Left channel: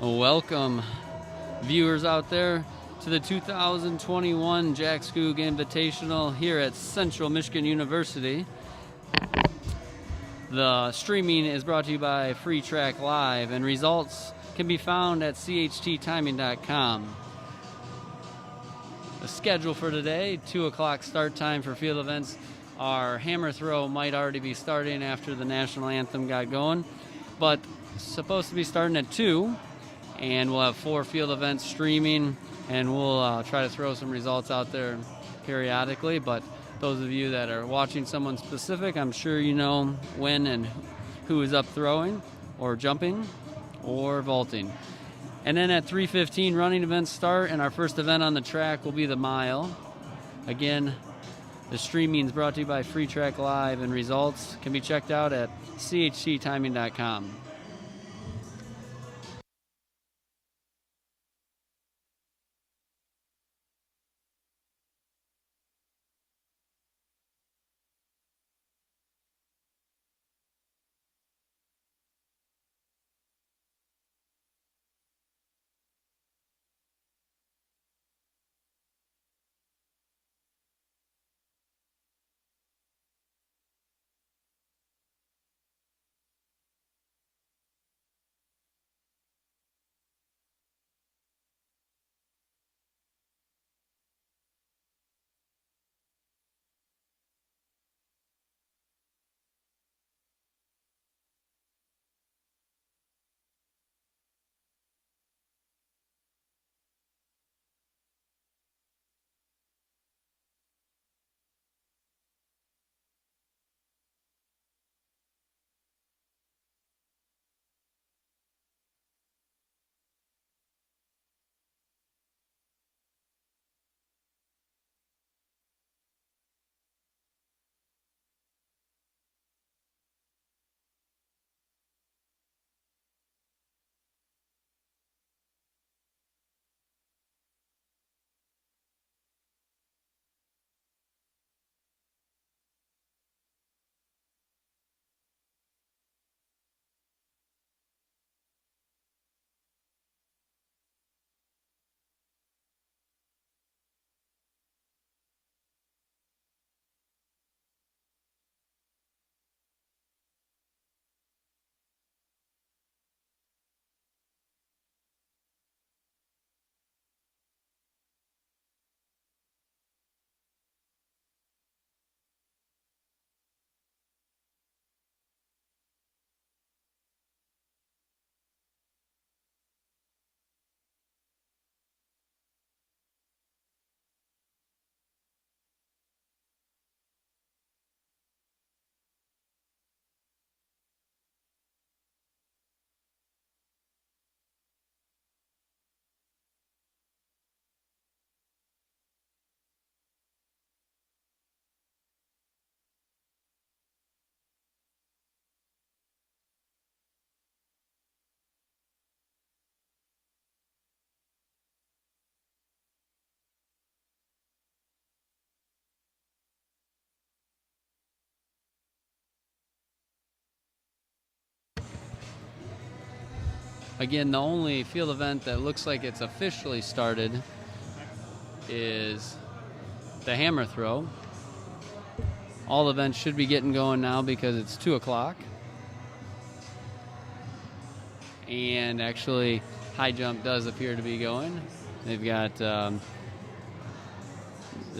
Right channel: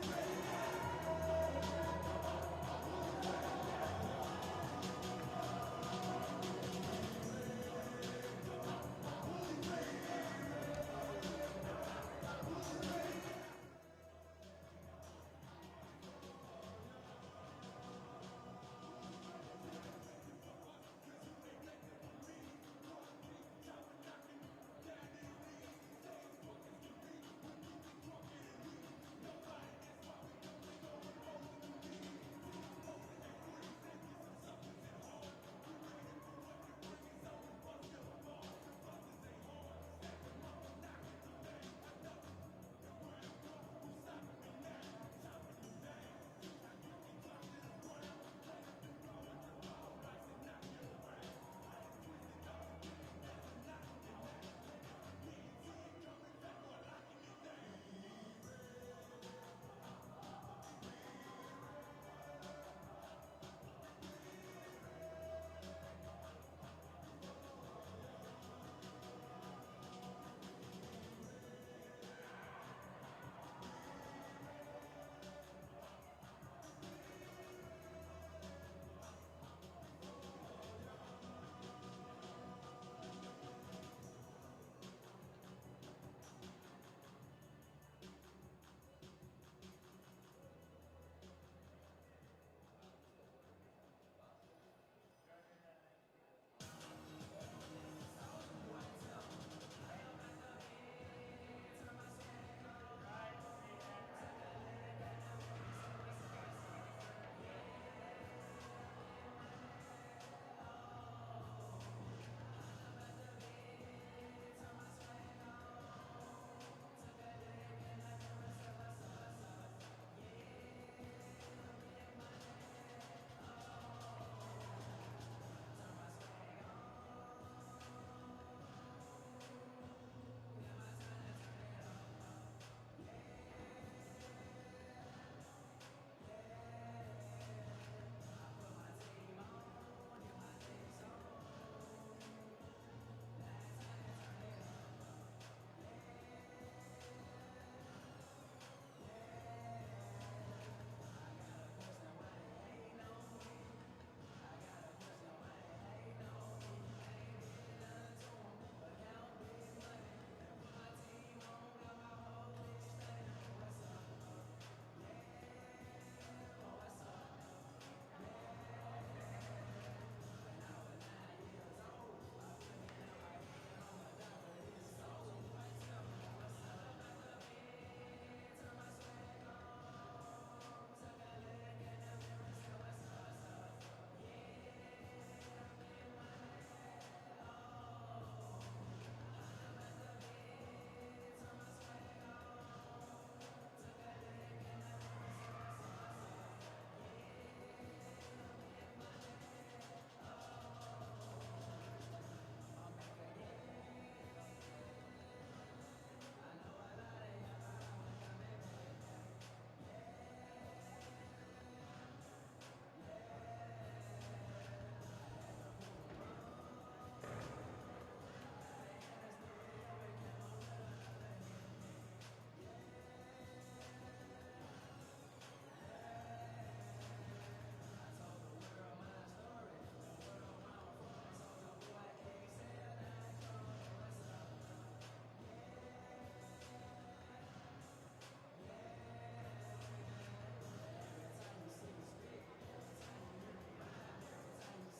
Welcome, viewers out there, to the 2021 Jack Skoog Invitational here at Central Michigan University. The streaming is brought to you by Free Track Live, and results can be found at chttiming.com. The schedule for today, 2 o'clock start time for field events. Our hammer throw might already be starting after the national anthem got going, but supposed to be starting at 2. And we'll have 4 field events streaming, and we'll try to throw some results out there periodically. But those of you that are watching someone specific, I'm sure you know when and who is up throwing or jumping or vaulting. And then at 3:15, running events start, and our first event on the track will be the mile. Again, the streaming is brought to you by Free Track Live, and results can be checked out at chttiming.com. Again, the only field event that looks like it's officially started is the hammer throw. All events should be getting going now because it's 2 o'clock. And actually, high jump does appear to be going. They've got the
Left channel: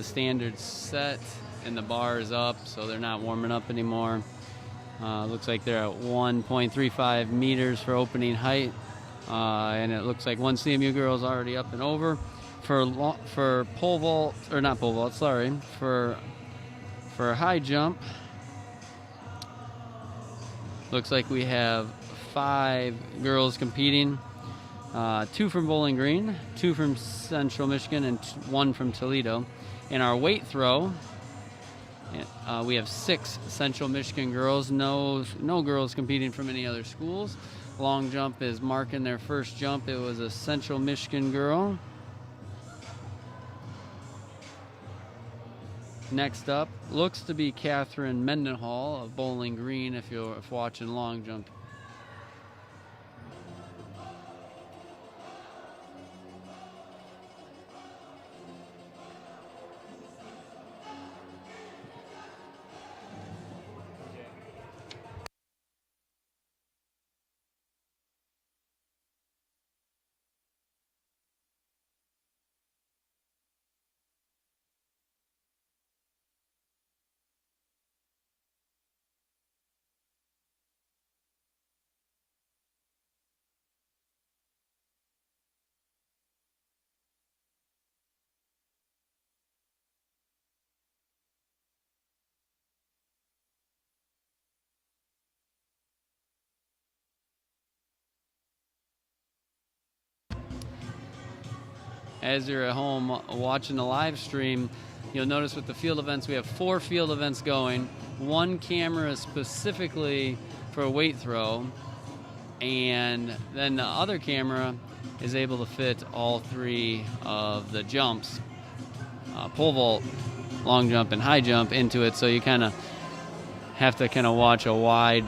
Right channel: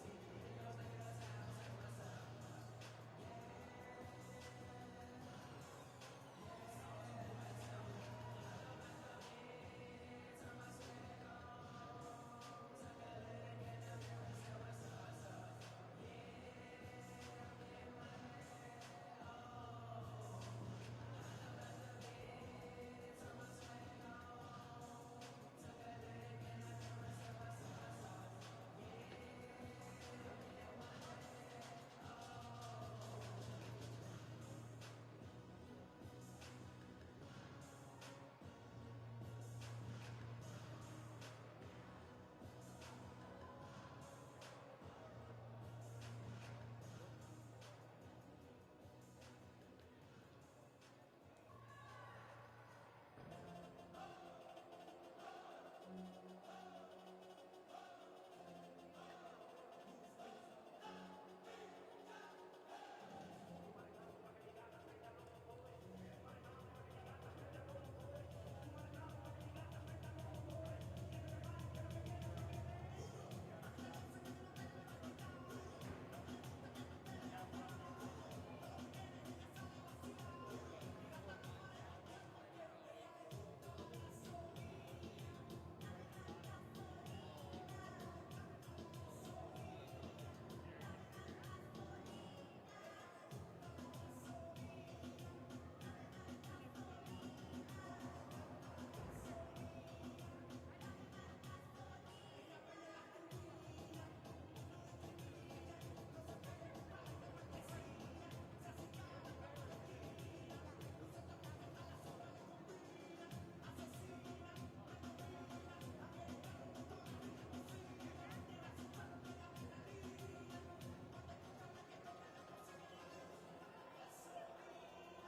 standards set and the bar is up, so they're not warming up anymore. Looks like they're at 1.35 meters for opening height. And it looks like one CMU girl is already up and over. For pole vault, or not pole vault, sorry, for high jump, looks like we have 5 girls competing. 2 from Bowling Green, 2 from Central Michigan, and 1 from Toledo. In our weight throw, we have 6 Central Michigan girls, no girls competing from any other schools. Long jump is marking their first jump. It was a Central Michigan girl. Next up, looks to be Catherine Mendenhall of Bowling Green if you're watching long jump. as you're at home watching the live stream, you'll notice with the field events, we have 4 field events going. 1 camera specifically for weight throw, and then the other camera is able to fit all 3 of the jumps, pole vault, long jump, and high jump into it. So you kind of have to kind of watch a wide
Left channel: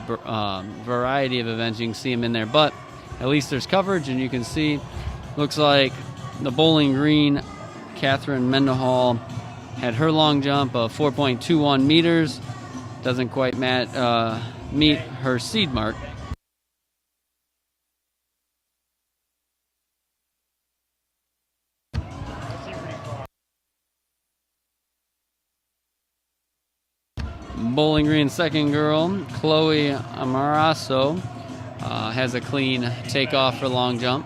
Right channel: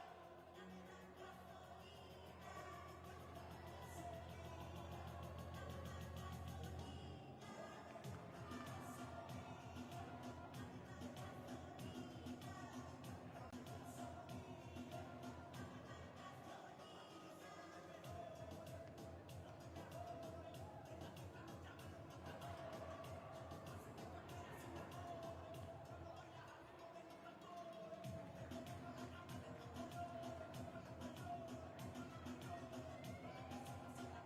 variety of events. You can see them in there, but at least there's coverage, and you can see, looks like the Bowling Green, Catherine Mendenhall, had her long jump of 4.21 meters. Doesn't quite meet her seed mark. Bowling Green second girl, Chloe Amaraso, has a clean takeoff for long jump.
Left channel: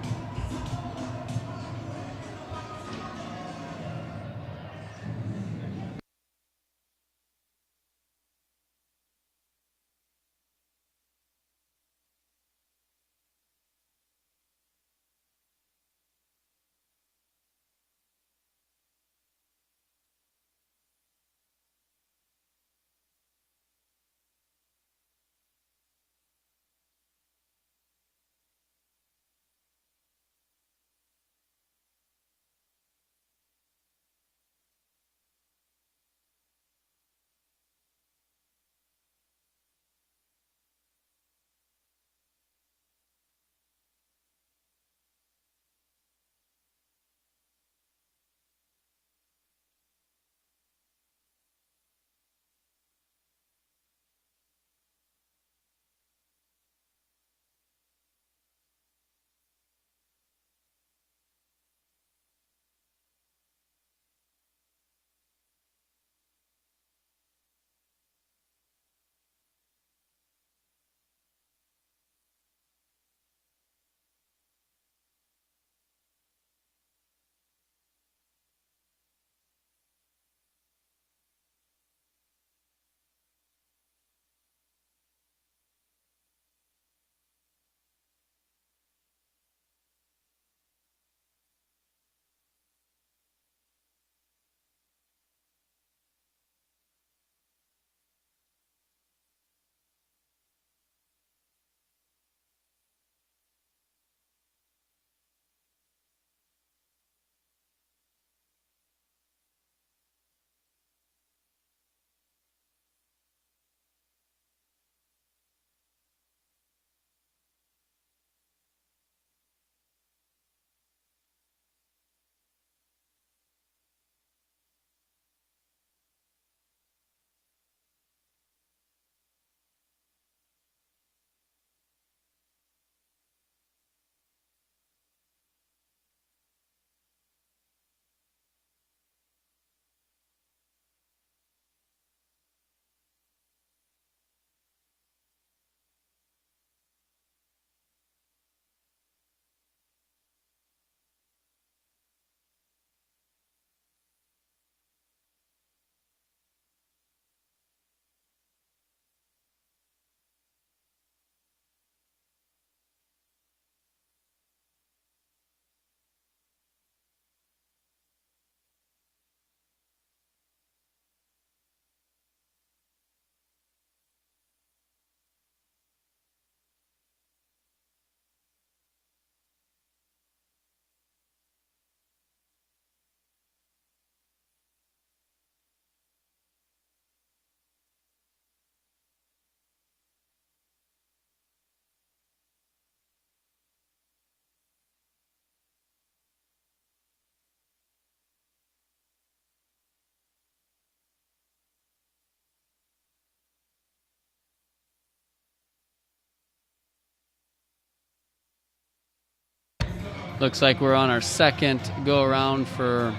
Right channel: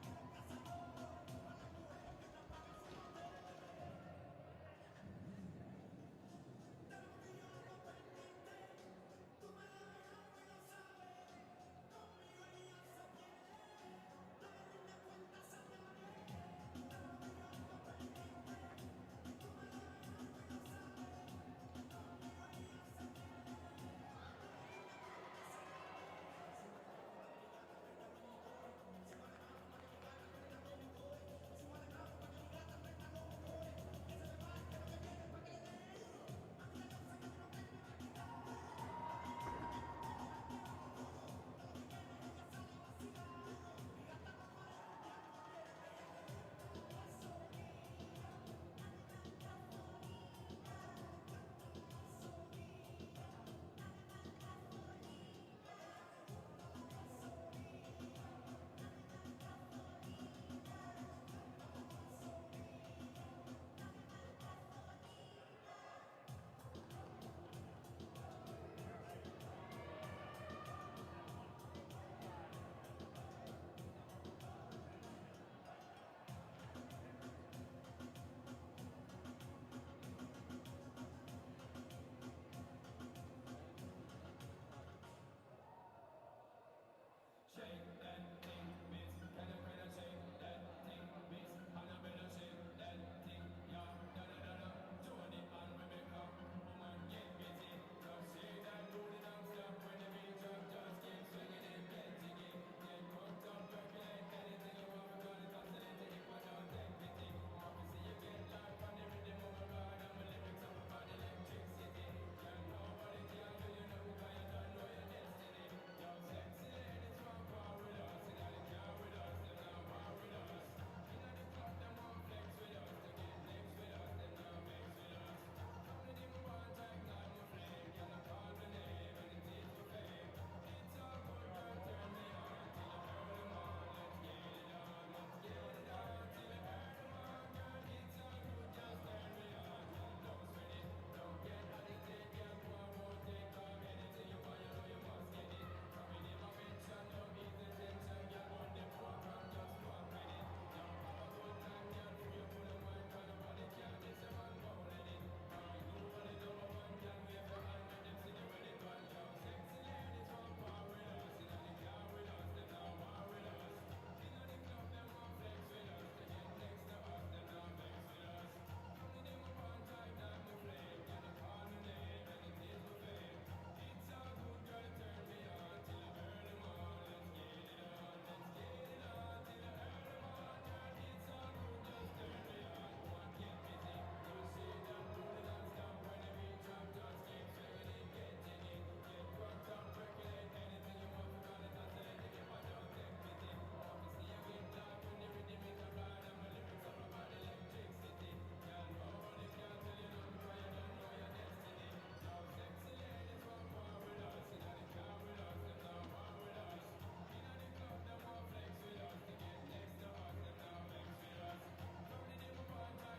Looks like we're on our second go around for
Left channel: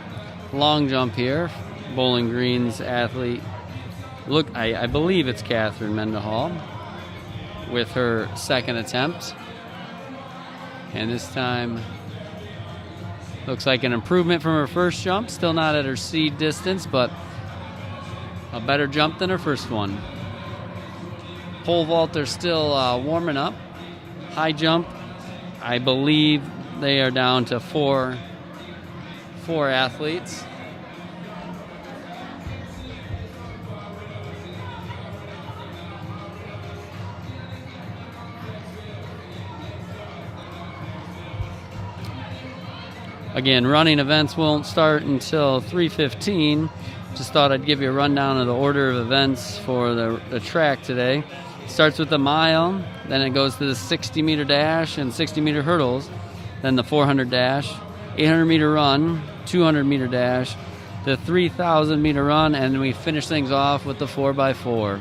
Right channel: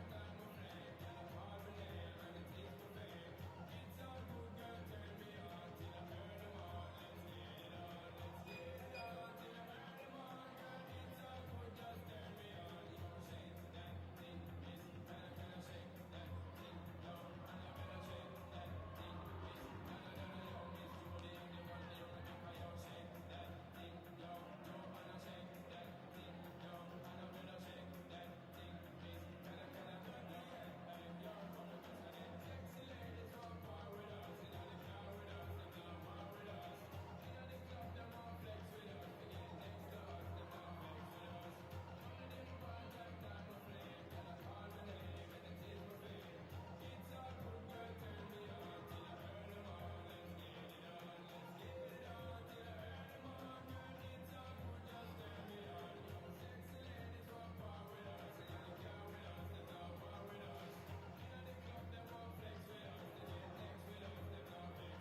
long jump here. Bowling Green's athlete, look, I believe it's Catherine Mendenhall with her second attempt. And this time looks like an improvement from her first jump. Still not at her seed distance, but a better jump than her first one. Pole vault, they're still warming up. High jump, I believe they are down to four 4 athletes. Again, running events won't start until 3:15. Just thought I'd give you a rundown of the order of events for the track today. It starts with the mile, then it goes to the 60-meter dash and 60-meter hurdles, then the 400 dash, 800-meter run, 200-meter dash, the 3,000-meter run, and we finish things off with the 4x4.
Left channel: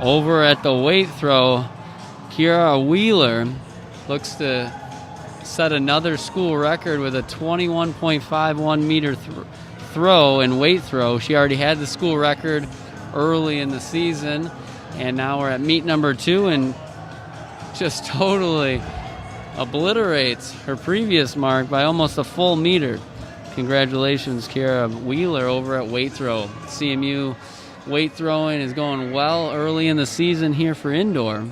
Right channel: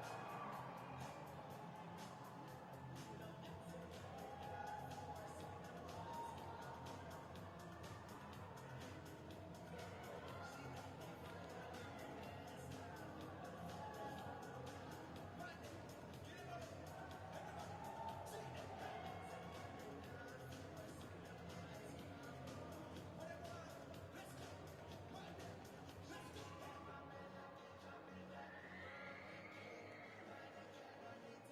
Over at the weight throw, Kiara Wheeler looks to set another school record with a 21.51 meter throw in weight throw. She already had the school record early in the season, and now we're at meet number 2 and just totally obliterates her previous mark by almost a full meter. Congratulations, Kiara Wheeler, over at weight throw. CMU weight throwing is going well early in the season here for Indor.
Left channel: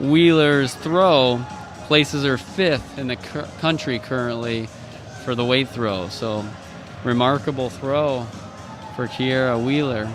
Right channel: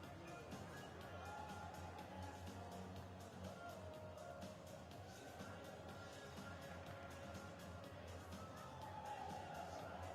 Wheeler's throw places her 5th in the country currently for the weight throw. So remarkable throw for Kiara Wheeler.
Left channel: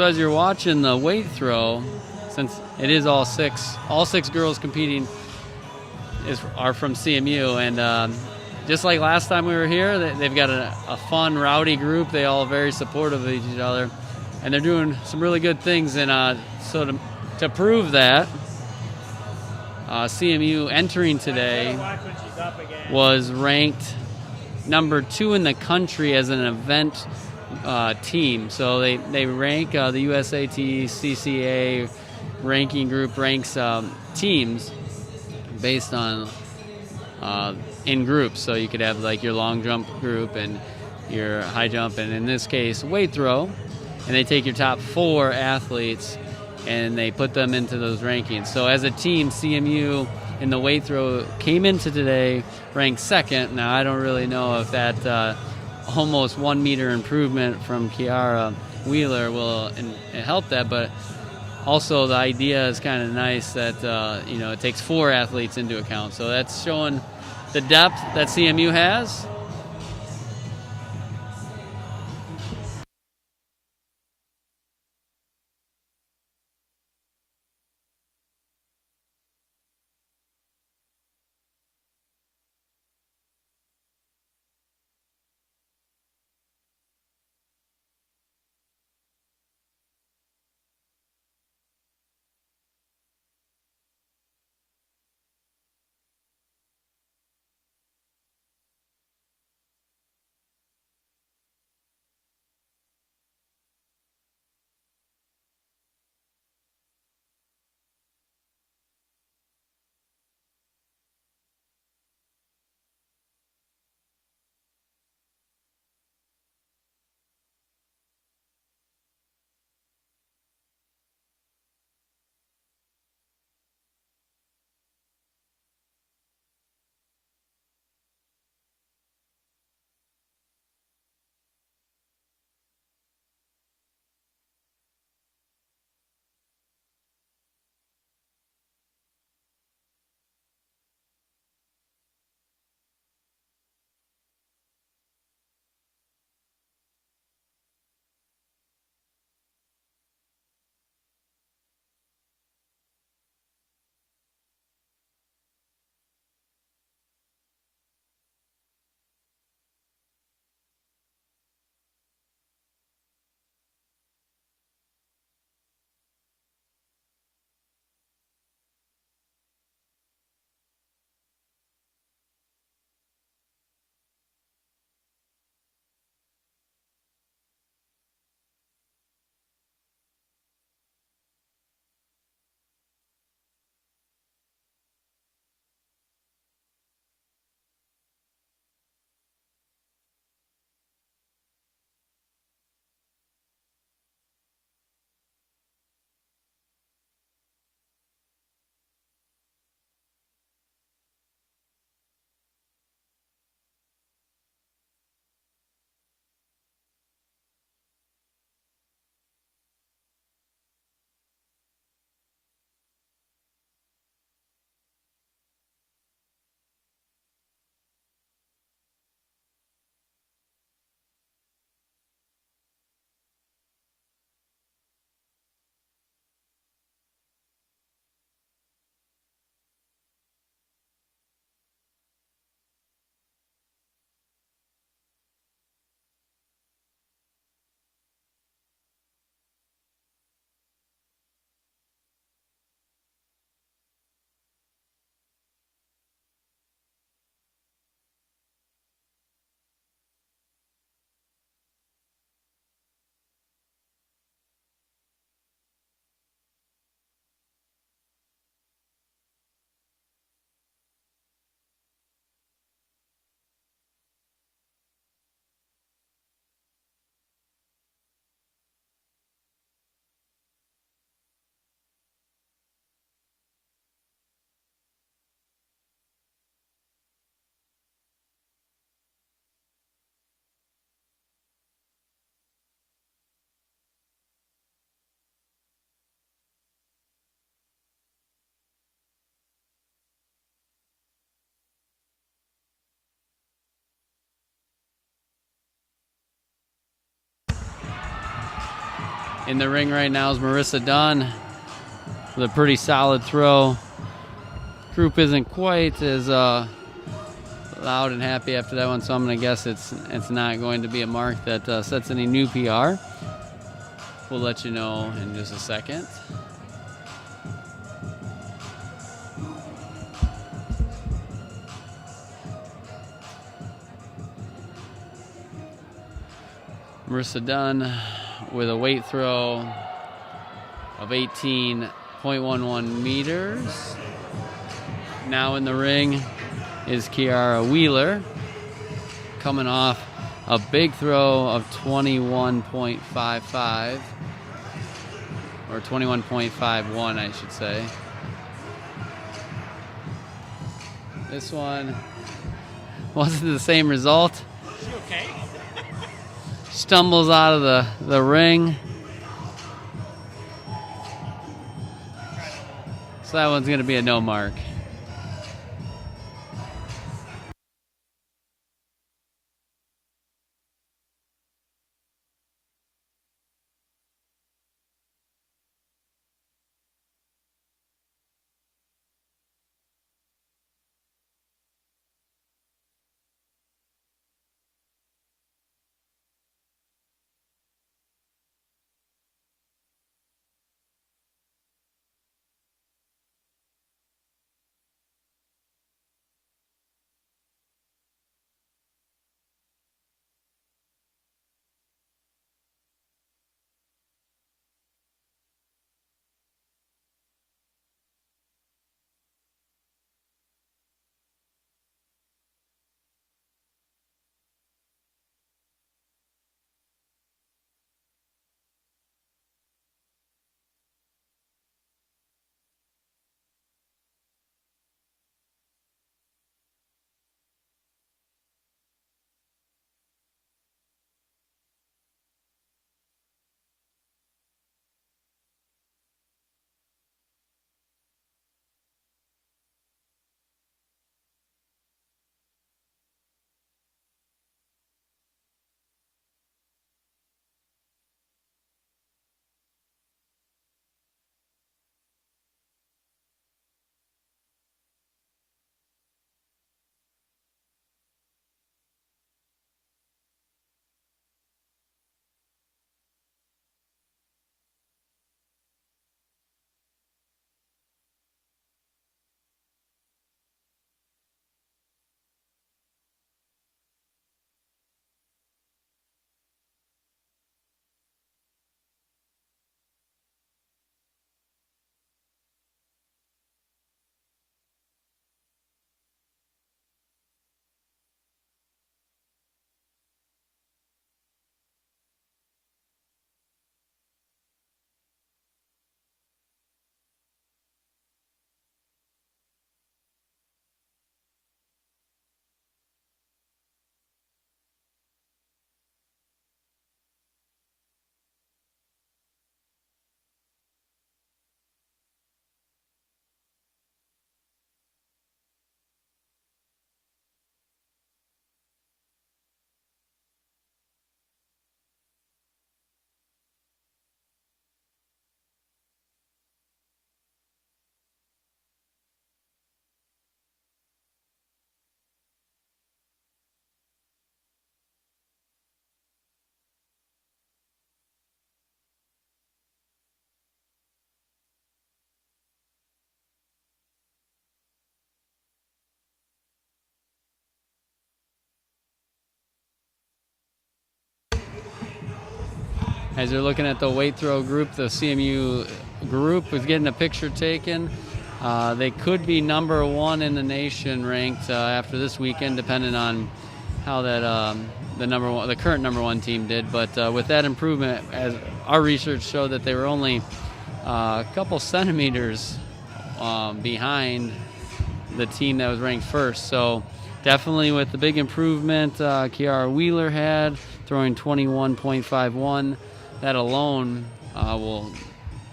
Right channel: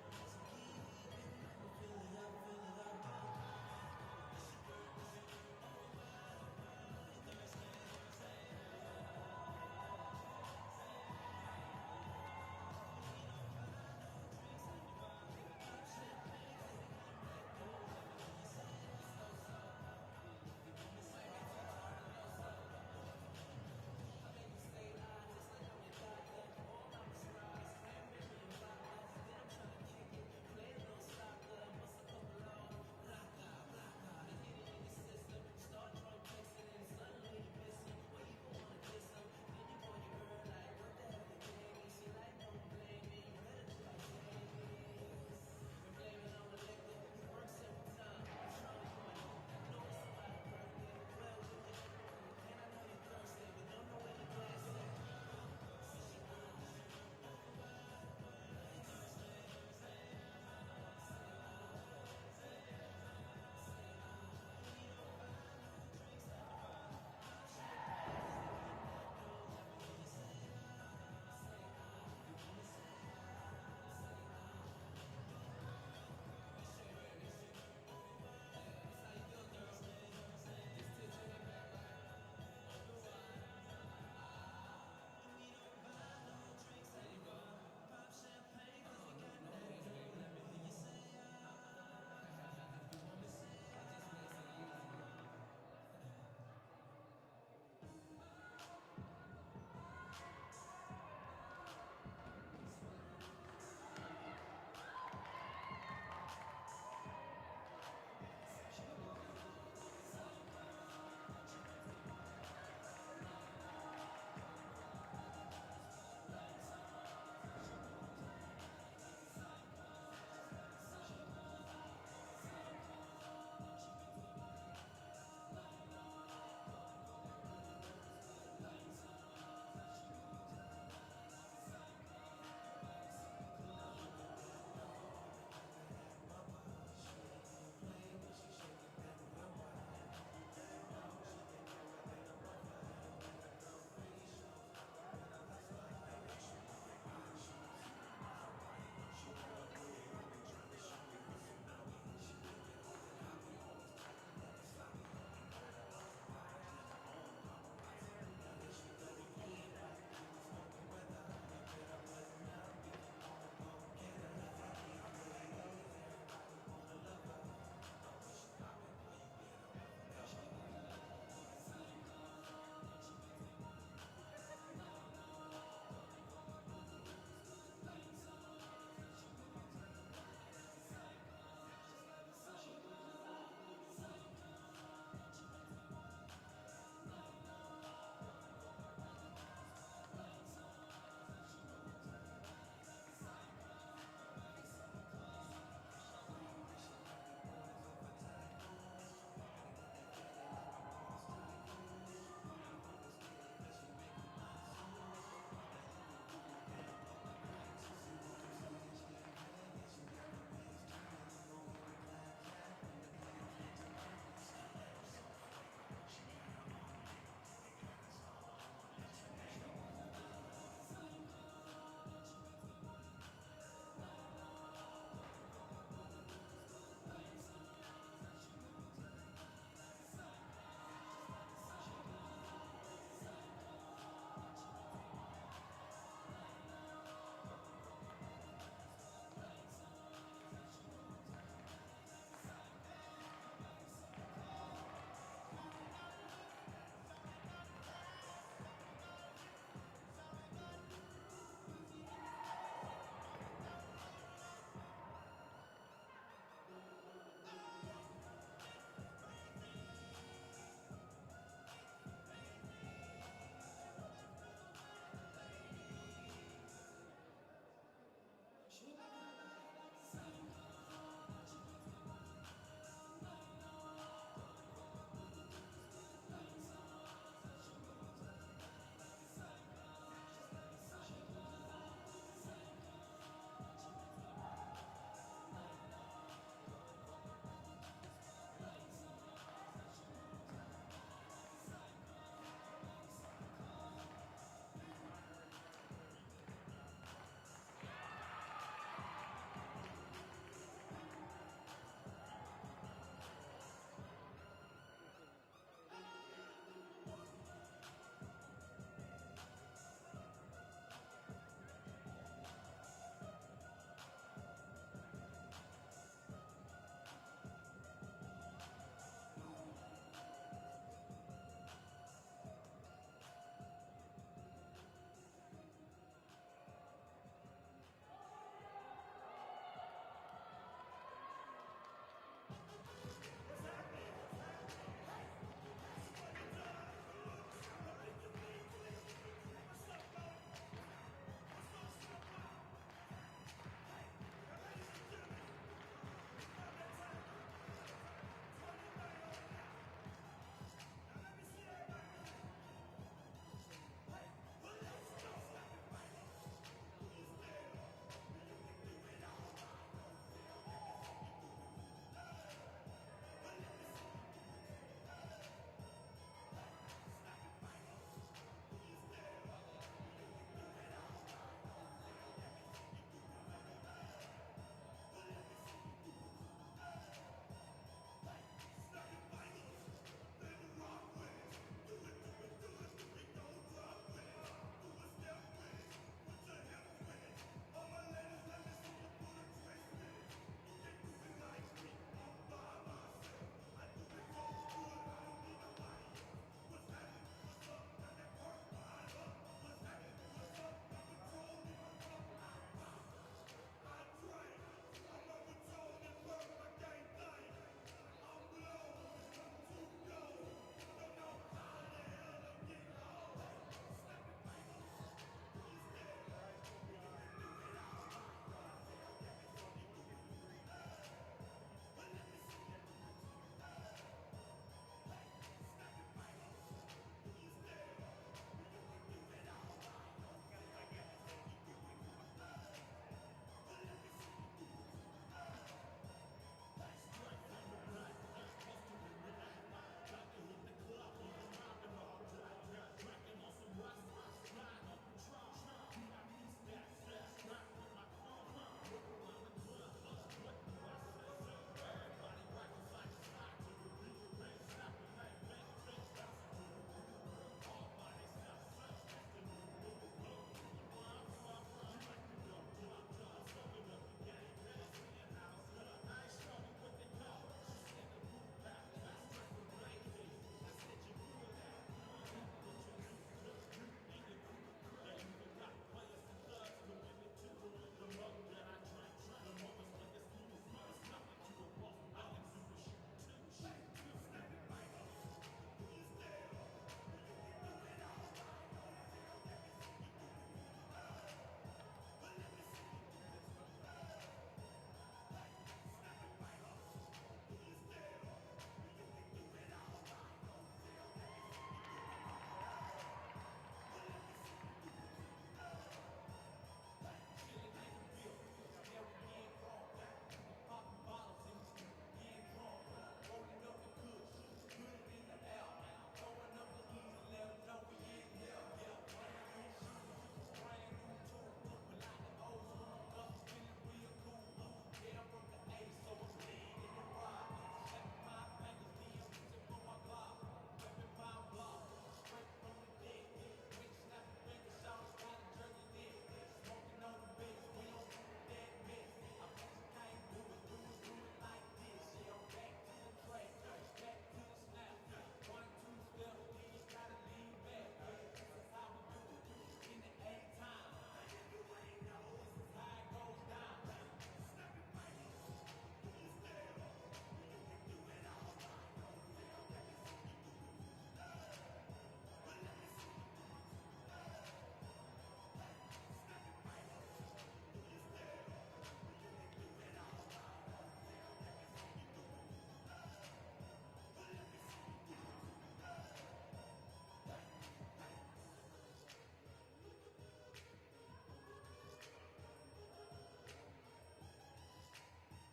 So as you're watching the weight throw, since it is all six girls competing are from CMU, and just like last time we were here, they've got a fun, rowdy group. They all very supportive of each other, and they're doing some really good things. And so to prove that, CMU entering today was ranked number 2 in the country as an event team. So they rank the USAT CCA ranking group ranks teams based on in groups. So you could have like your long jump group and your high jump, and in this case weight throw, and they take your top 4 athletes and they put them into those rankings. So as a team, CMU in the weight throw came into today ranked 2nd. Now I don't really know if that almost 1 meter improvement from Kiara Wheeler will help that, but also the idea is kind of nice that it takes 4 athletes into account. So that's showing the depth that CMU has. In the ring right now is Marissa Dunn with a pretty solid throw. Group isn't quite as loud and happy after that one, so I'm going to guess it's not going to be a mark that sets any new PR. We'll let you know in just a second. Marissa Dunn with a weight throw of 18.11 meters. Now in the ring is Kiara Wheeler, coming off a big throw of 21.55, or 21.51, I should say. This one wasn't the same result. Is she okay? Stumbles out of the ring. So that one's going to be a no mark. As you're looking at the weight throw group, the CMU group was getting a picture taken. They could be number one in the nation ranked after this weekend, depending on how that the current number one team did. But with that improvement, as our research showed that they were only a couple centimeters behind the team that was ranked first. So definitely with the big improvement Kiara Wheeler had, throwing 21.51, that alone will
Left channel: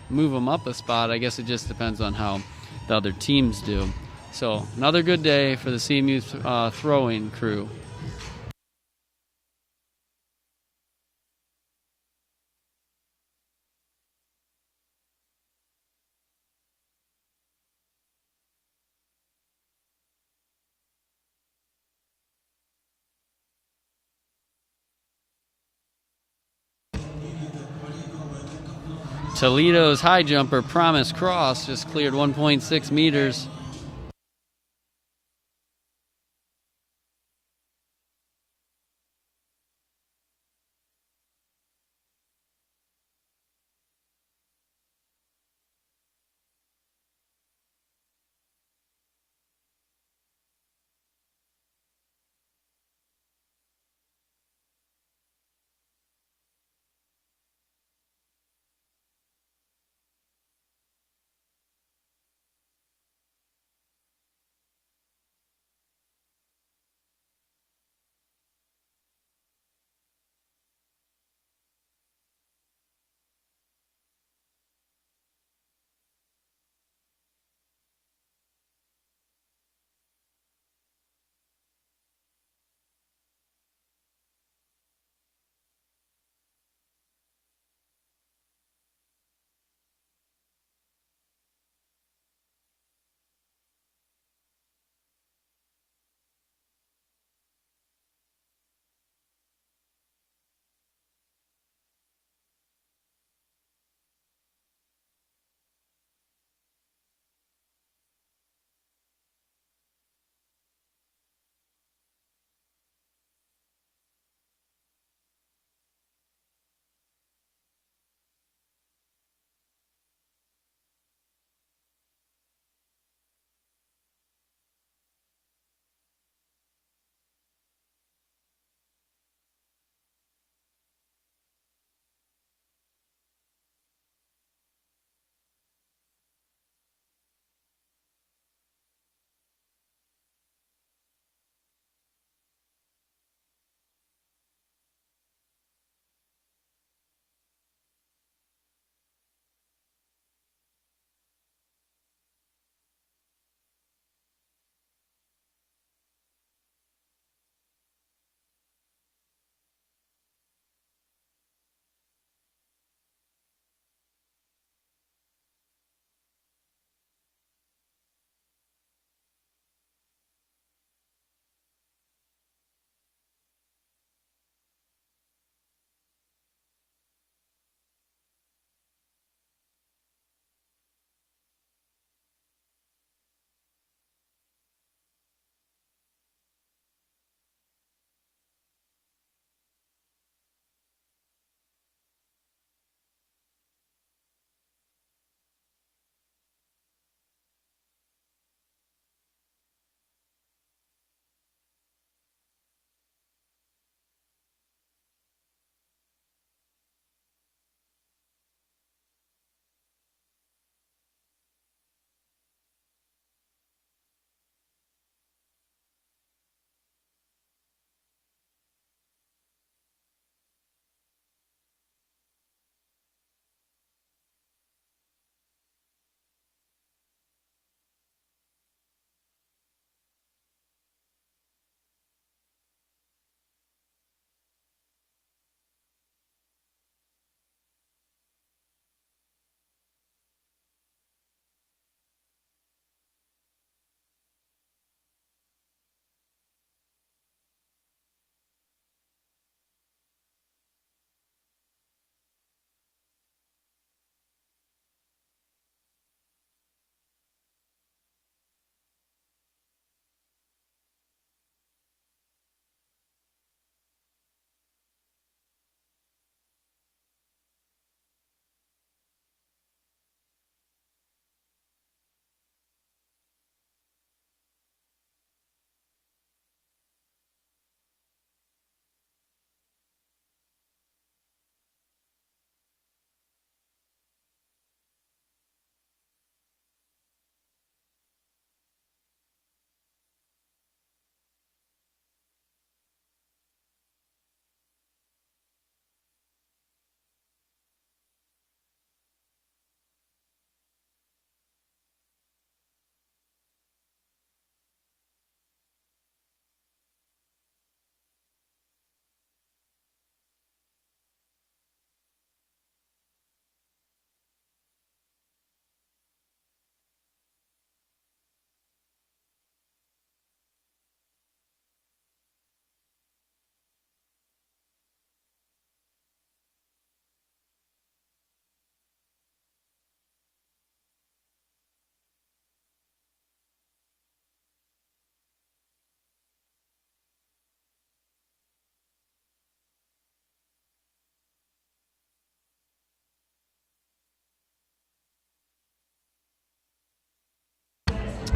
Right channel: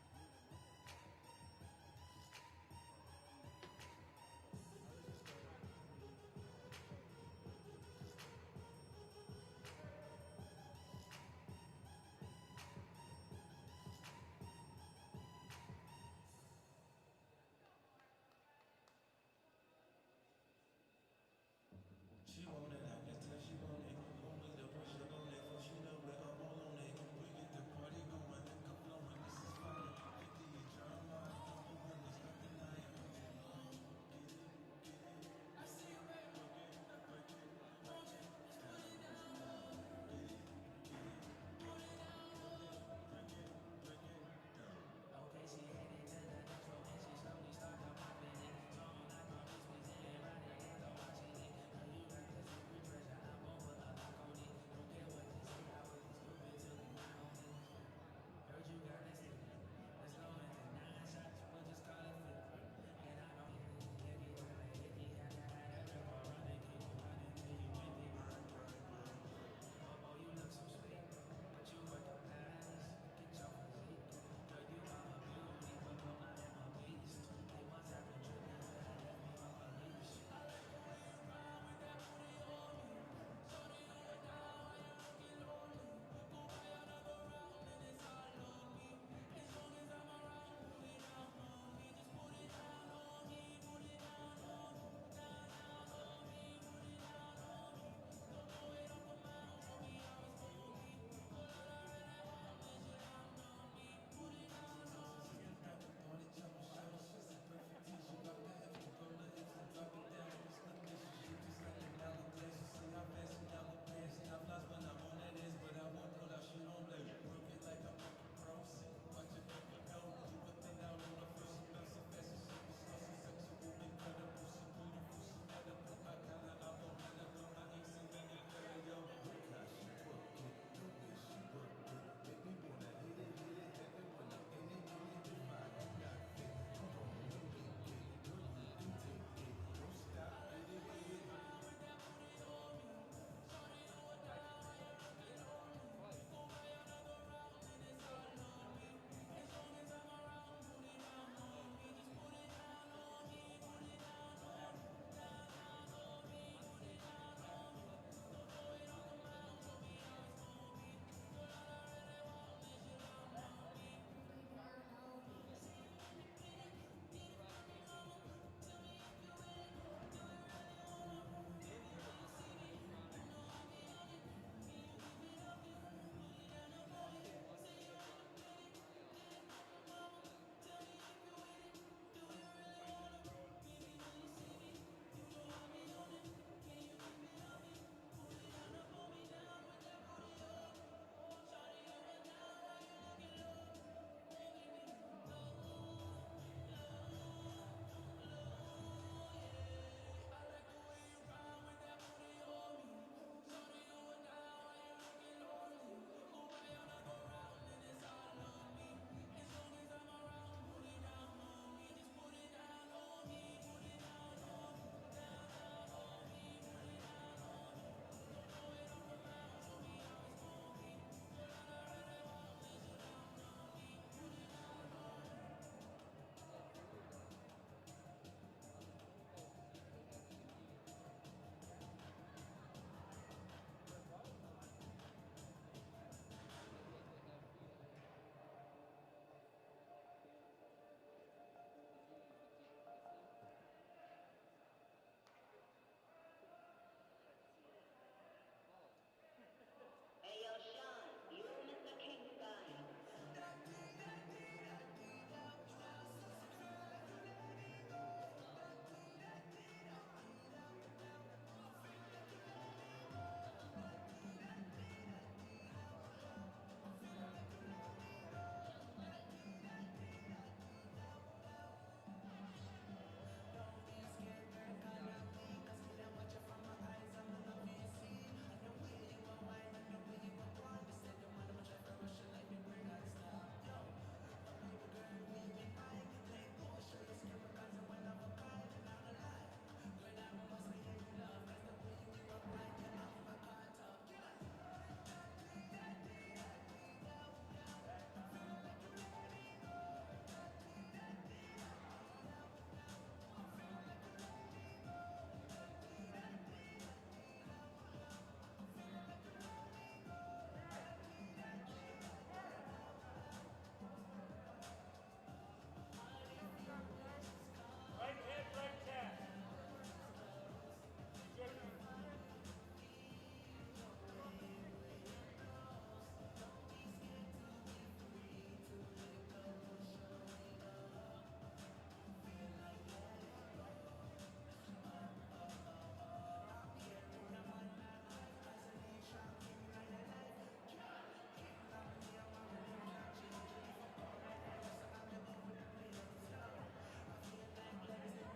move them up a spot. I guess it just depends on how the other teams do. So another good day for the CMU throwing crew. Toledo's high jumper, Promise Cross, just cleared 1.6 meters.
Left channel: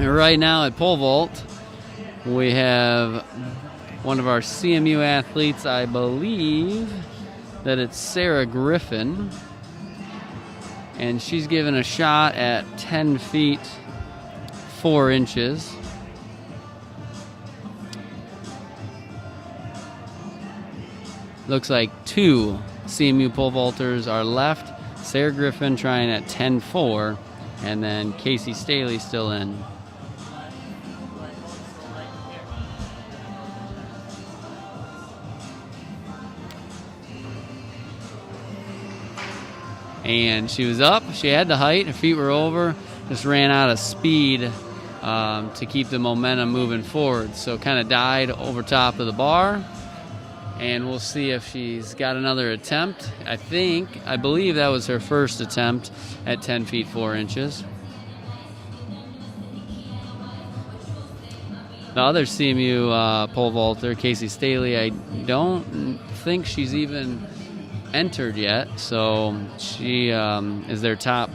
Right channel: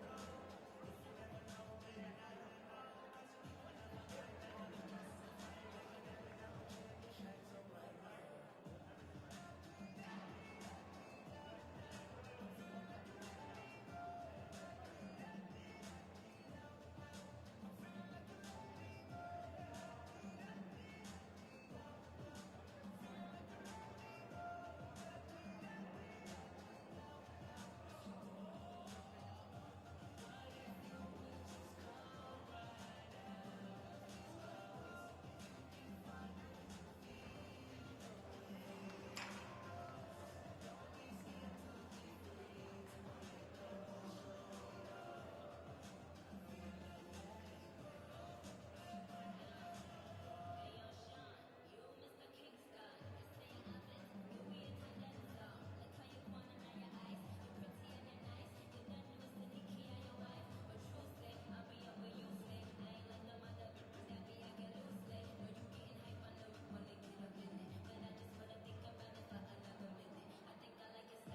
And right now at pole vault, we have one of our CMU athletes, I believe that it's Sarah Griffin, and she's given a shot at 10 feet 4 inches. Looks like 2 CMU pole vaulters are left. Sarah Griffin trying at 10.4, and then Casey Staley still in. And she was up, she had the height, her feet were over, just ran out of speed to keep the momentum moving forward. So kind of died over top of the bar. And we'll see if she's got another attempt. I believe that was her first attempt at 10 feet 4 inches. The other CMU pole vaulter, Casey Staley, I don't think she's even entered yet, so she is their top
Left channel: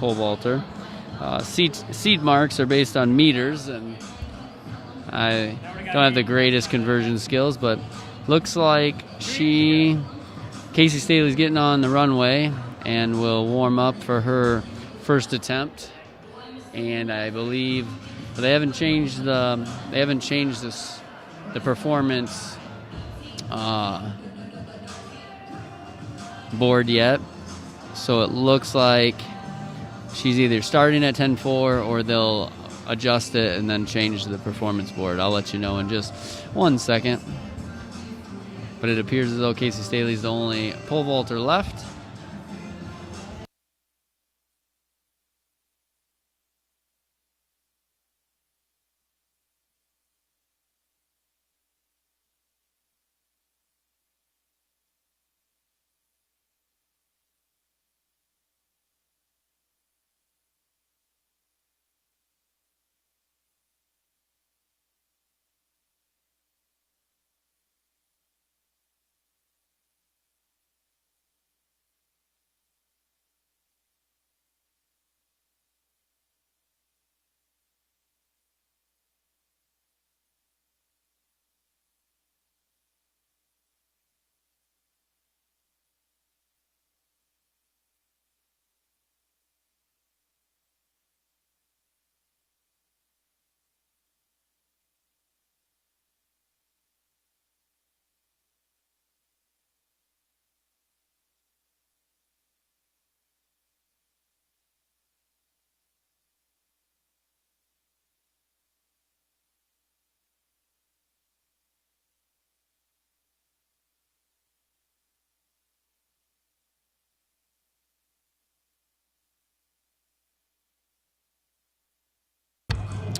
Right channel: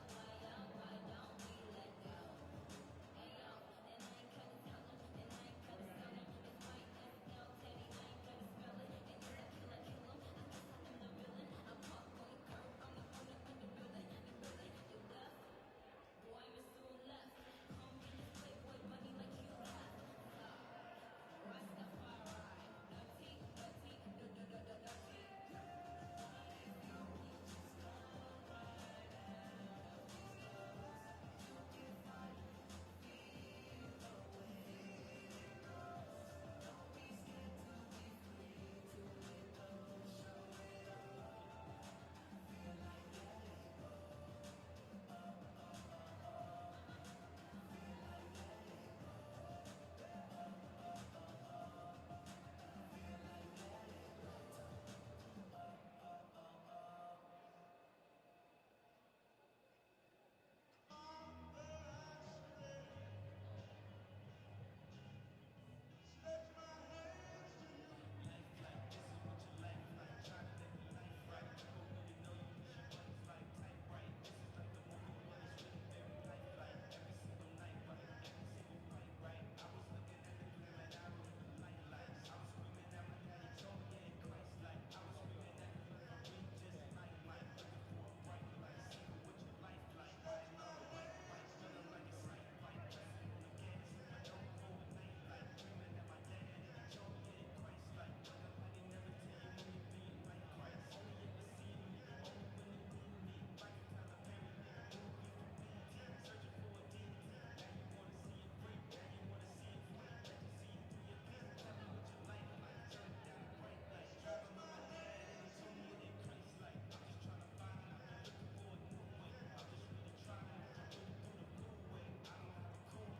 pole vaulter. Seed marks are based on meters, and I don't have the greatest conversion skills, but looks like Casey Staley's getting on the runway and will warm up for her first attempt. And I believe they haven't changed the performance board yet, so it looks like she's either starting at 10.4 or they'll adjust it and then change the performance board. I'll let you know in just 1 second. But it appears as though Casey Staley's the only pole vaulter left.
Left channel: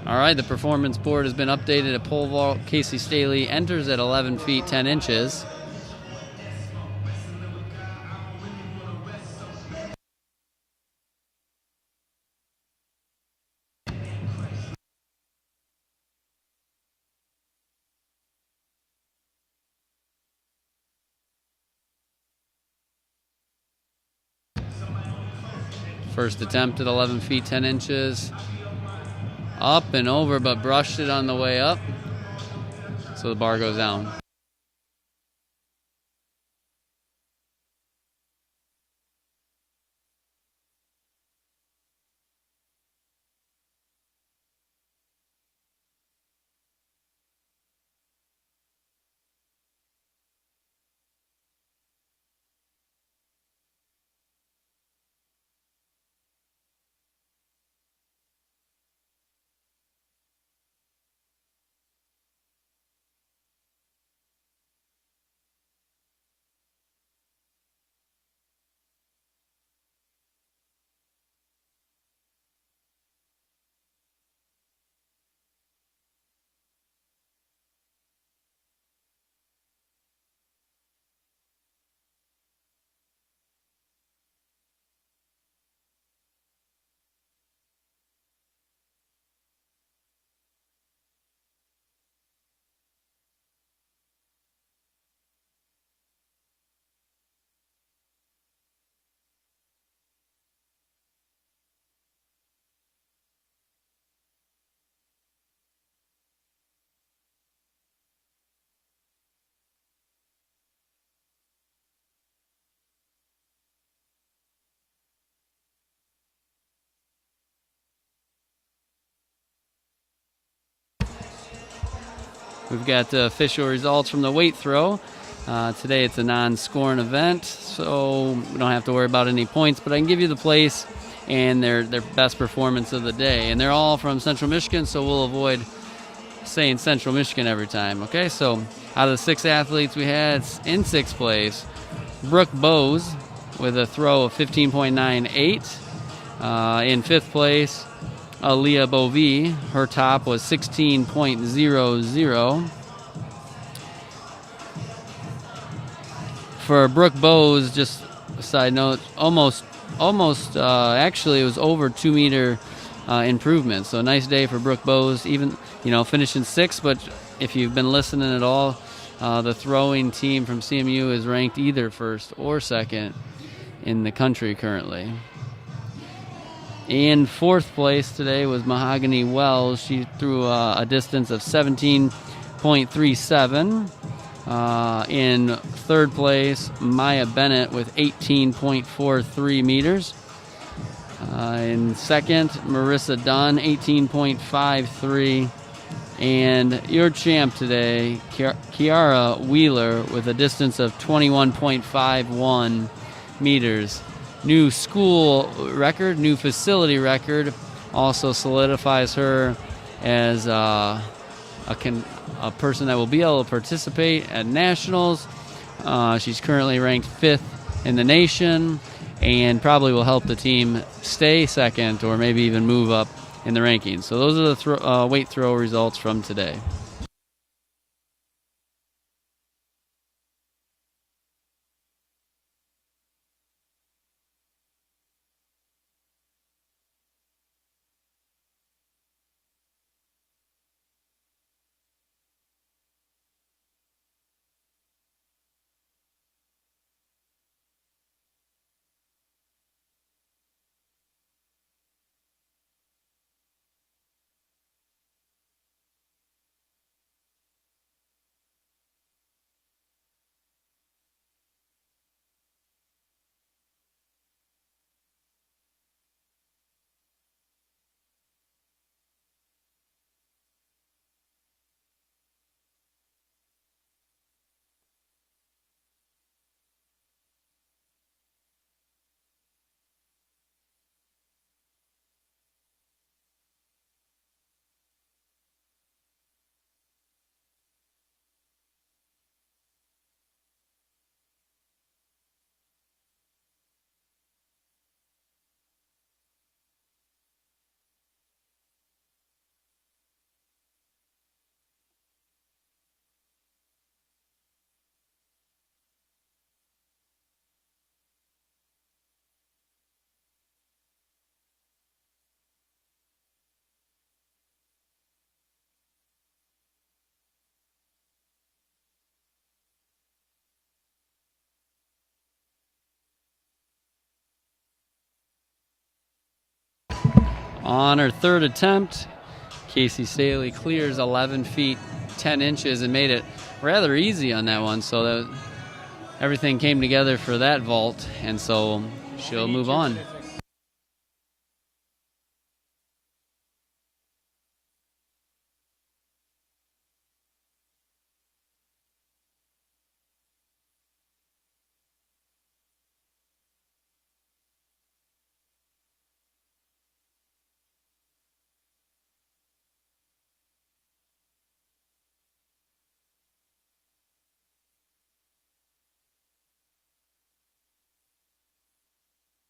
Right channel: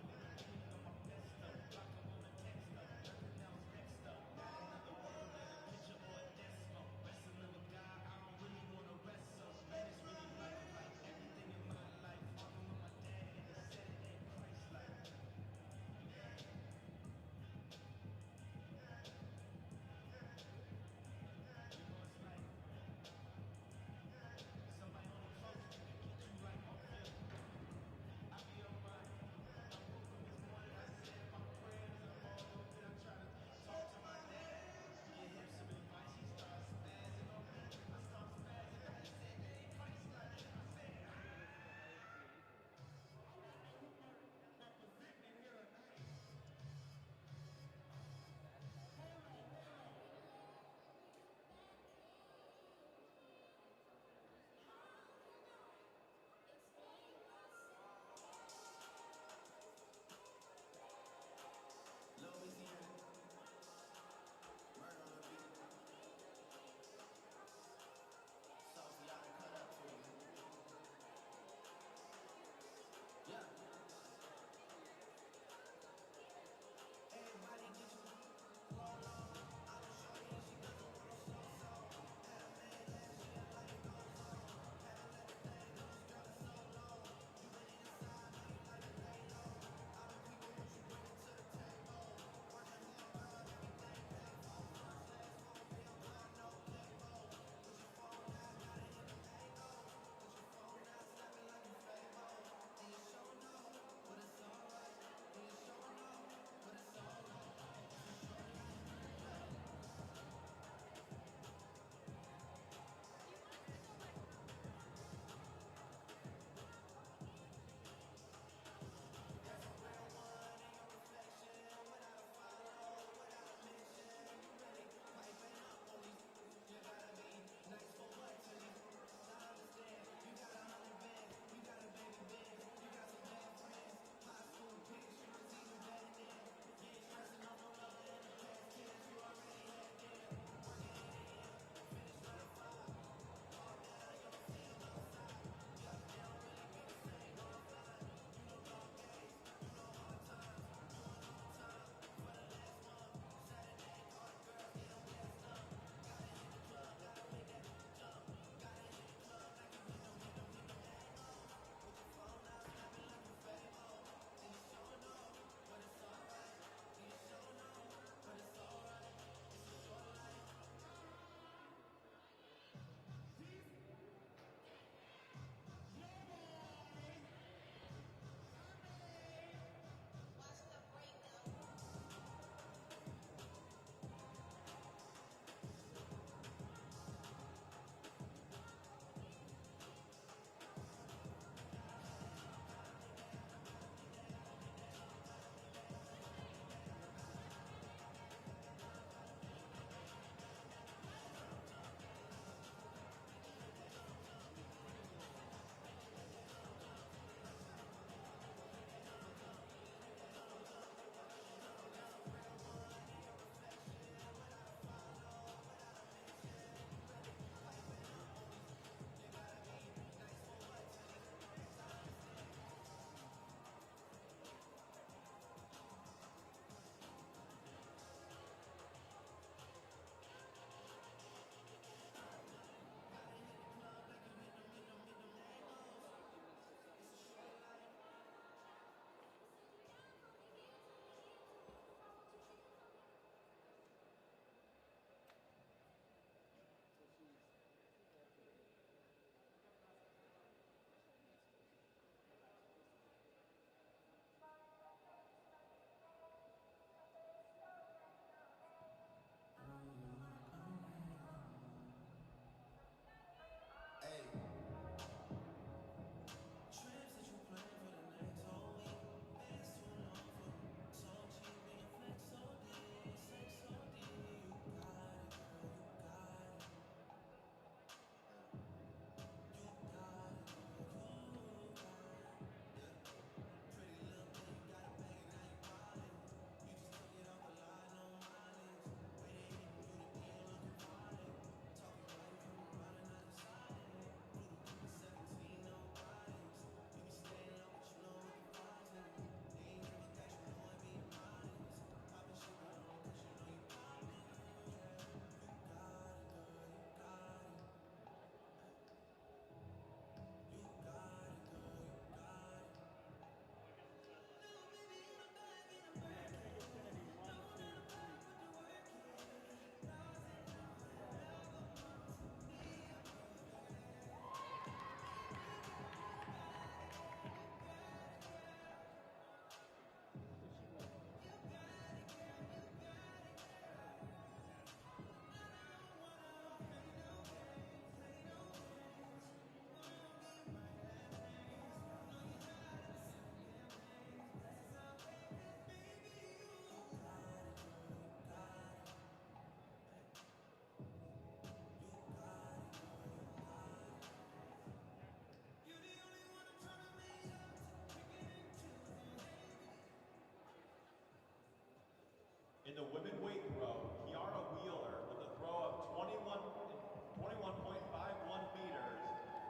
All right, the performance board has been updated at pole vault. Casey Staley enters at 11 feet 10 inches. First attempt at 11 feet 10 inches. Up and over, but brushed it on the way up. So the bar goes down. We've got the official results from the weight throw. Today it's a non-scoring event, so we don't have to worry about any points, but I can give you the place and their best performance of the day. And they're all from Central Michigan, so we'll avoid saying Central Michigan every time. Okay, so out of the 6 athletes we had in 6th place, Brooke Bowes with a throw of 15.98. In 5th place, Aaliyah Bovee, her top was 16.00. For Brooke Bowes, just a side note, almost actually it was over 2 meter improvement. So nice day for Brooke Bowes, even finishing 6th. But if you've been listening at all, the throwing team from CMU is ranked either 1st or 2nd in the country currently. In 4th place today was Mahogany Wells. She threw a distance of 17.37. In 3rd place, Maya Bennett with 18.43 meters. In 2nd, Marissa Dunn, 18.53. And your champ today, Kiara Wheeler, with a distance of 21.51 meters. New school record, new facility record, also solidifies her as a person that will be able to participate at nationals. She's currently ranked 5th in the nation and probably will help the team stay 2nd or maybe even move up in the rankings. So those are the weight throw results from today. On her 3rd attempt, Casey Staley clears 11 feet 10 inches and made it rather easy on that one. So that everything came together for that vault, and so she'll move on. In the women weight throw, Kiara Wheeler with a throw of 21.51 meters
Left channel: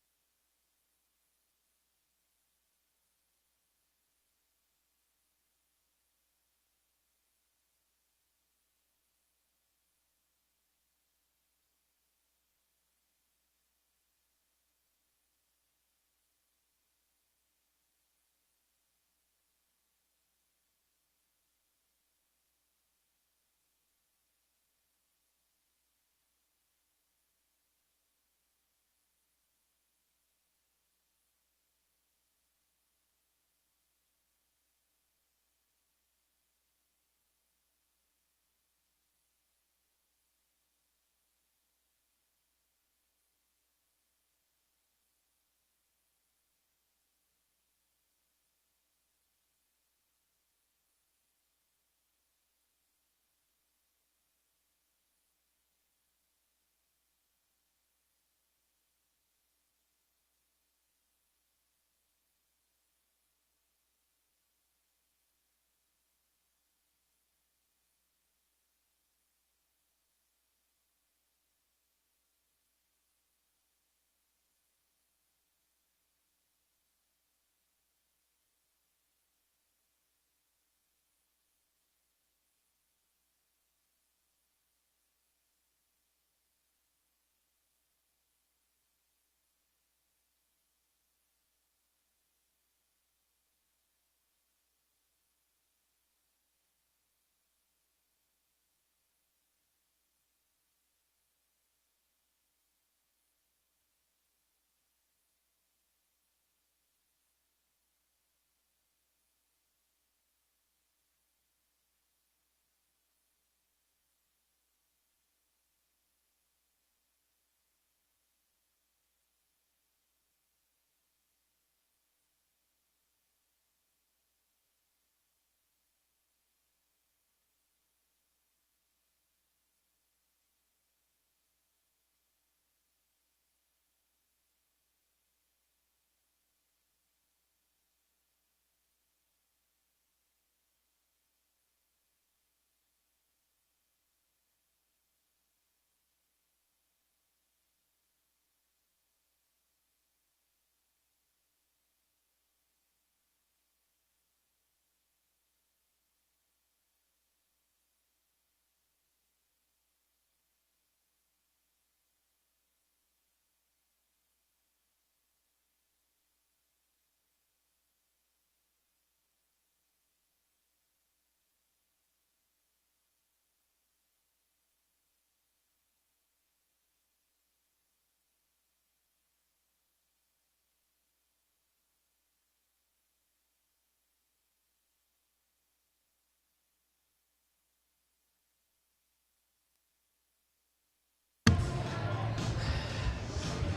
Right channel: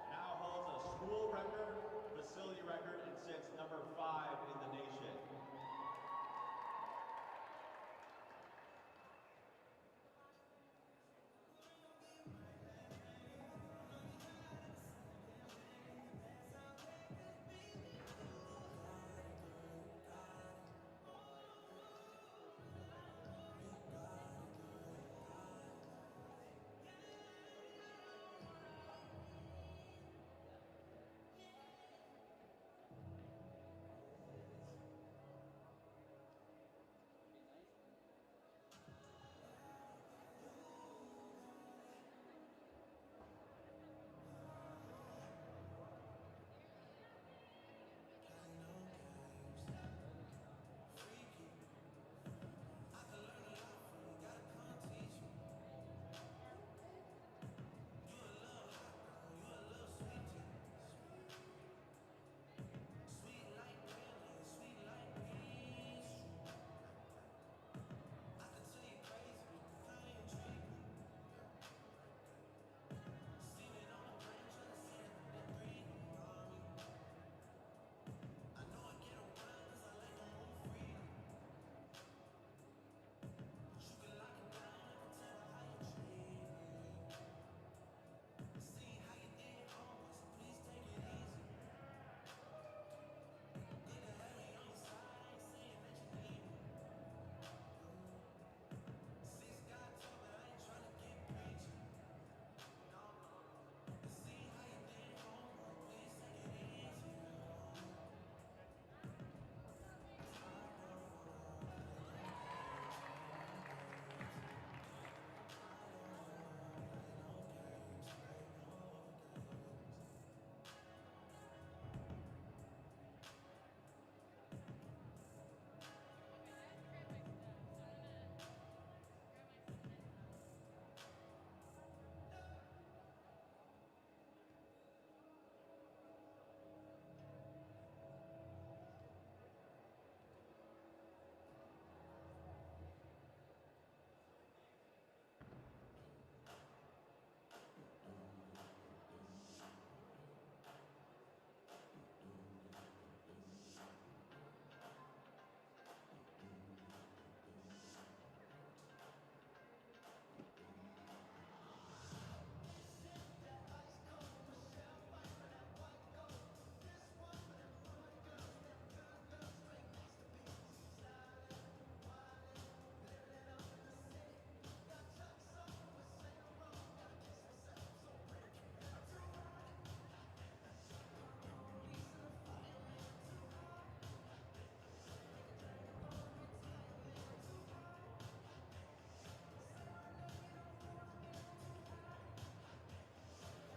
now holds a school record, facility record, and sits number 5 in the nation.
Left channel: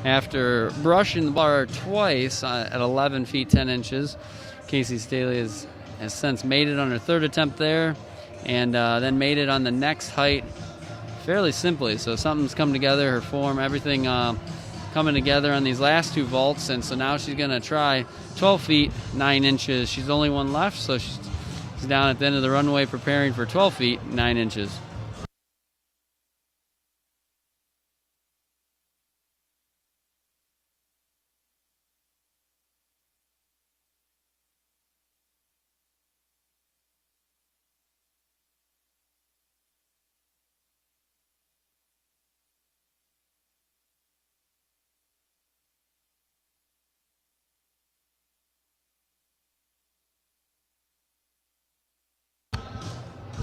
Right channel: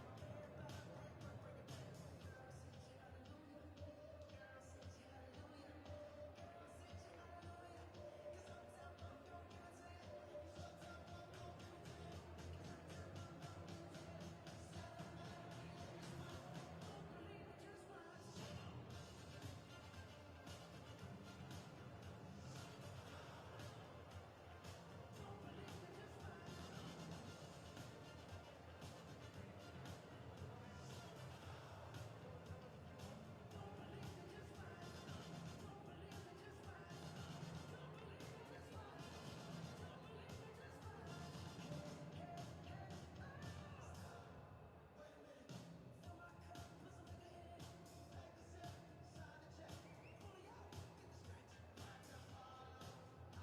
After brushing the bar twice at 11 feet 10 inches, Casey Staley has since made it on her third attempt there, and then made it on the next height fairly simply. So something's come together, her form, everything coming together on these last two vaults, and so now she's going to try 12 feet 9 inches. She's the only one left, so she's down at the end of the runway preparing for 12 feet 9 inches.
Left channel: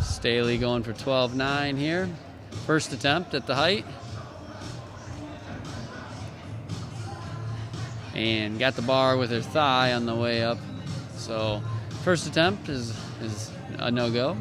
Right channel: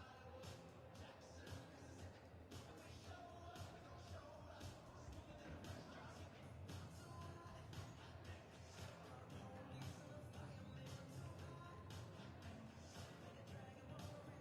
Staley going for 12.9 here. First attempt at the height. And got the bar with her thigh on the way up. So first attempt is a no-go.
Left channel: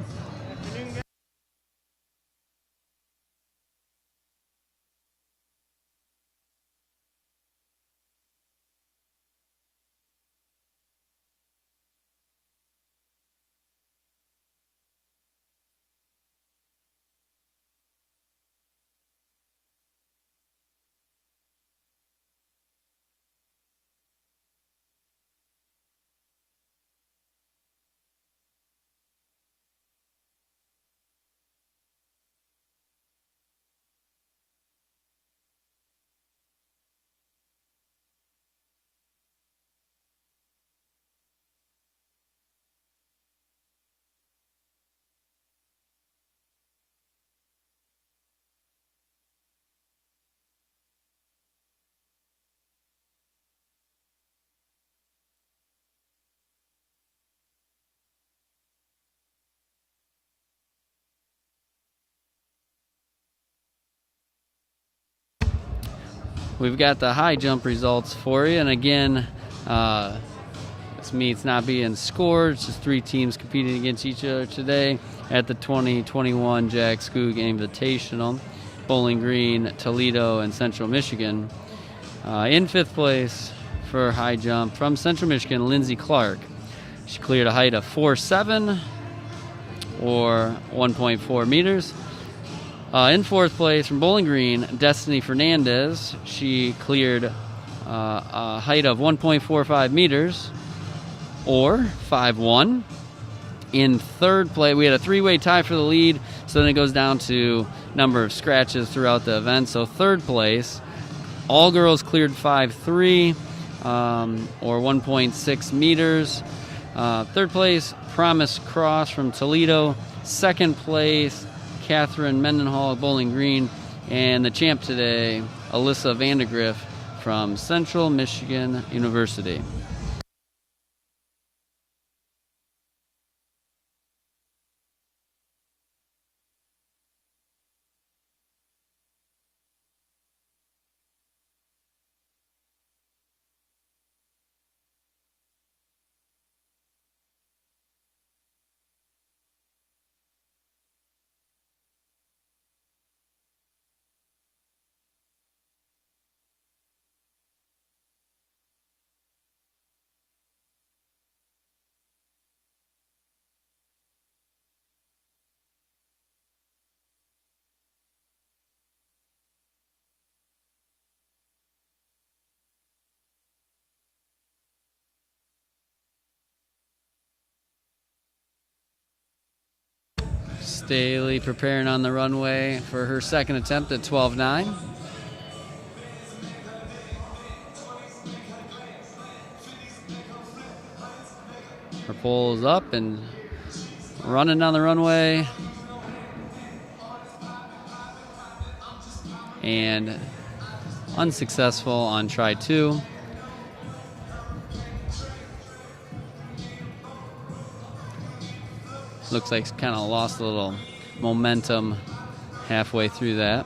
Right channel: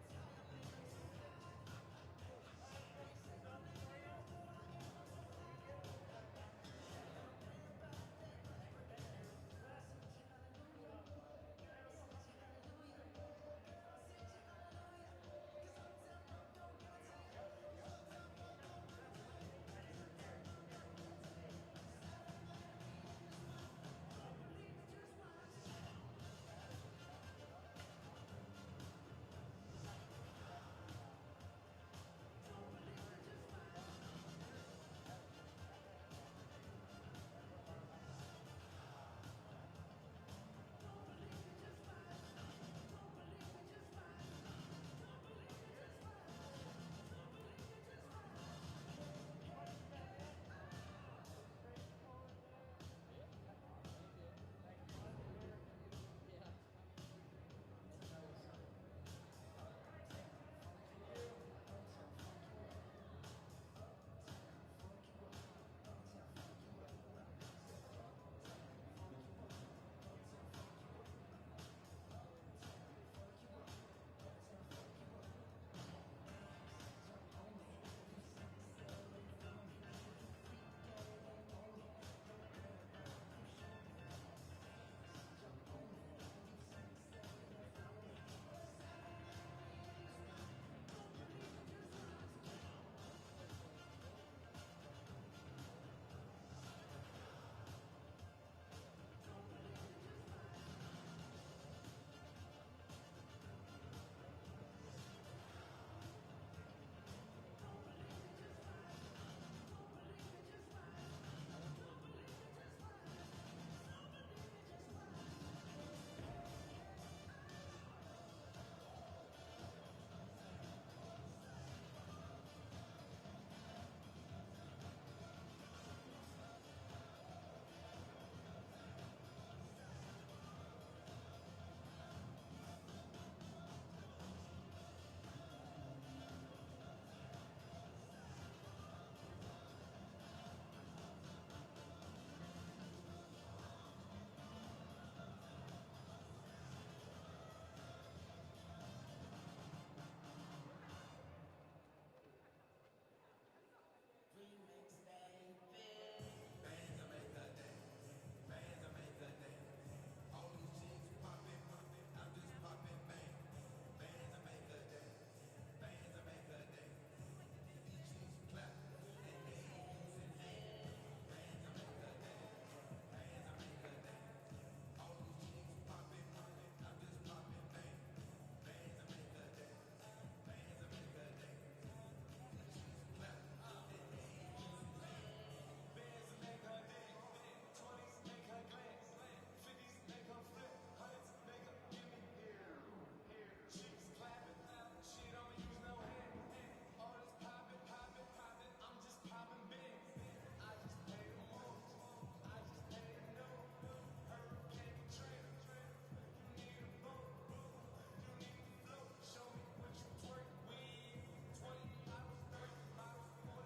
We've got the high jump results for you, and again, this meet's not being scored. It's just three teams competing against each other today at the 2021 Jack Skoog Invitational. Bowling Green, Toledo, and Central Michigan. In fifth place for high jump from Central Michigan, Lindsay Clark. She cleared a height of 4.7 or 1.4 meters. In fourth place from Bowling Green, Destiny Fernandez. She cleared a height of 1.45 meters or 5.1. In third place, we had a three-way tie for the lead, so then it goes down to number of scratches throughout the event. So third place, all girls cleared 5.3 or 1.6 meters. Third place, Promise Cross from Toledo. Second place, Catherine Mendenhall of Bowling Green. And the champ today, Alyssa Vandergriff from Central Michigan University. Staley preparing on the runway for her second attempt at 12.9. Her pole is up and running down the runway. And unsuccessful on try two. Looks like kind of lost a little momentum halfway through that.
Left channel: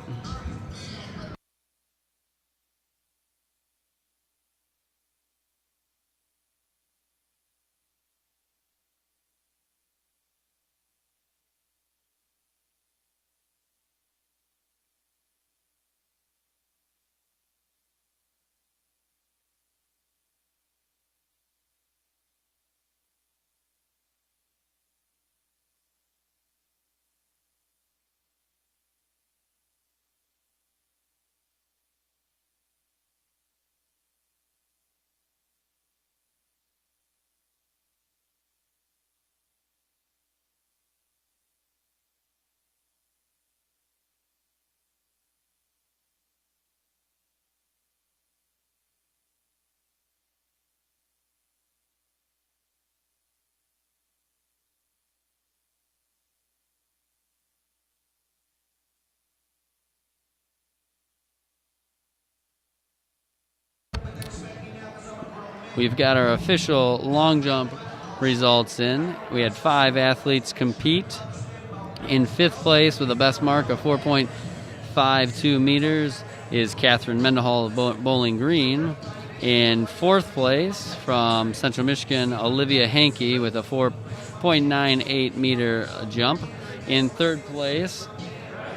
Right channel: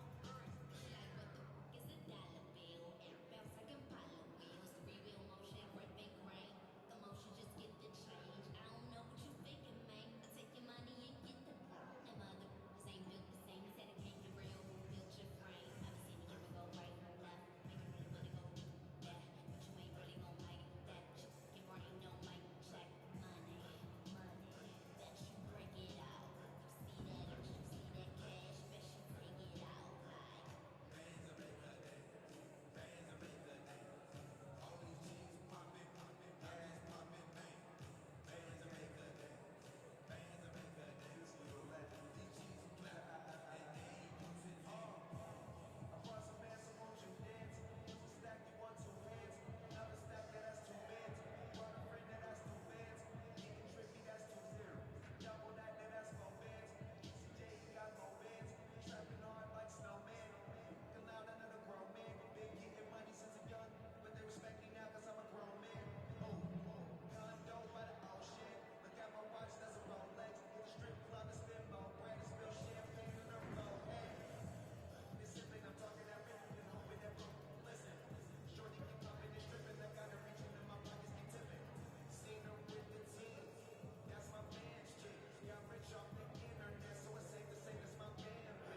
we've got our official long jump results in. We had 5 athletes compete. In 5th place with the best mark of 4.52 meters is Catherine Mendenhall of Bowling Green. In 4th place from Central Michigan, Olivia Hankey with a 4.98 meter jump. In 3rd place,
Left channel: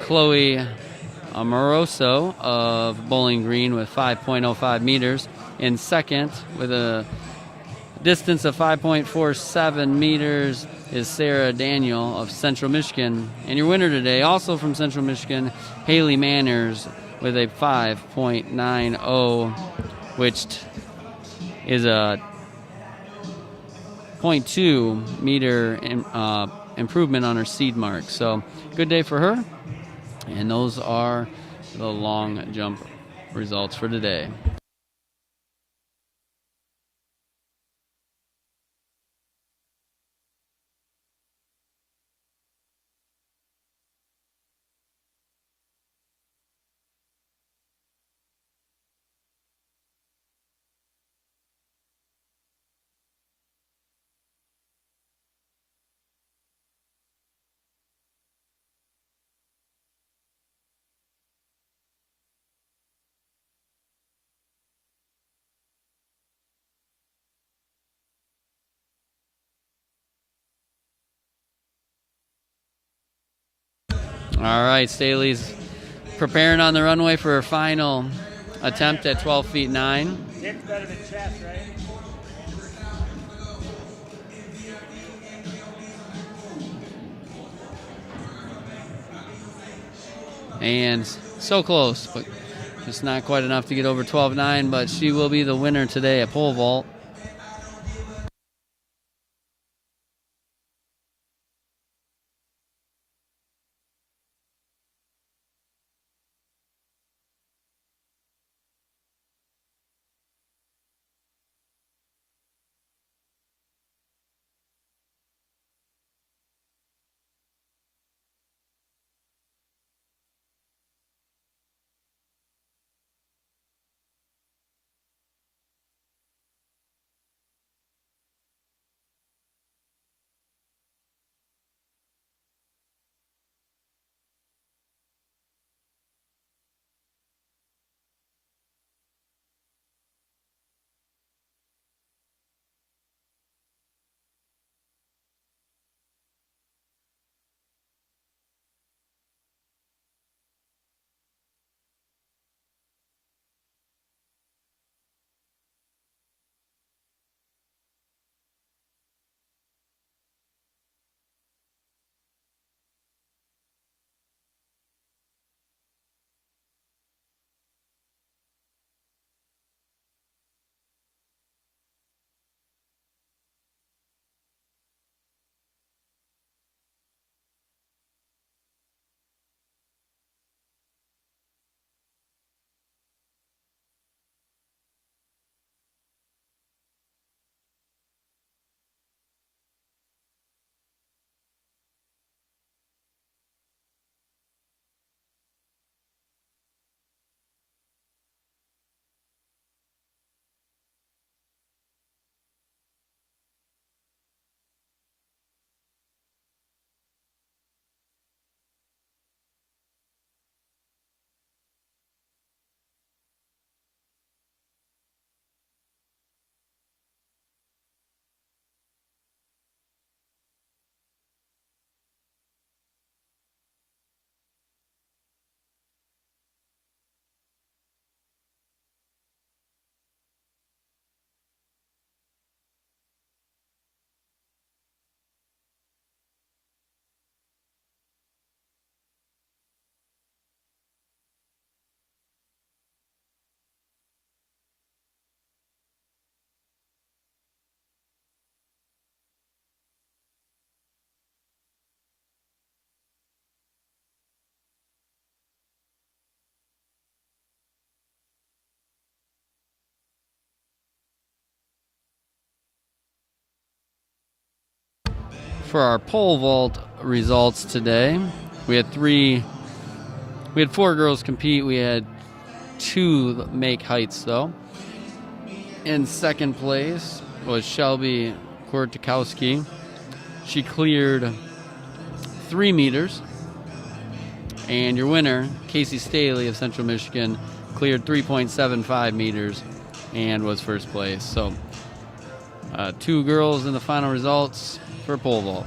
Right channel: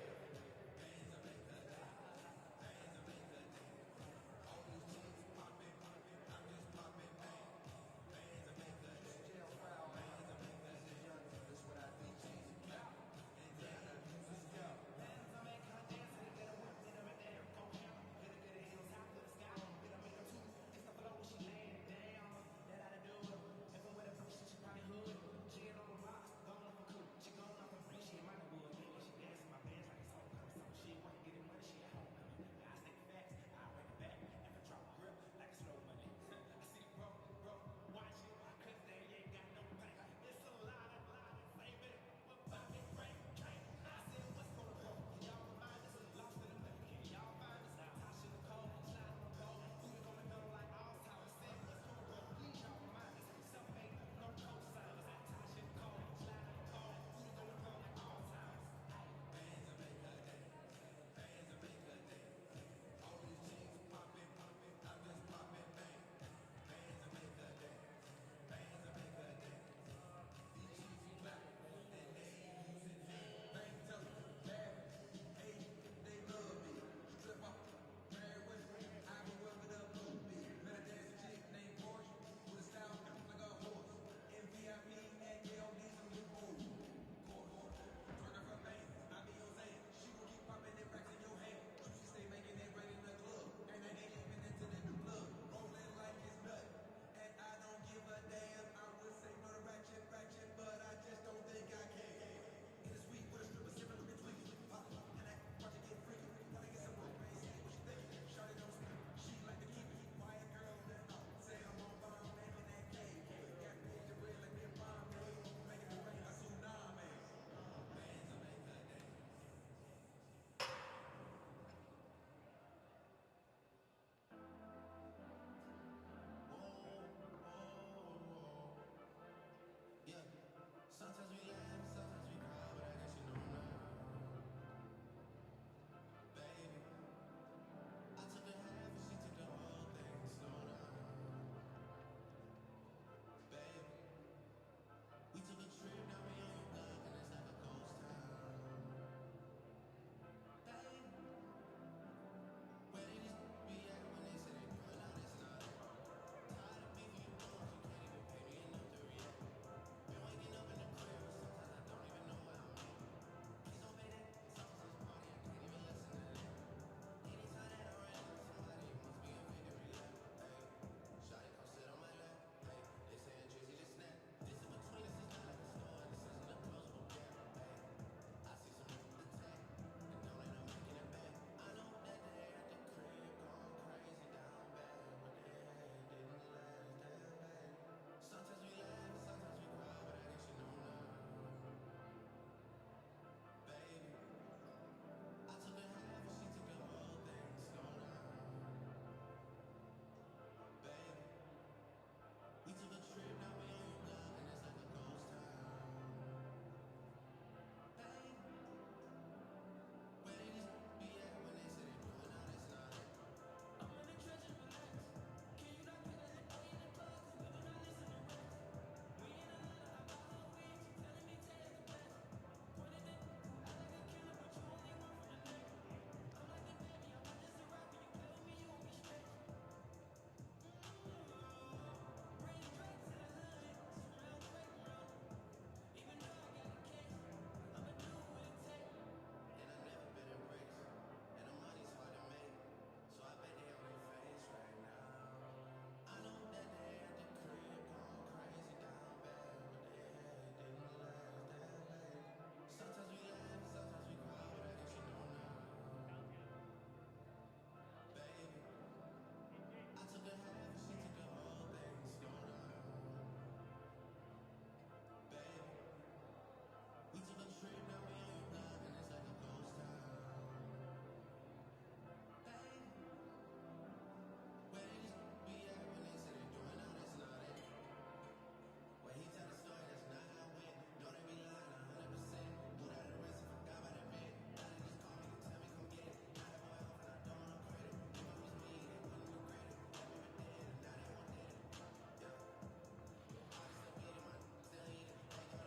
Chloe Amoroso of Bowling Green with 5.05 meters. In 2nd, with a distance of 5.47 meters, is Sarah Daniel of Central Michigan. And your winner today, also from Central Michigan, Haley Manners with a 5.90, which is a 0.2 meter improvement on her seed mark. So good day for her. And those are the long jump results for today. All right, Staley's preparing on the runway for her final attempt at 12 feet 9. It's better than chest, right? And so close, but just not quite enough to get over 12.9, but she will be the winner today at pole vault. For our pole vault results today, we had 4 girls compete. We had 2 make heights though. In second place was Shelby Kortikowski. She cleared 3 meters. And your winner, Casey Staley of Central Michigan, cleared 3.75 meters and was first place. So 2 girls in the final results for pole vault.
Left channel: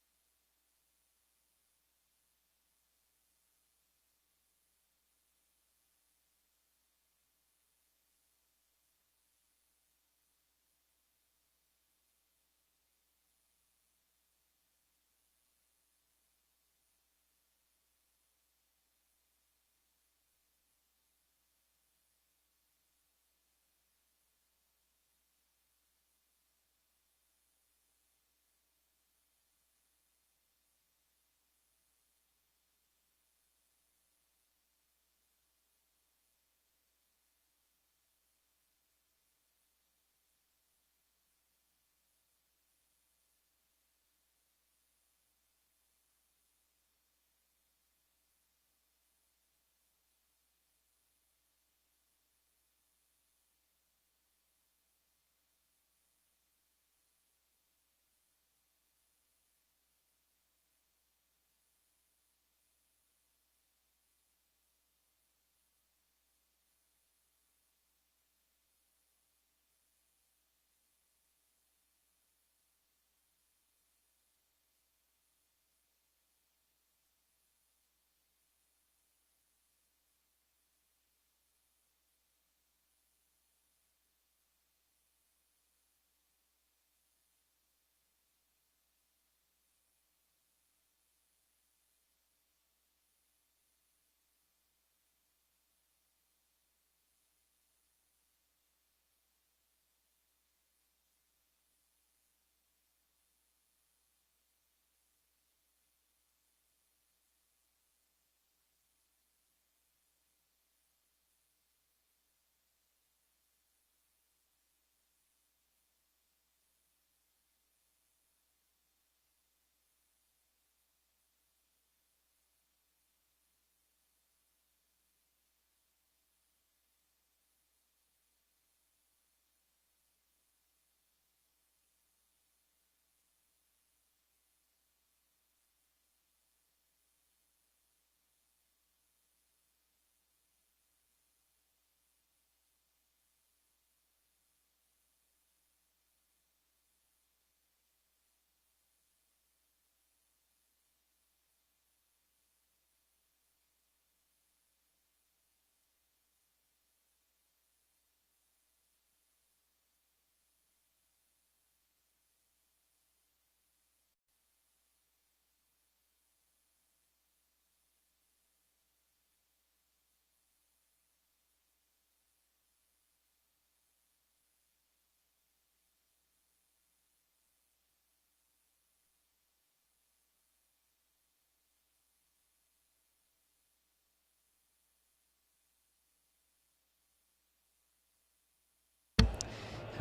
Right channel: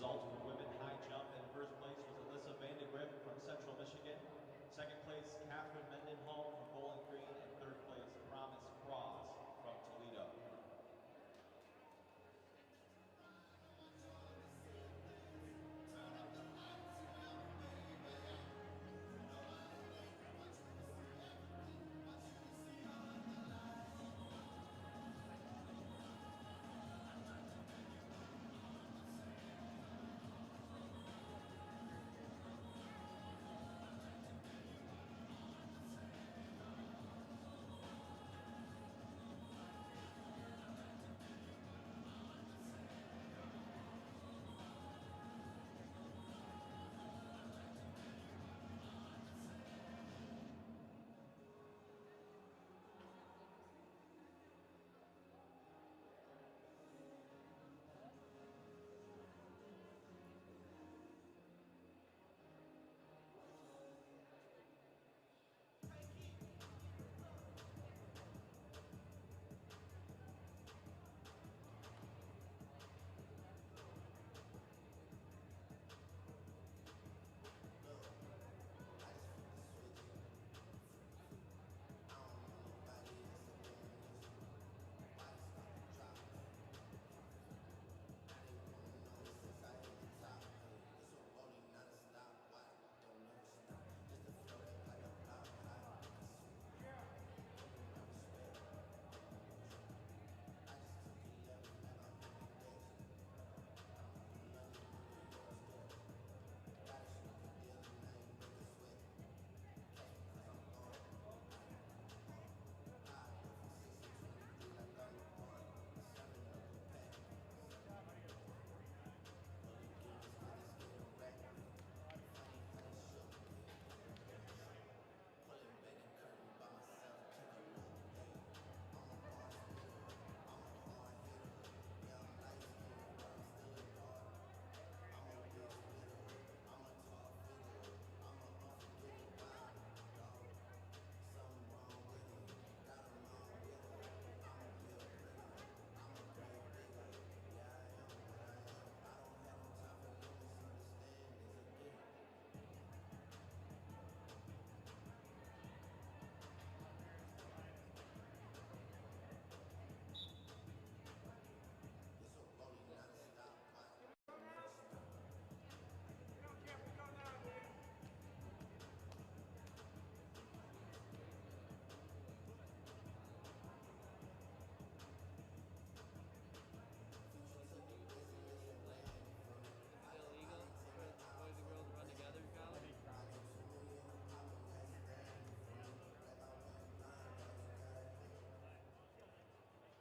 Result for women high jump in first place was Alyssa Vandegrip from Central Michigan. Second place, Catherine Mendenhall from Bowling Green. And third place, Promise Cross from Toledo.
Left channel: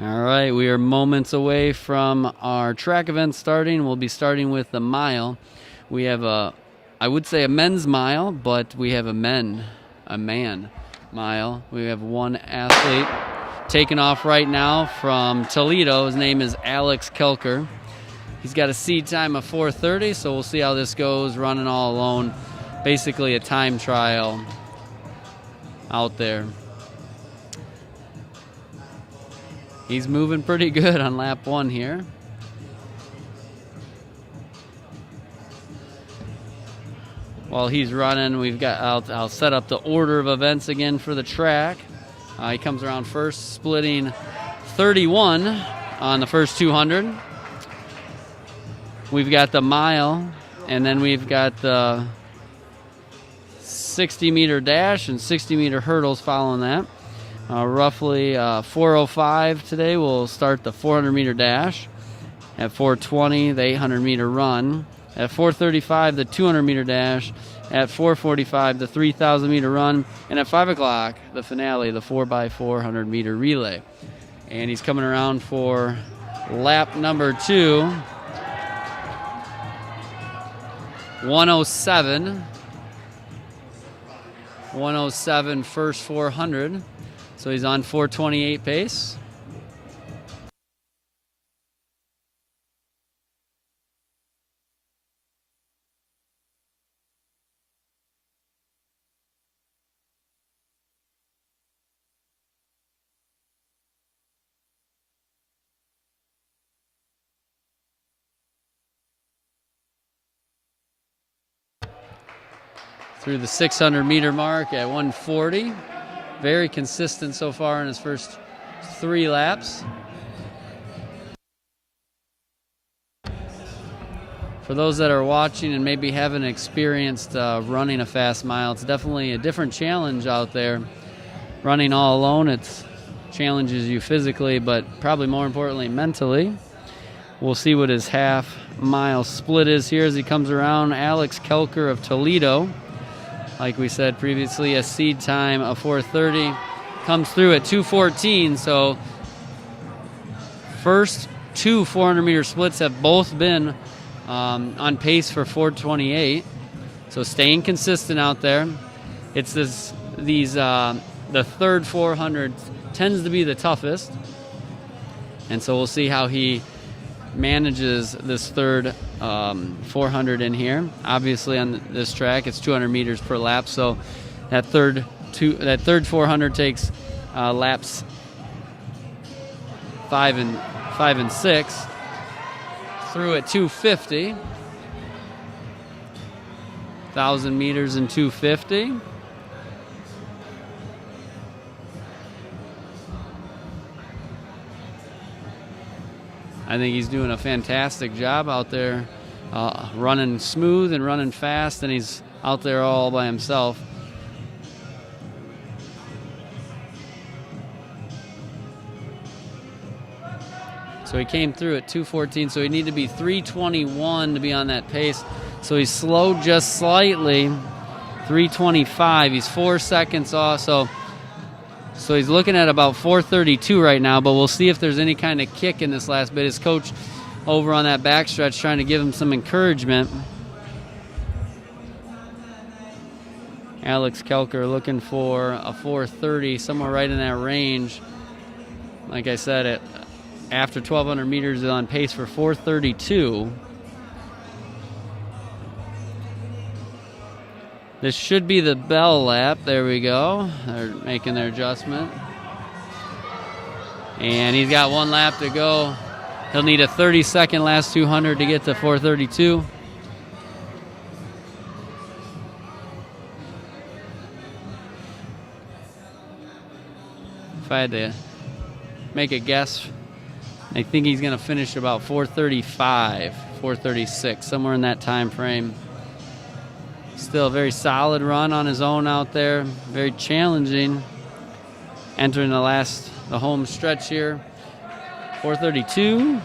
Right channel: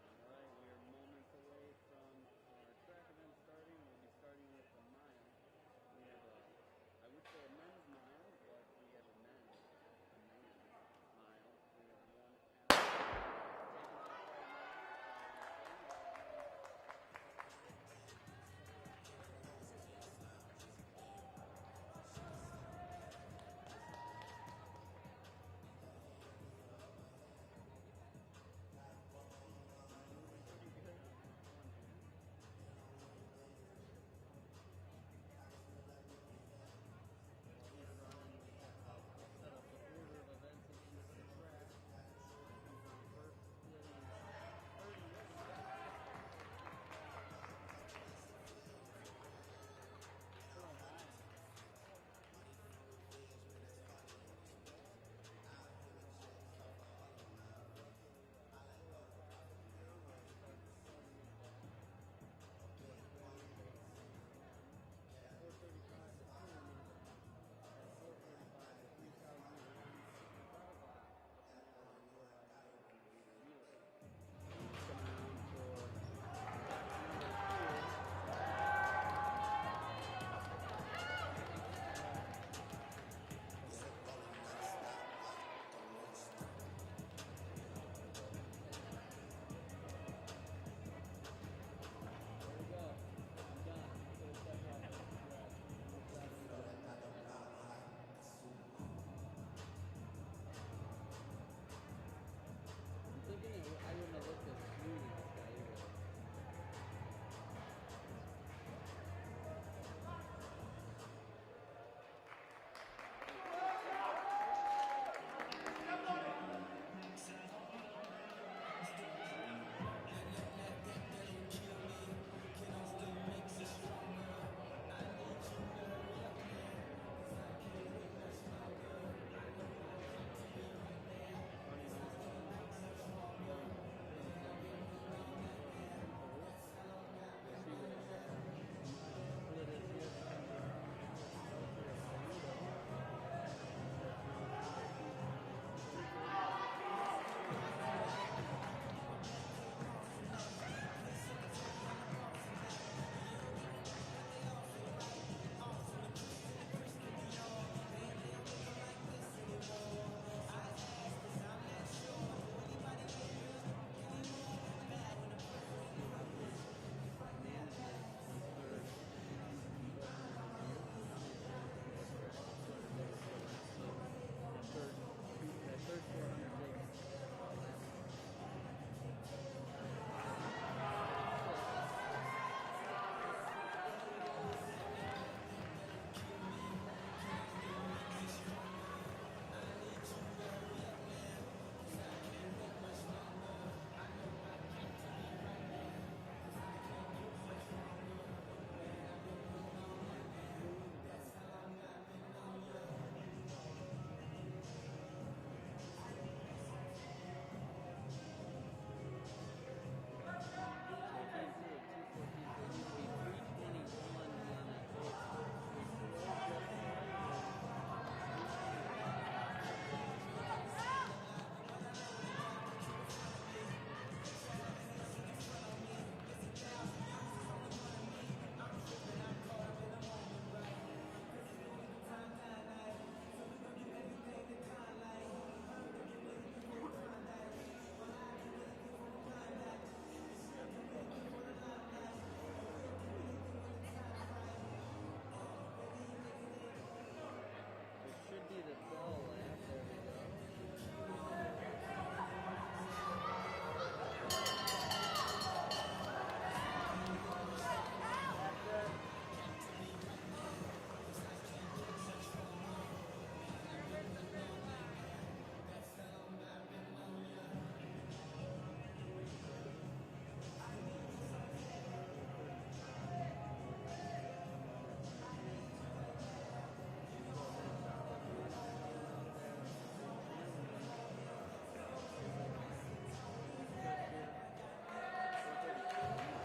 All right, we are moments away from our track event starting. We'll be starting with the mile. We have I would say a men's mile, but we have a man mile. We have one athlete taking off right now from Toledo. His name is Alex Kelker. He's got a seed time of 4:30, so we'll see how this goes, running all alone. Basically a time trial out there. He's moving pretty good on lap 1 here. While he's running, we've got I'll set up the order of events again for the track. He comes around first, splitting 31 on the first 200. We've got the mile, and then we've got the 60-meter dash and 60-meter hurdles following that. Roughly 4:05 today, we'll start the 400-meter dash. At 4:20, the 800-meter run. At 4:35, the 200-meter dash. At 4:45, the 3,000-meter run. And at 5 o'clock, the finale, the 4x4 100-meter relay. And he's coming around for lap number 2. 107 first 400. So he's on 4:28 pace. through the 600-meter mark at 140. Very consistent so far in his first 3 laps. For those that are watching and maybe haven't experienced running a fast mile, it's definitely a different challenge out there. Running all alone, it challenges you physically, but probably more importantly, mentally. We'll see what his half-mile split is here as he comes around. Alex Kelker of Toledo, like we said previously, a seed time of 4:30, comes through at 2:14. So first 2 400-meter splits have both been on pace for 4:28. So staying consistent out there. It's the third 400 tends to be the toughest, and so we'll see how he manages this third 400 in here. Obviously on this track it's 200 meters per lap, so that third 400 takes laps 5 and 6 through at 250. 1,000 meters in 250. I think he's doing a fantastic job out there, running smooth and running fast, and he's out there all by himself. So he came through at 2:14, so he needed to be 3:21 to be on that pace. So he's slowed just slightly, 3:25. He's 4 seconds off, so he's looking at about 4:32 right now, but we'll see if there's any kind of kick in this last bit. His coach over on that backstretch trying to give him some encouragement. Alex Kelker looking for a 4:30, somewhere right in that range. Like I said, after 1,200 meters is on pace for 4:32. This should be the bell lap. There we go. They're making their adjustment. And he's got 1 lap to go. He'll need a 30-second last 200 to get to 4:32. If I had to make a guess, I think he's going to finish about 4:35, 4:36, somewhere in that time frame. Still a very solid run on his own out there. Very challenging. Entering the home stretch here. 4:32,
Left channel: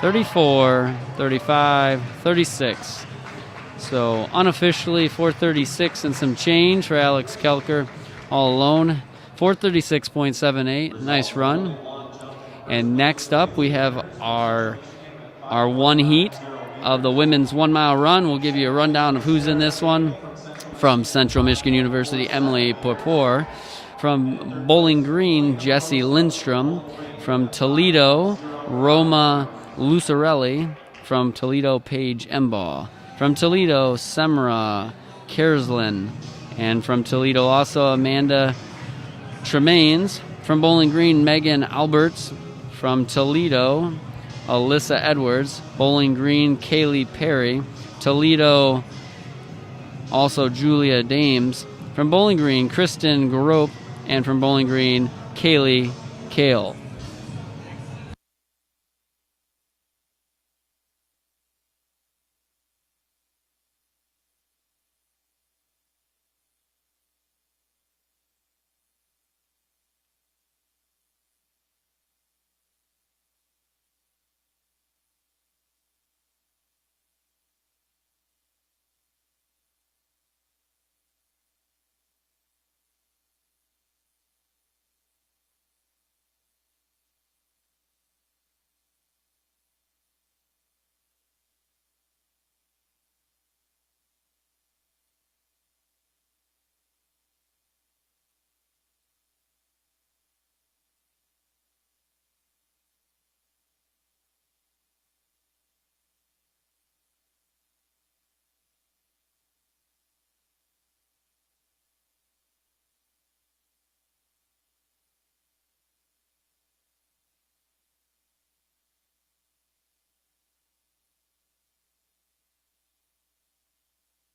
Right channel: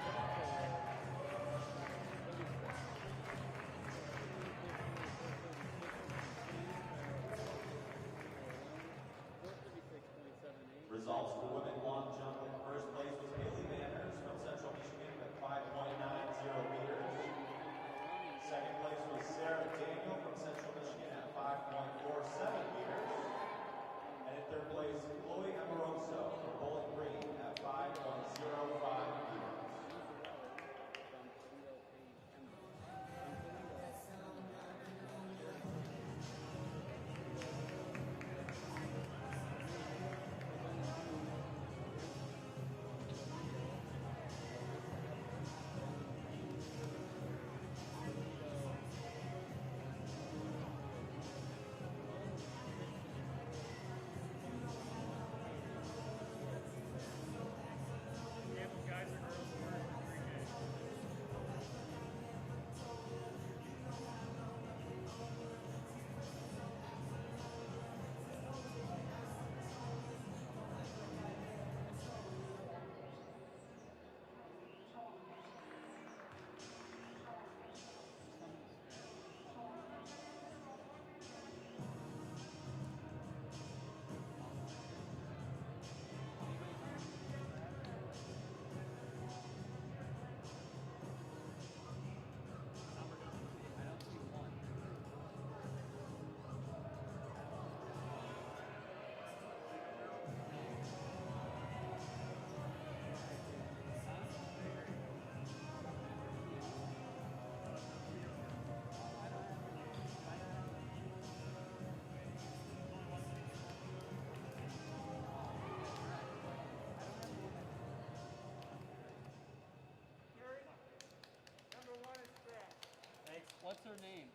34, 35, 36. So unofficially 4:36 and some change for Alex Kelker all alone. 4:36.78. Nice run. And next up we have our one heat of the women's 1 mile run. We'll give you a rundown of who's in this one. From Central Michigan University, Emily Porpor. From Bowling Green, Jesse Lindstrom. From Toledo, Roma Lucarelli. From Toledo, Paige Embaugh. From Toledo, Semra Kerslin. And from Toledo also Amanda Tremaines. From Bowling Green, Megan Alberts. From Toledo, Alyssa Edwards. Bowling Green, Kaylee Perry. Toledo, also Julia Dames. From Bowling Green, Kristen Grope. And from Bowling Green, Kaylee Kale. What's her name?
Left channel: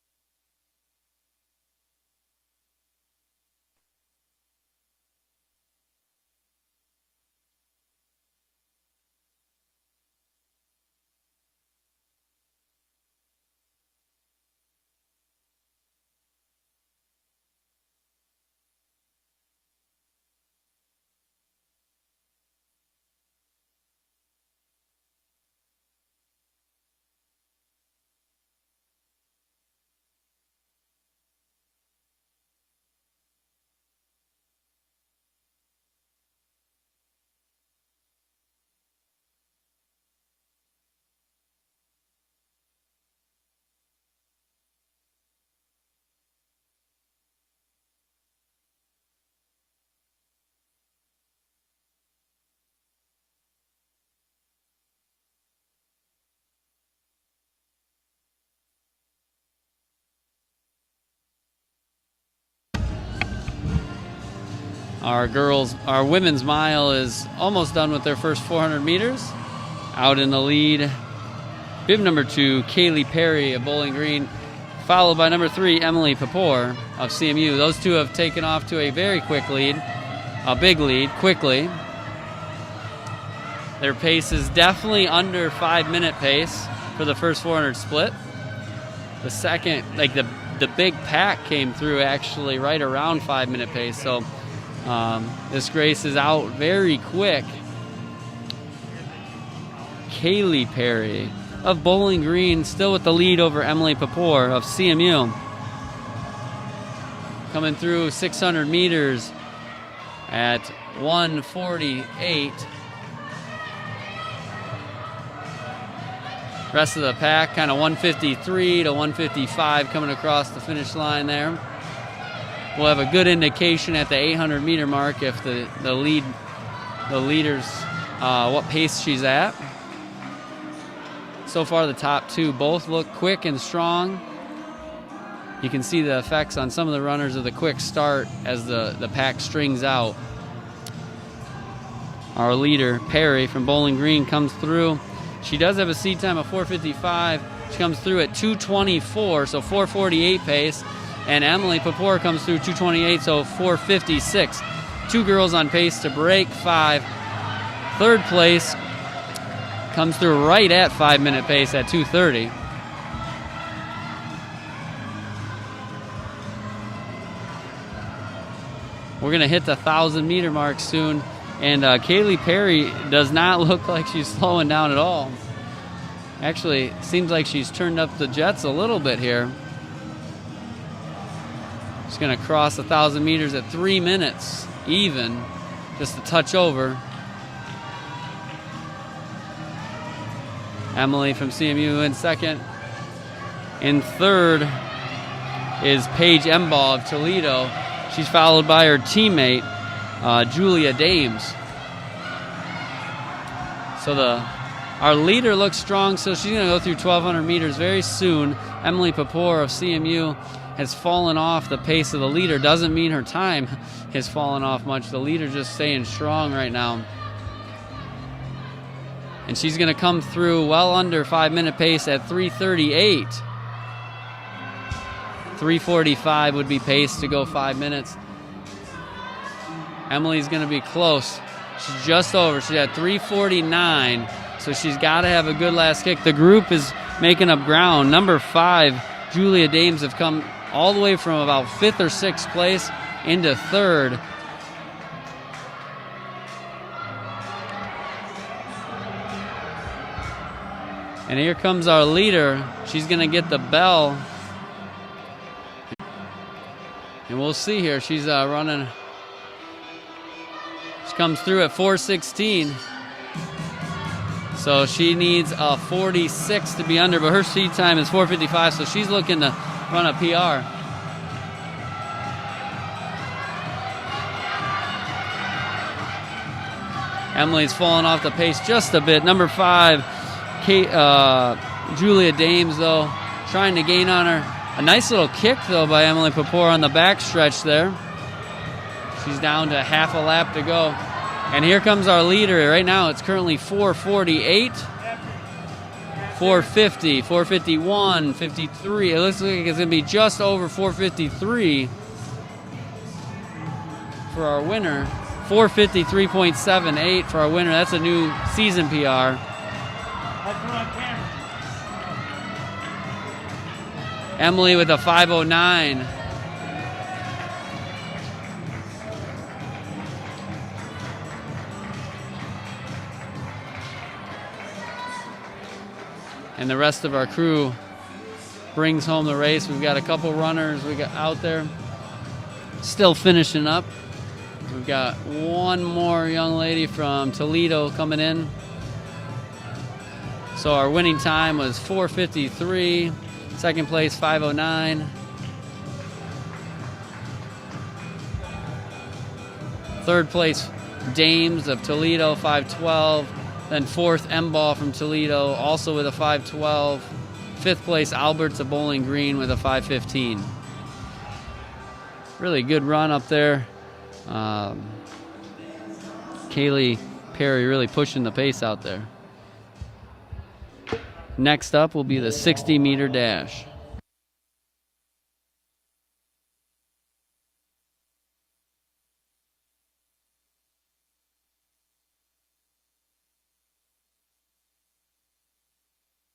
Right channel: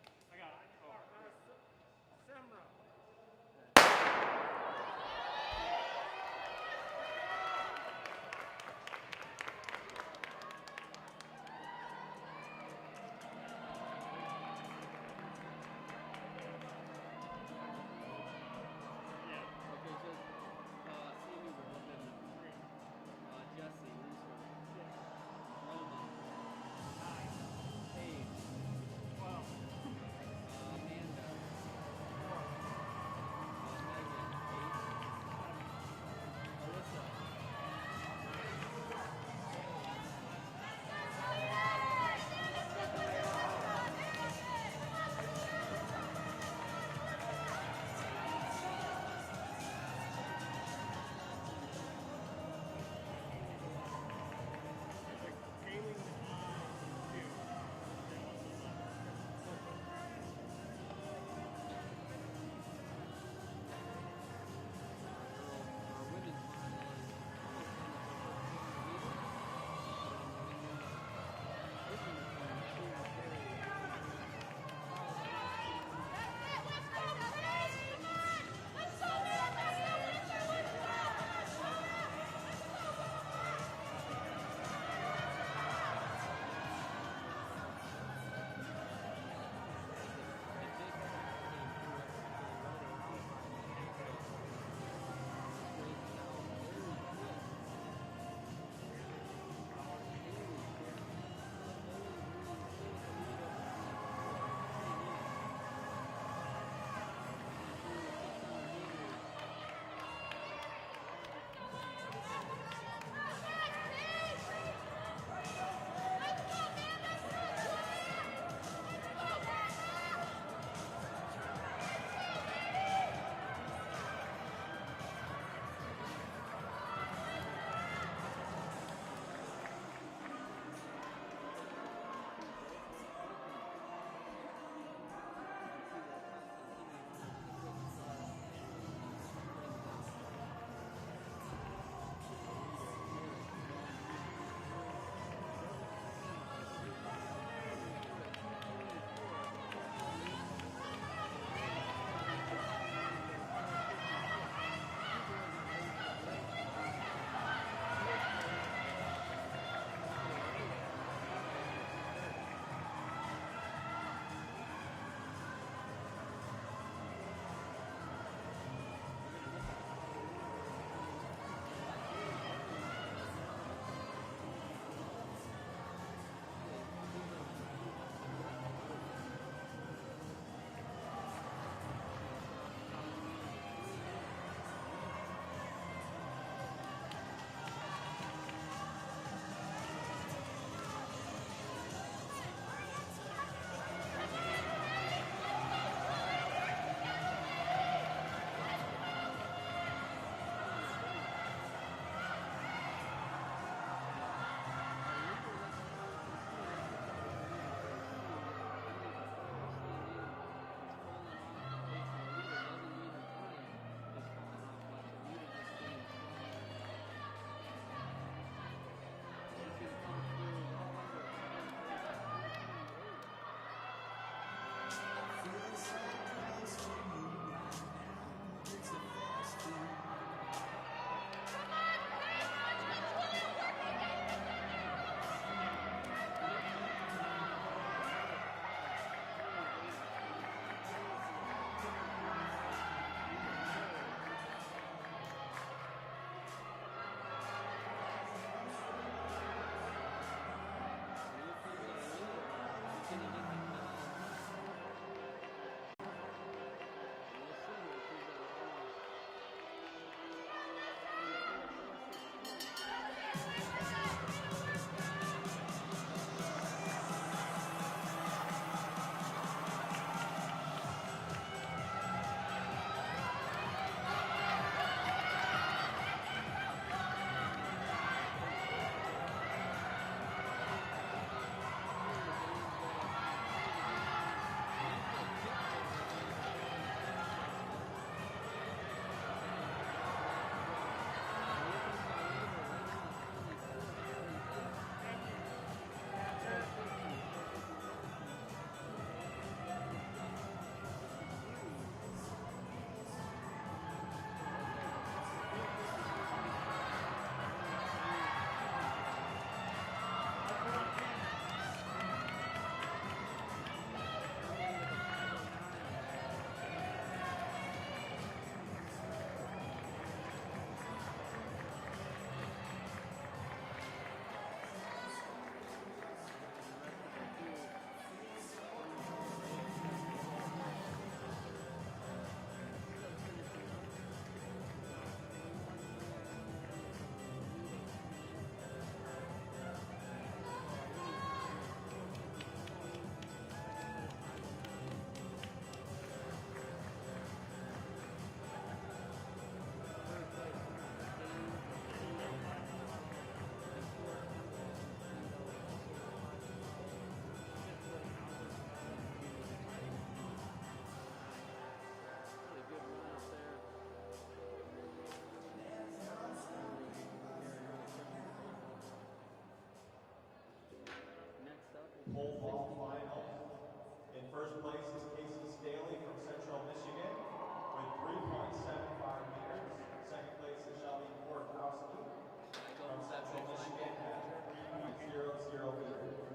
Our women's mile is almost done with their first 400 meters. Out in the lead, bib number 2, Kaylee Perry of Bowling Green, followed by number 3, Emily Papor of CMU. Those two have taken off to a very quick lead, a big lead, quickly. Their pace is definitely under 5-minute pace for the first 400 split. The second, like the big pack came through actually right around 5-minute pace. So this race is out very quick. Kaylee Perry of Bowling Green still with the lead over Emily Papor of CMU. Coming through 600 meters at 1:48. Rest of the pack kind of 1:53 to 1:55 coming across the finish line there. We'll have a good indication at the 800 meter mark if the leaders what pace she's at. So far the top two both look quick and strong. You can see the effects on some of the runners of the quick start as the pack strings out. Our leader Perry from Bowling Green comes through. She does have a seed time of 4:55. She comes through at 2:24, so 4:48 pace. And Emily Papor comes through 2:28, so 4:56. Two girls on pace to break 5. Third place comes through right at 5-minute pace at 2:30. We're going to hit the 1,000-meter mark soon. And Kaylee Perry does not look like she's slowing down at all. Actually, seems like she's turned up the jets a little bit here. She's going to cross 1,000 meters at 3 minutes even, just a touch over. Emily from CMU in second. In third is Paige Embaugh of Toledo. She's followed by her teammate, Julia Dames. So our leader looks strong, so she's going to go through 1,200 meters very soon. Emily Papor of CMU has fallen off the pace of the leader. Doesn't mean her time has fallen off much. The leader just staying strong right now. And she's going to come through well under 5-minute pace at 3:38. 3:45 would be pace to go 5 minutes. Emily's going to be close. She's just over. She's at 3:49, so she's got to have a good last kick. The group is making up ground. Number 5, Julia Dames, have come all the way from about 5th or 6th place into 3rd. And here comes our leader. She's going to get the bell. And we'll see here. She's running. She comes through at 4:16. So she needs a 46 to be under, but her seed time is 4:55, so she's looking to run a PR. Emily's fallen off the pace just a bit. Number 5, Julia Dames, though, trying to gain on her. A nice little kick, though, by Emily Papor on the back stretch there. She's down to half a lap to go. And here comes our leader. Right now, it's currently 4:48, 4:50, 4:51, 53. It looks like it's going to be just over 4:53 for our winner. 4:53.78 for our winner. That's a new season PR. Emily with a 5:09. And the rest of our crew brings home the race. We've got a couple runners we got out there still finishing up. We've got one more young lady from Toledo coming in. So our winning time was 4:53. Second place, 5:09. Third place, Dames of Toledo, 5:12. Then fourth, Embaugh from Toledo, also with a 5:12. Fifth place, Alberts of Bowling Green with a 5:15. Really good run up there. Kaylee Perry really pushing the pace out there. Next up will be the 60-meter dash. In first place is Casey Staley from Central Michigan with 3.75 meters. Second place is Shelby Borkowski from Central Michigan at 3.00 meters.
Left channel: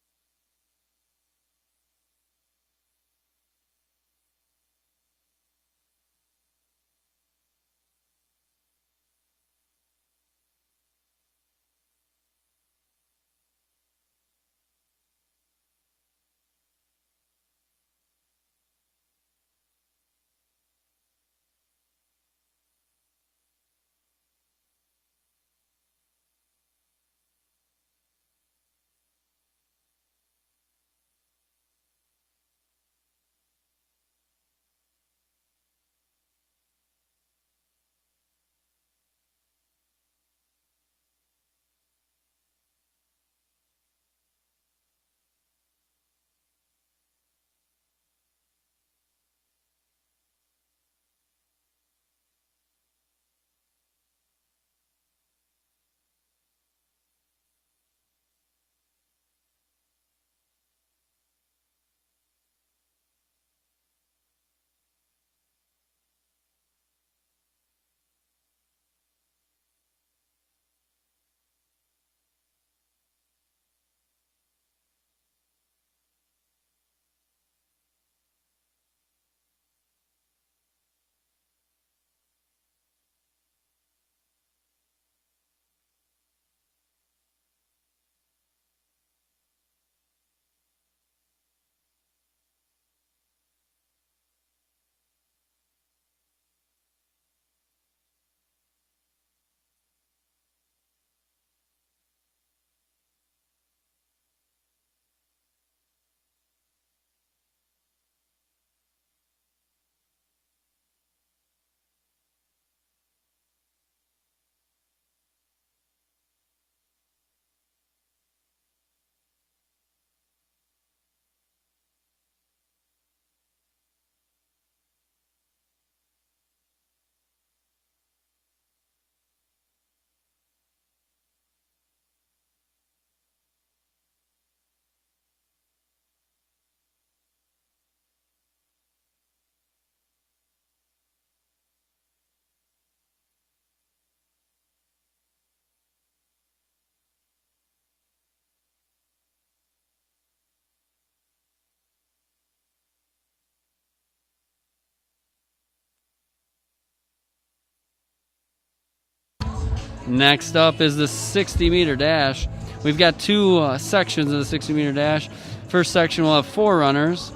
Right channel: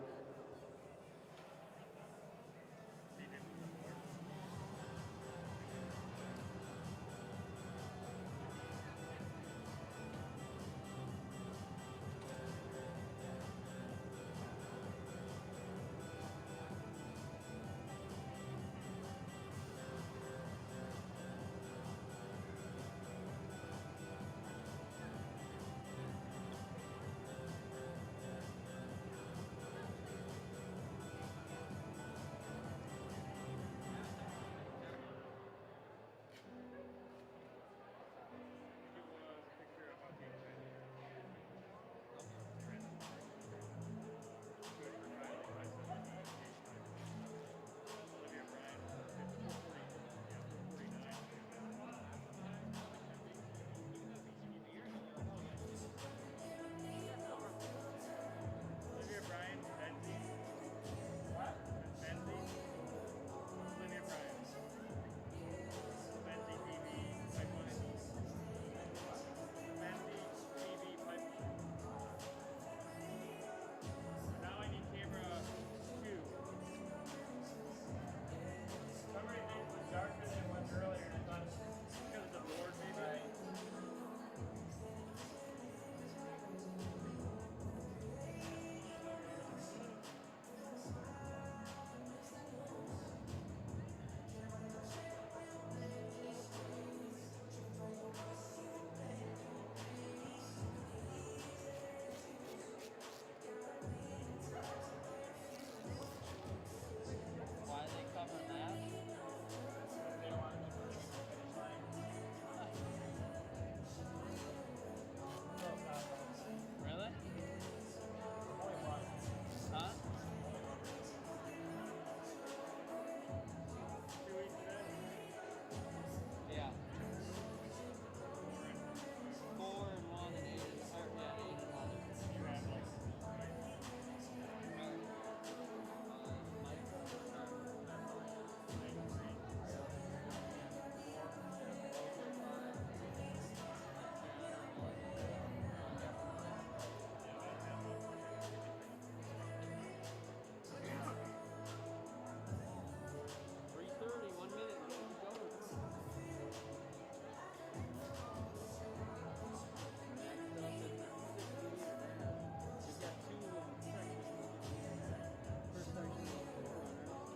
Next up is the 60-meter dash. We've got two sections of the 60-meter dash. First section will have 4 runners.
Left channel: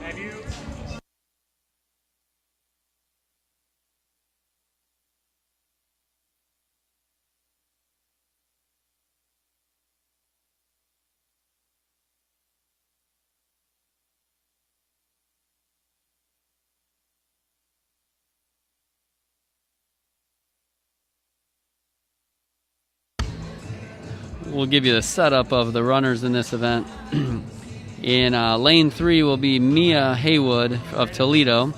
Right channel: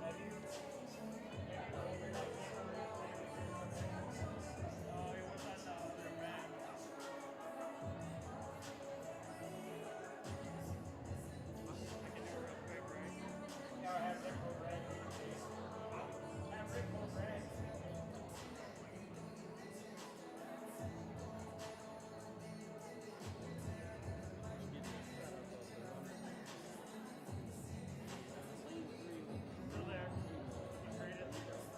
We'll give you the setup of the runners in this event. In lane 3 will be Mia Haywood of Toledo.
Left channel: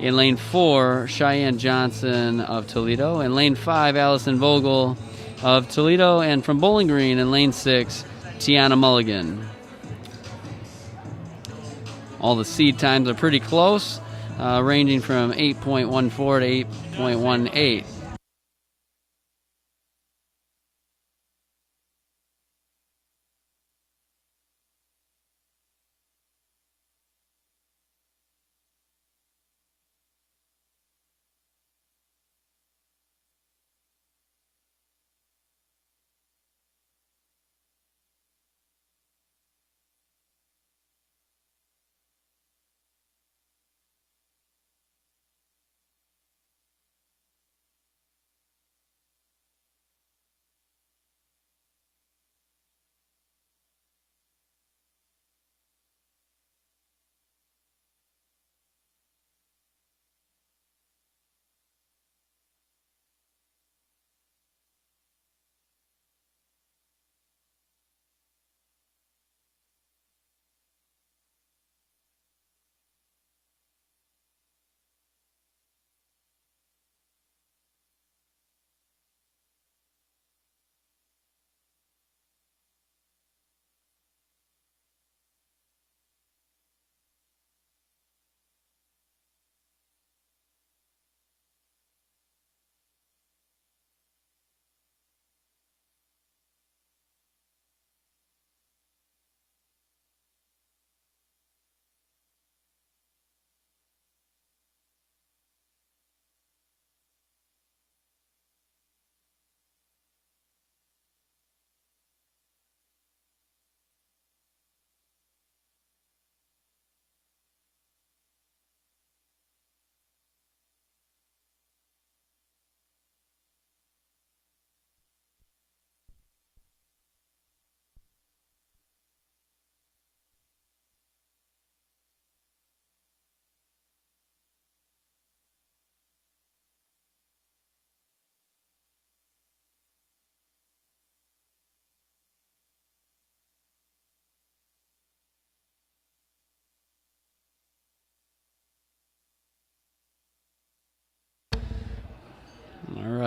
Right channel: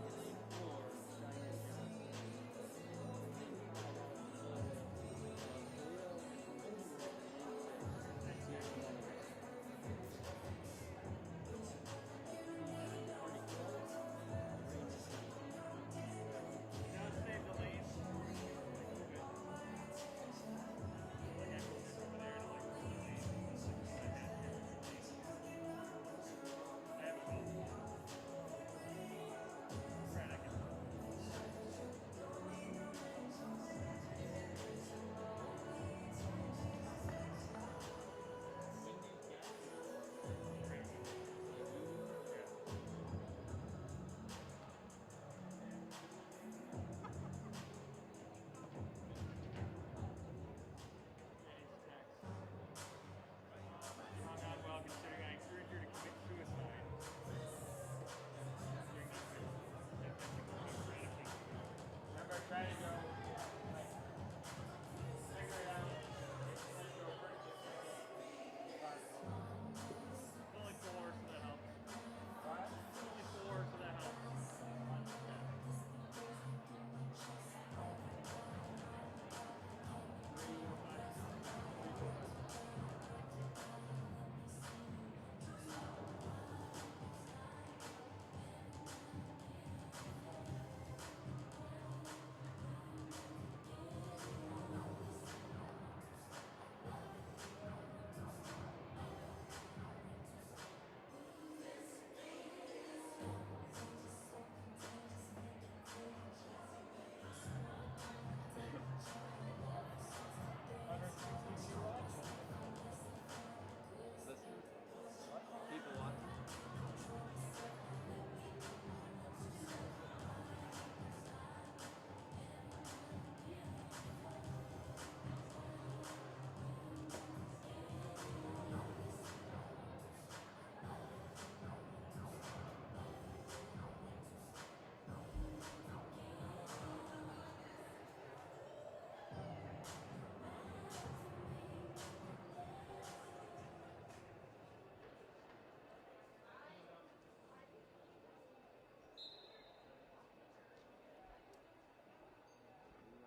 In lane 4, Cheyenne Johnson of Toledo. In lane 5, Allison Vogel of Toledo. And from Bowling Green in lane 6, Tiana Mulligan. All the seed times are pretty close, ranging from 8.14 to 8.18.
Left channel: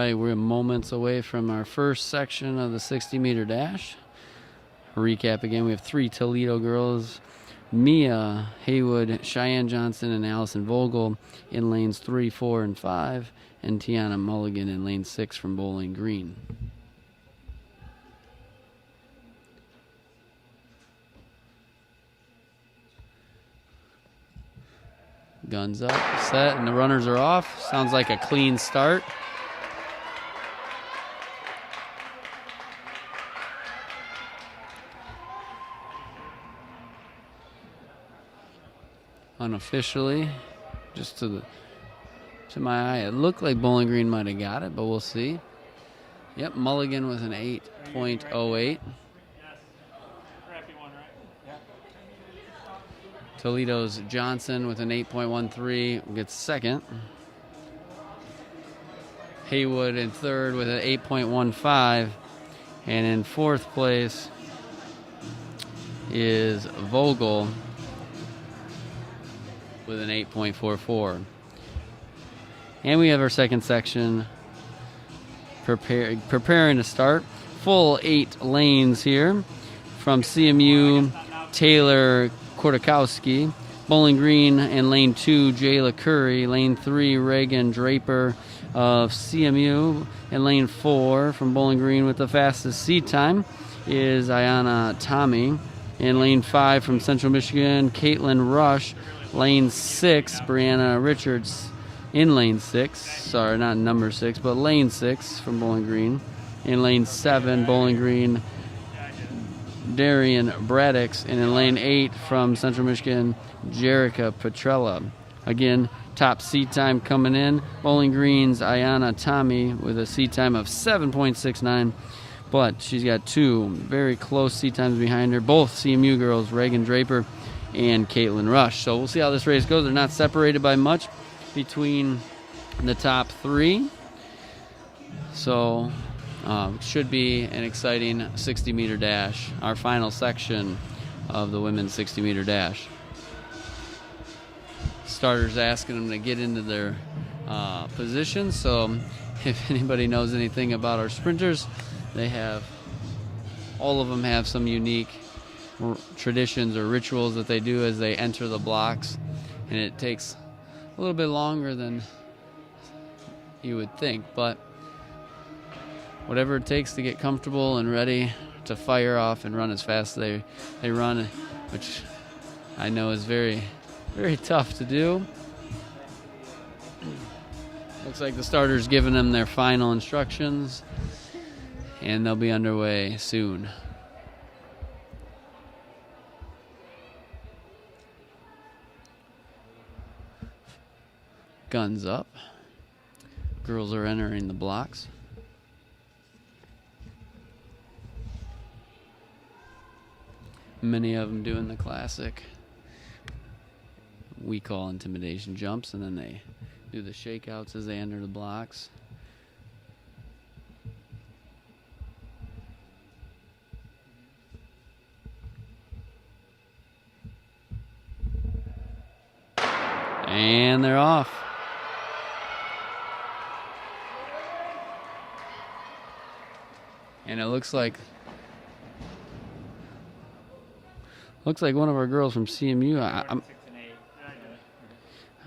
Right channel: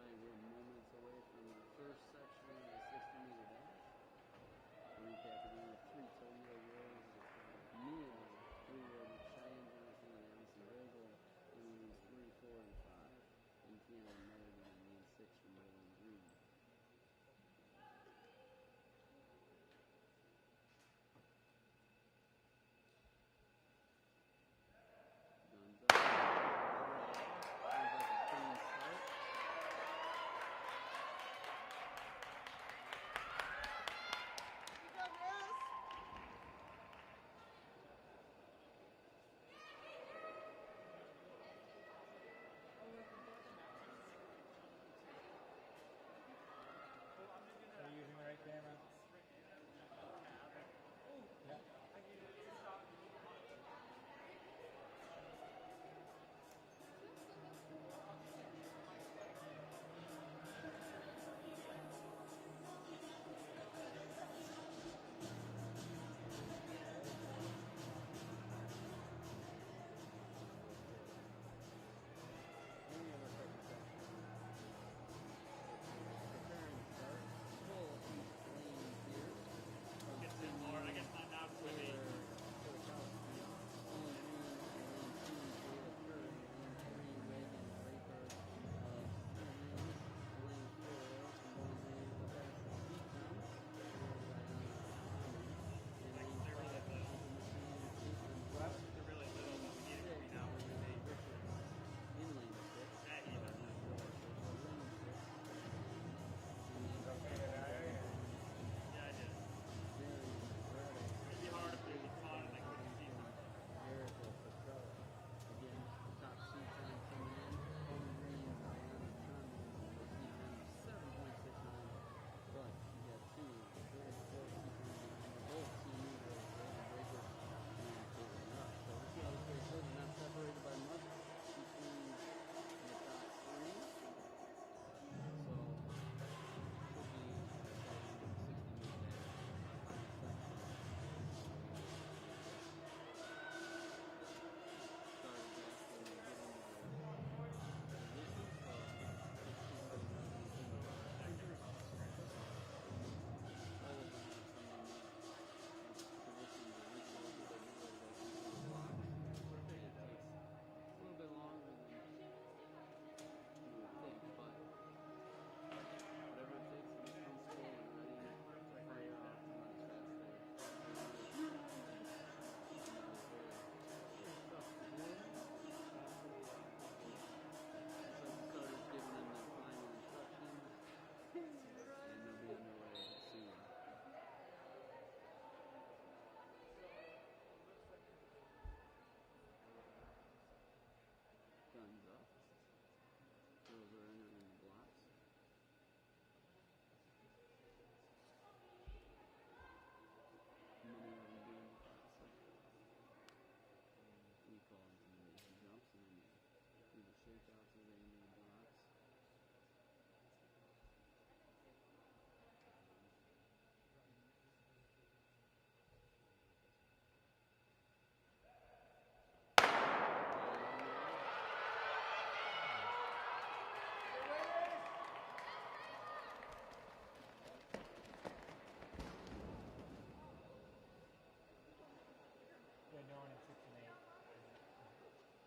right, we're moments away from our first section of the 60-meter dash. Recap again, we have 3 Toledo girls, Mia Haywood, Cheyenne Johnson, and Allison Vogel in lanes 3, 4, and 5, and Tiana Mulligan in lane 6 from Bowling Green. Guns up, set, and the runners are off. Sounds like a clean start. Unofficially, just to my eye, it looked like Bowling Green might have got it, but we'll see. Yep, Mulligan with an 8.08. Toledo's Johnson with an 8.13 gets second. Haywood in third with an 8.15. And in fourth place is Vogel with an 8.44. And we have our second section preparing to start. Full 8 lanes here from CMU, Taylor Kortakowski, Bowling Green in lane 2, Jayla Curry, lane 3, Reagan Draper of CMU, and lane 4 from Bowling Green with the fastest seat time is Ayana Tommy. In lane 5 from Central Michigan, Caitlin Rush. Lane 6, Brianna Richards in lane 6. Sorry, not number 6, but lane 6 from Bowling Green. In lane 7, Bowling Green, Darian Braddix, and in lane 8 from Central Michigan, Jerica Petrella. Again, top seat time coming in. Bowling Green's Ayana Tommy with a seat time of 7.69, but she's got 2 very close seat times behind her, both CMU girls, Reagan Draper and Caitlin Rush. So we'll see how this race goes. They're not separated by much between the top 3. So should be an exciting 60-meter dash, our final section of the women's 60-meter dash. Starters asking them to get into their positions. So if anybody knows anything about our sprinters, all of them have some unique traditions or rituals that they do as they enter the blocks, and it takes a little bit longer than you would think, but whatever it takes to get comfortable and ready to fire off and run as fast as they run, which I know is very, very tough to do. Looks like the starter's giving them their final instructions, and they'll be underway soon. Guns up. Girls are entering the blocks. Many of them doing the classic we call intimidation jumps, and then they do the shakeouts as they enter the blocks. And they're off. And it looks like one of our girls from CMU.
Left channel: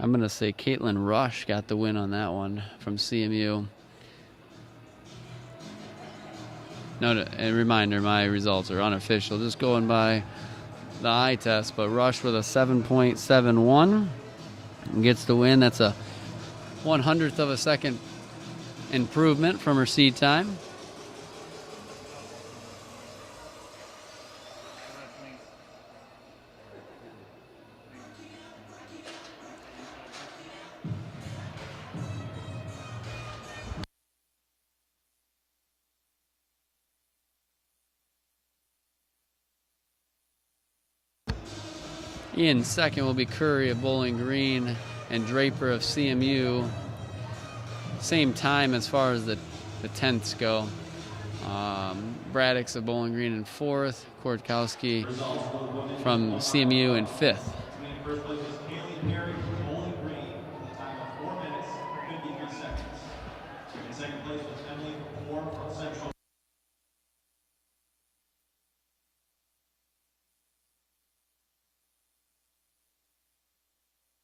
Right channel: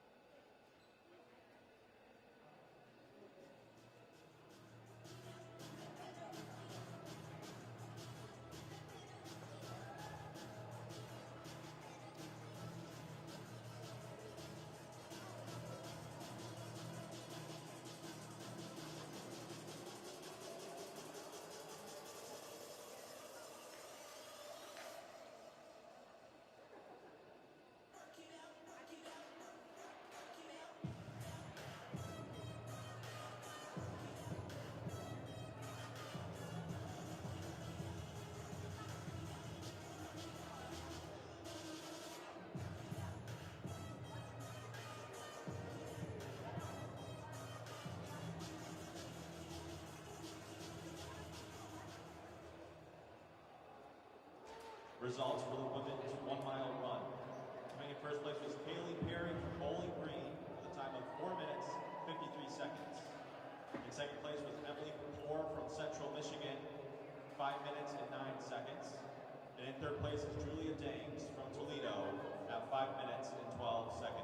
I'm going to say Caitlin Rush got the win on that one from CMU. No, a reminder, my results are unofficial, just going by the eye test, but Rush with a 7.71 gets the win. That's a 1/100th of a second improvement from her seed time. In second will be Curry of Bowling Green and Draper of CMU. Same time as far as the tenths go. Braddix of Bowling Green in fourth. Kortkowski from CMU in fifth. In first place was Haley Perry from Bowling Green with a time of 4 minutes, 53 seconds. In second place was 5 minutes and 12 seconds.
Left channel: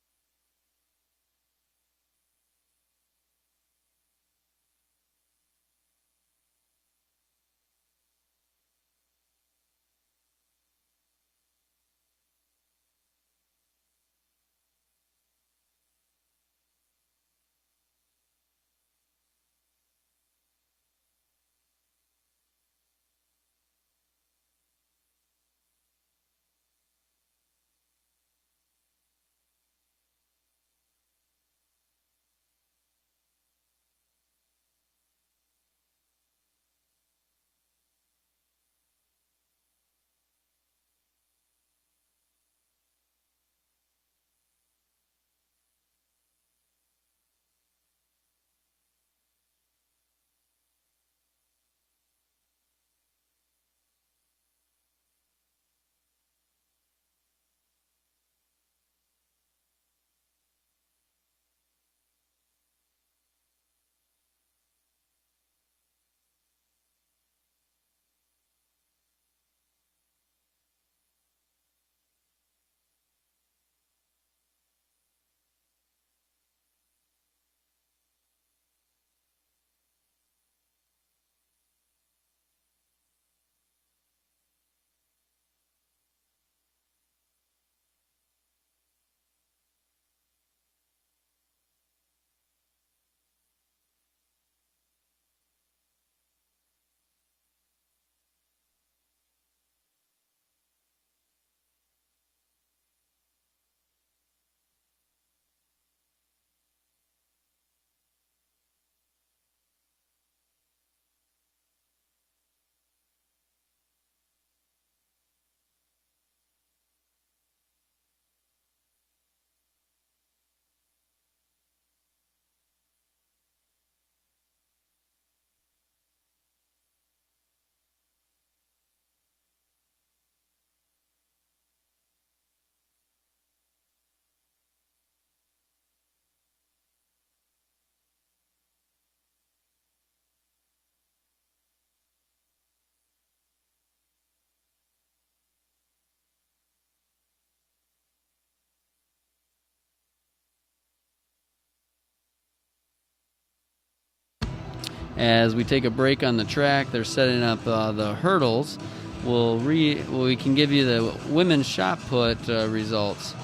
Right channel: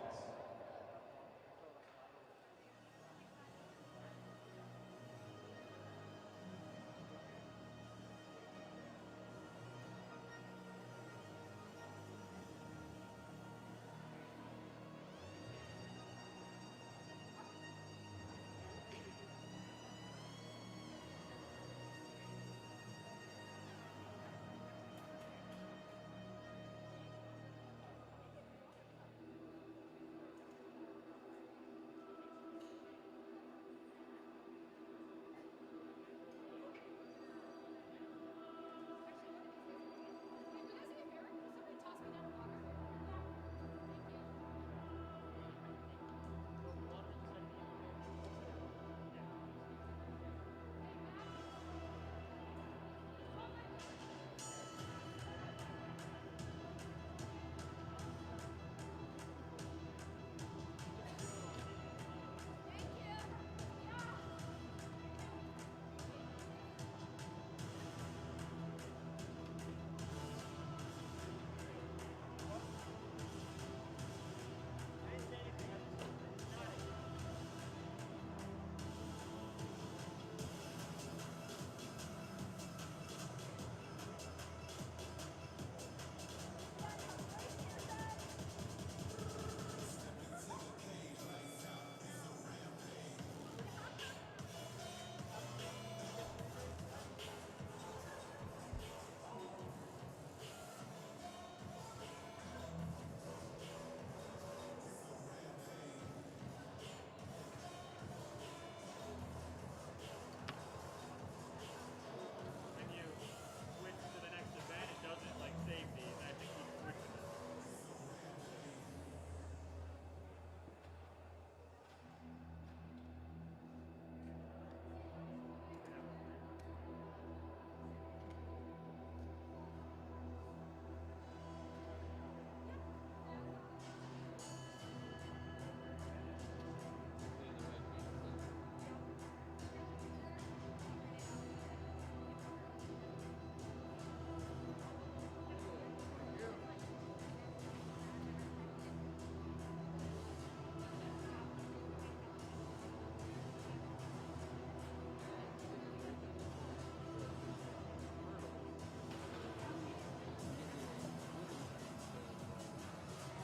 As we take a break on the track, they're setting up the hurdles. We can give you the women's shot put results.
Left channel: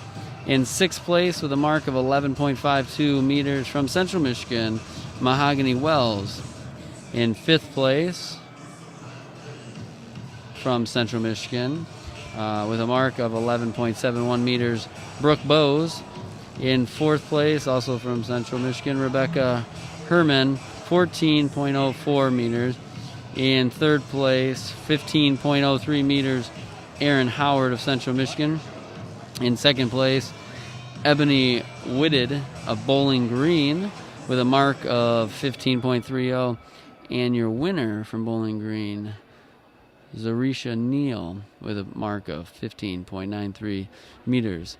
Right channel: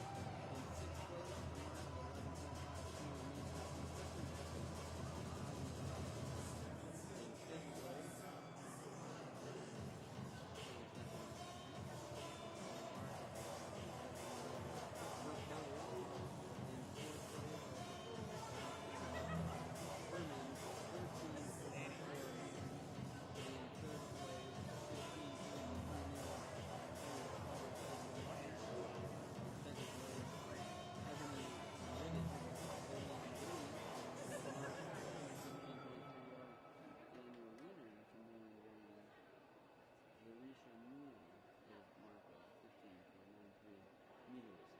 In sixth place with a mark of 11.52 meters from Central Michigan, Mahogany Wells. In fifth place from Central Michigan with a mark of 11.71 meters, Brooke Bowes. In fourth place, also from Central Michigan, Rebecca Herman, 14.04 meters. In third place, 15.03 meters, Aaron Howard of Central Michigan. In second place, Ebony Whitted of Bowling Green with a mark of 15.30. And your winner from Bowling Green, Zarisha Neal, with a mark of 15.93 meters.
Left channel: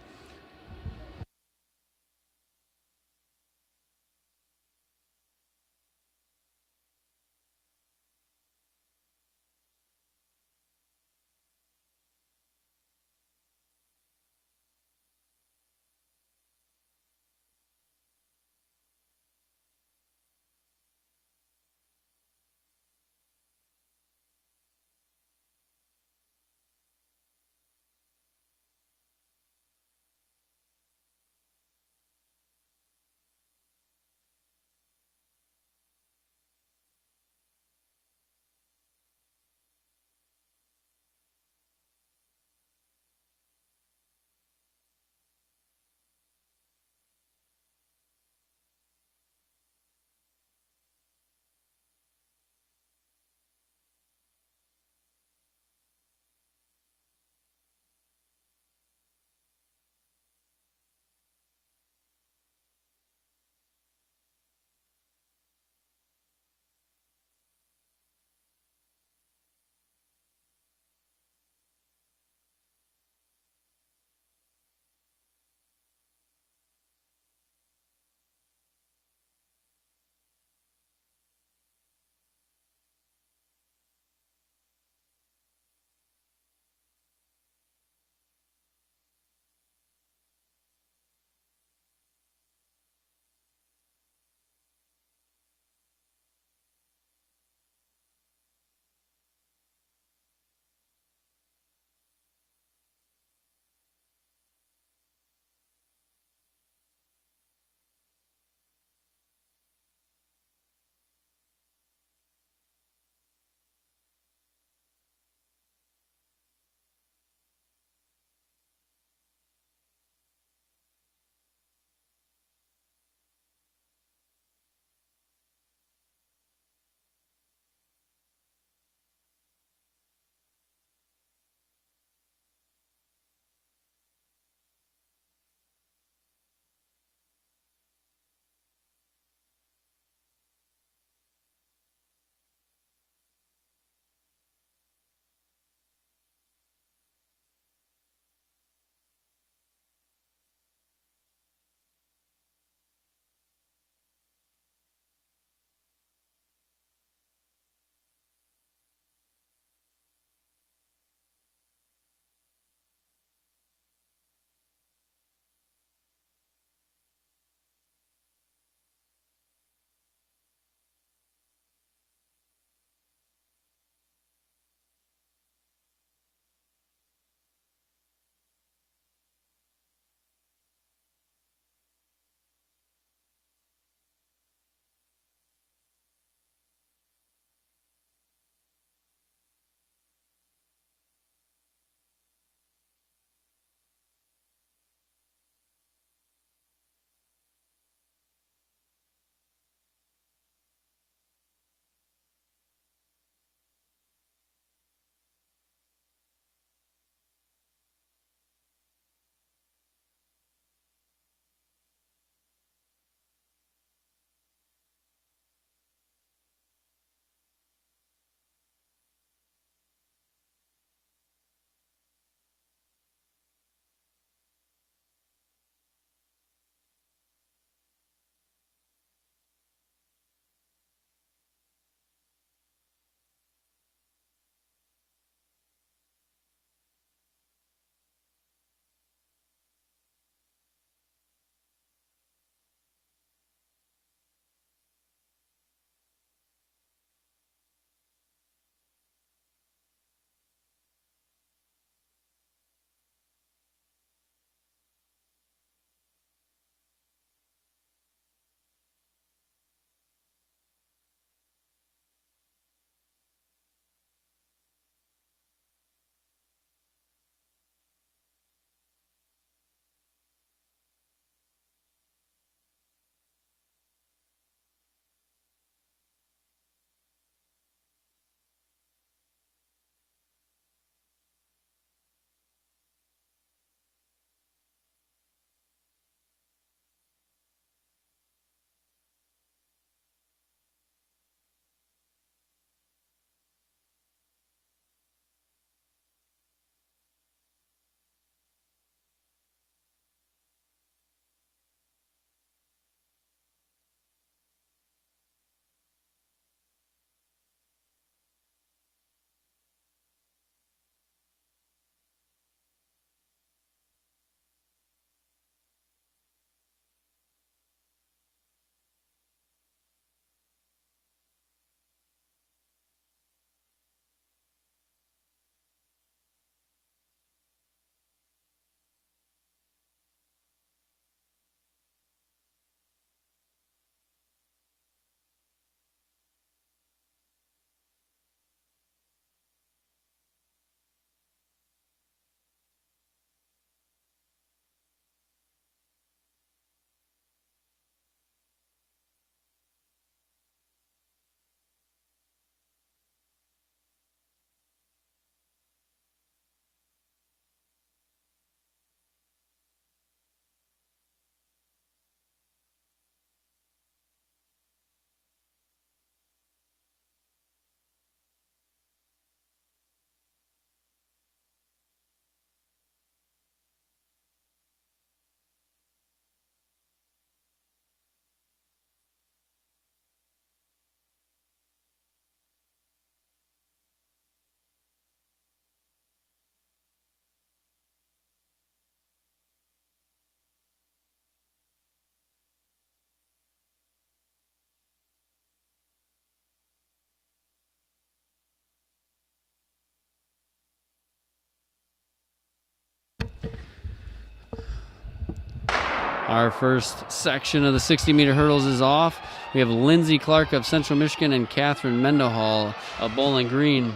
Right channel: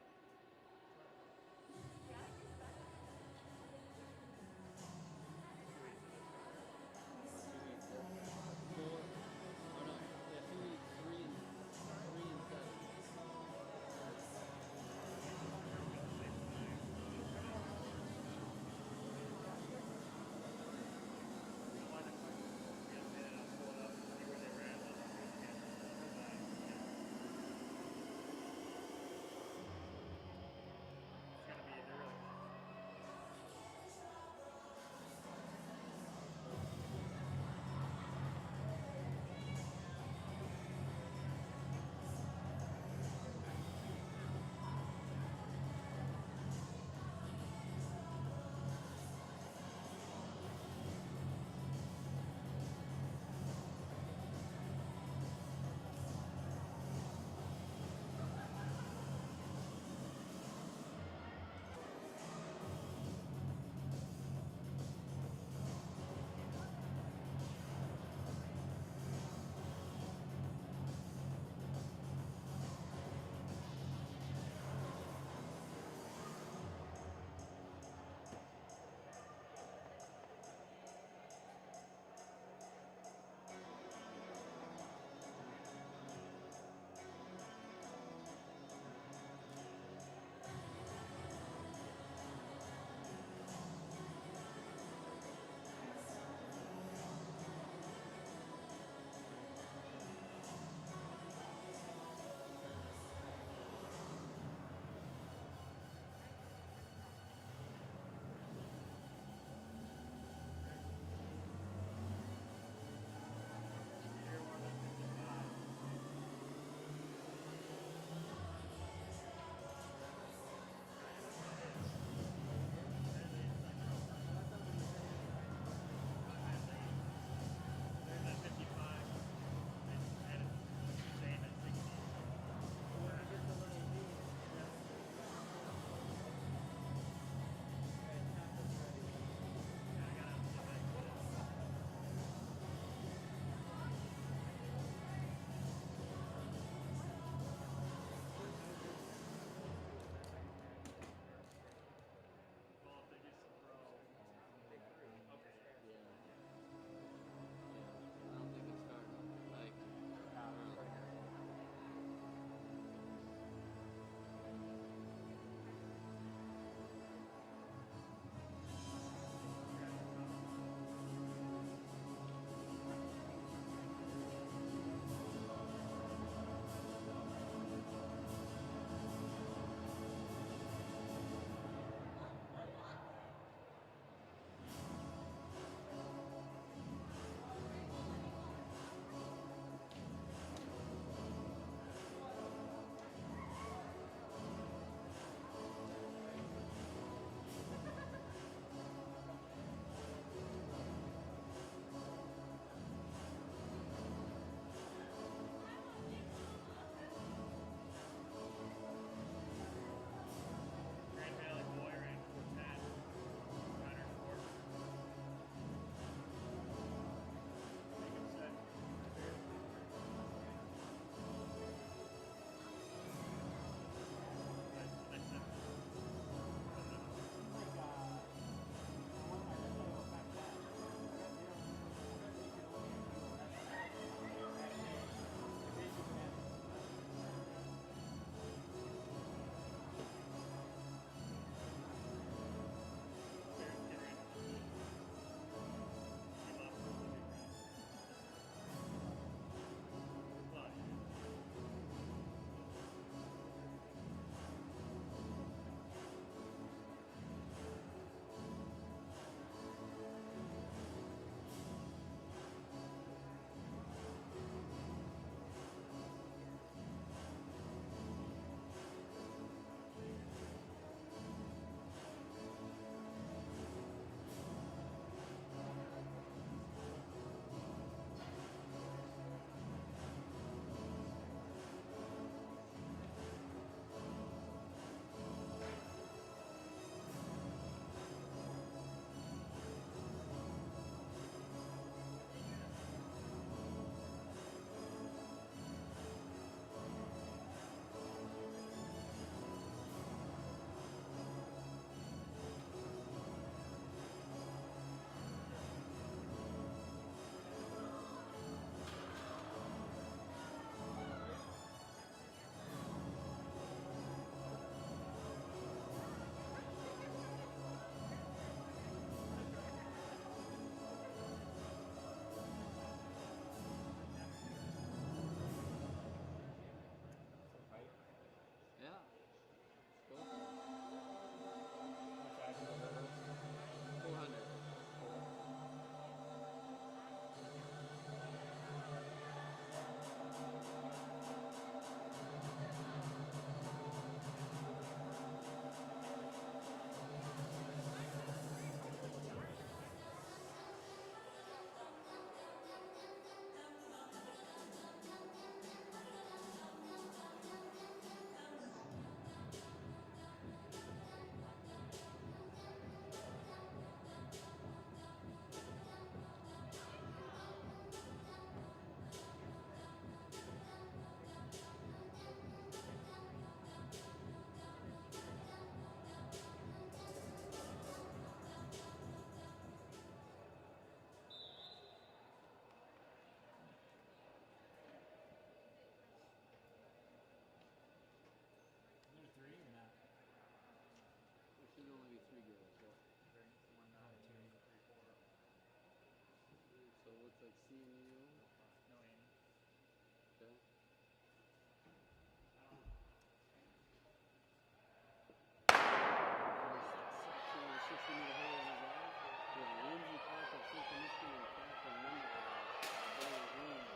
Our first section of the 60-meter hurdles is off. We have Lindsay Clark of Central Michigan and Catherine Mendenhall of Bowling Green.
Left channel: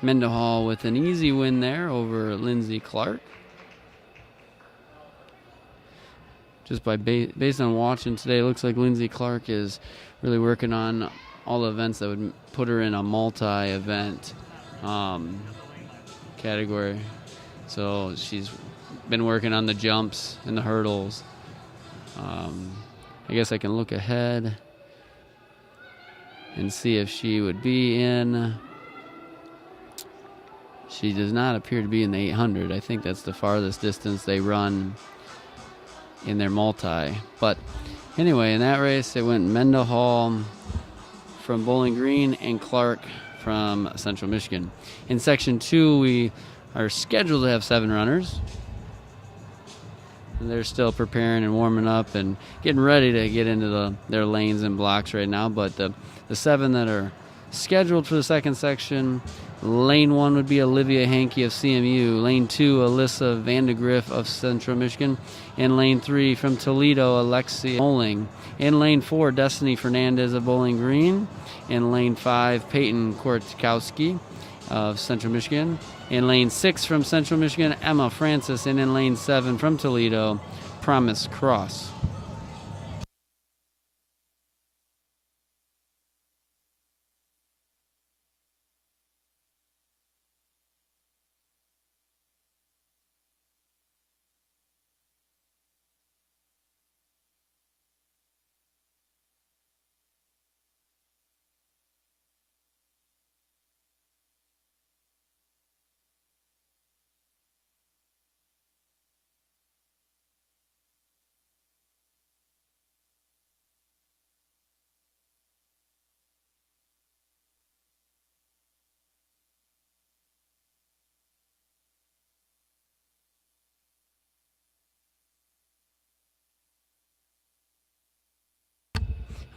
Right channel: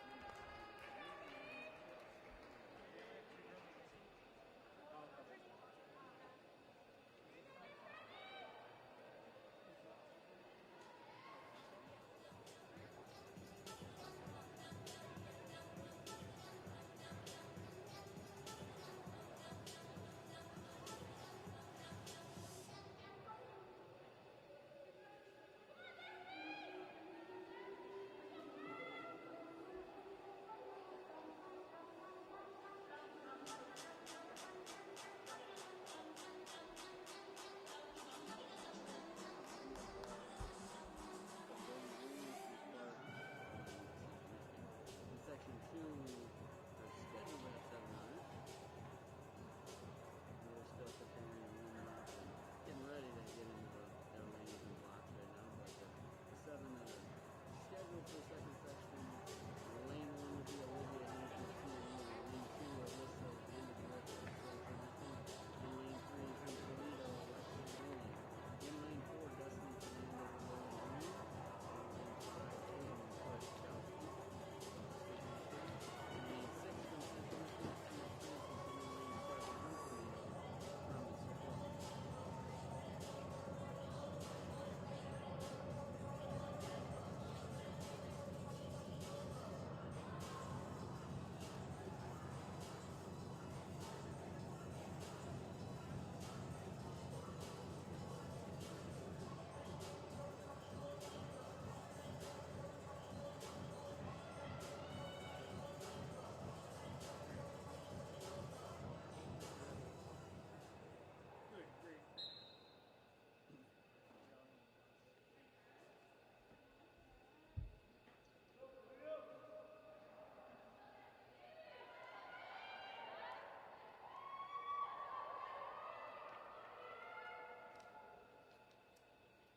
Mendenhall with an easy win there over Lindsay Clark. Just based on watching today, it looks like Lindsay Clark is really working on all the events that would put her in a multi-event category. So she's been working on the jumps and the hurdles. I guess I can look ahead and see if she would be in. She does not appear to be in the 800. I think that's the farthest distance they run in their multi. But anyway, in that race, it went Mendenhall from Bowling Green and Clark from Central Michigan. In section 2, we are scheduled to have 7 runners. And they're still preparing and warming up and getting ready to get into their lanes and blocks right now. But the 7 that are scheduled for the second section, lane 1 would be Olivia Hankey of CMU, lane 2 Alyssa Vandegrift of Central Michigan, and lane 3 from Toledo Alexia Moling, in lane 4 Destiny Fernandez of Bowling Green, in lane 5 Peyton Kortkowski of Central Michigan, in lane 6 from Central Michigan Emma Francis, and in lane 7 from Toledo Promise Cross.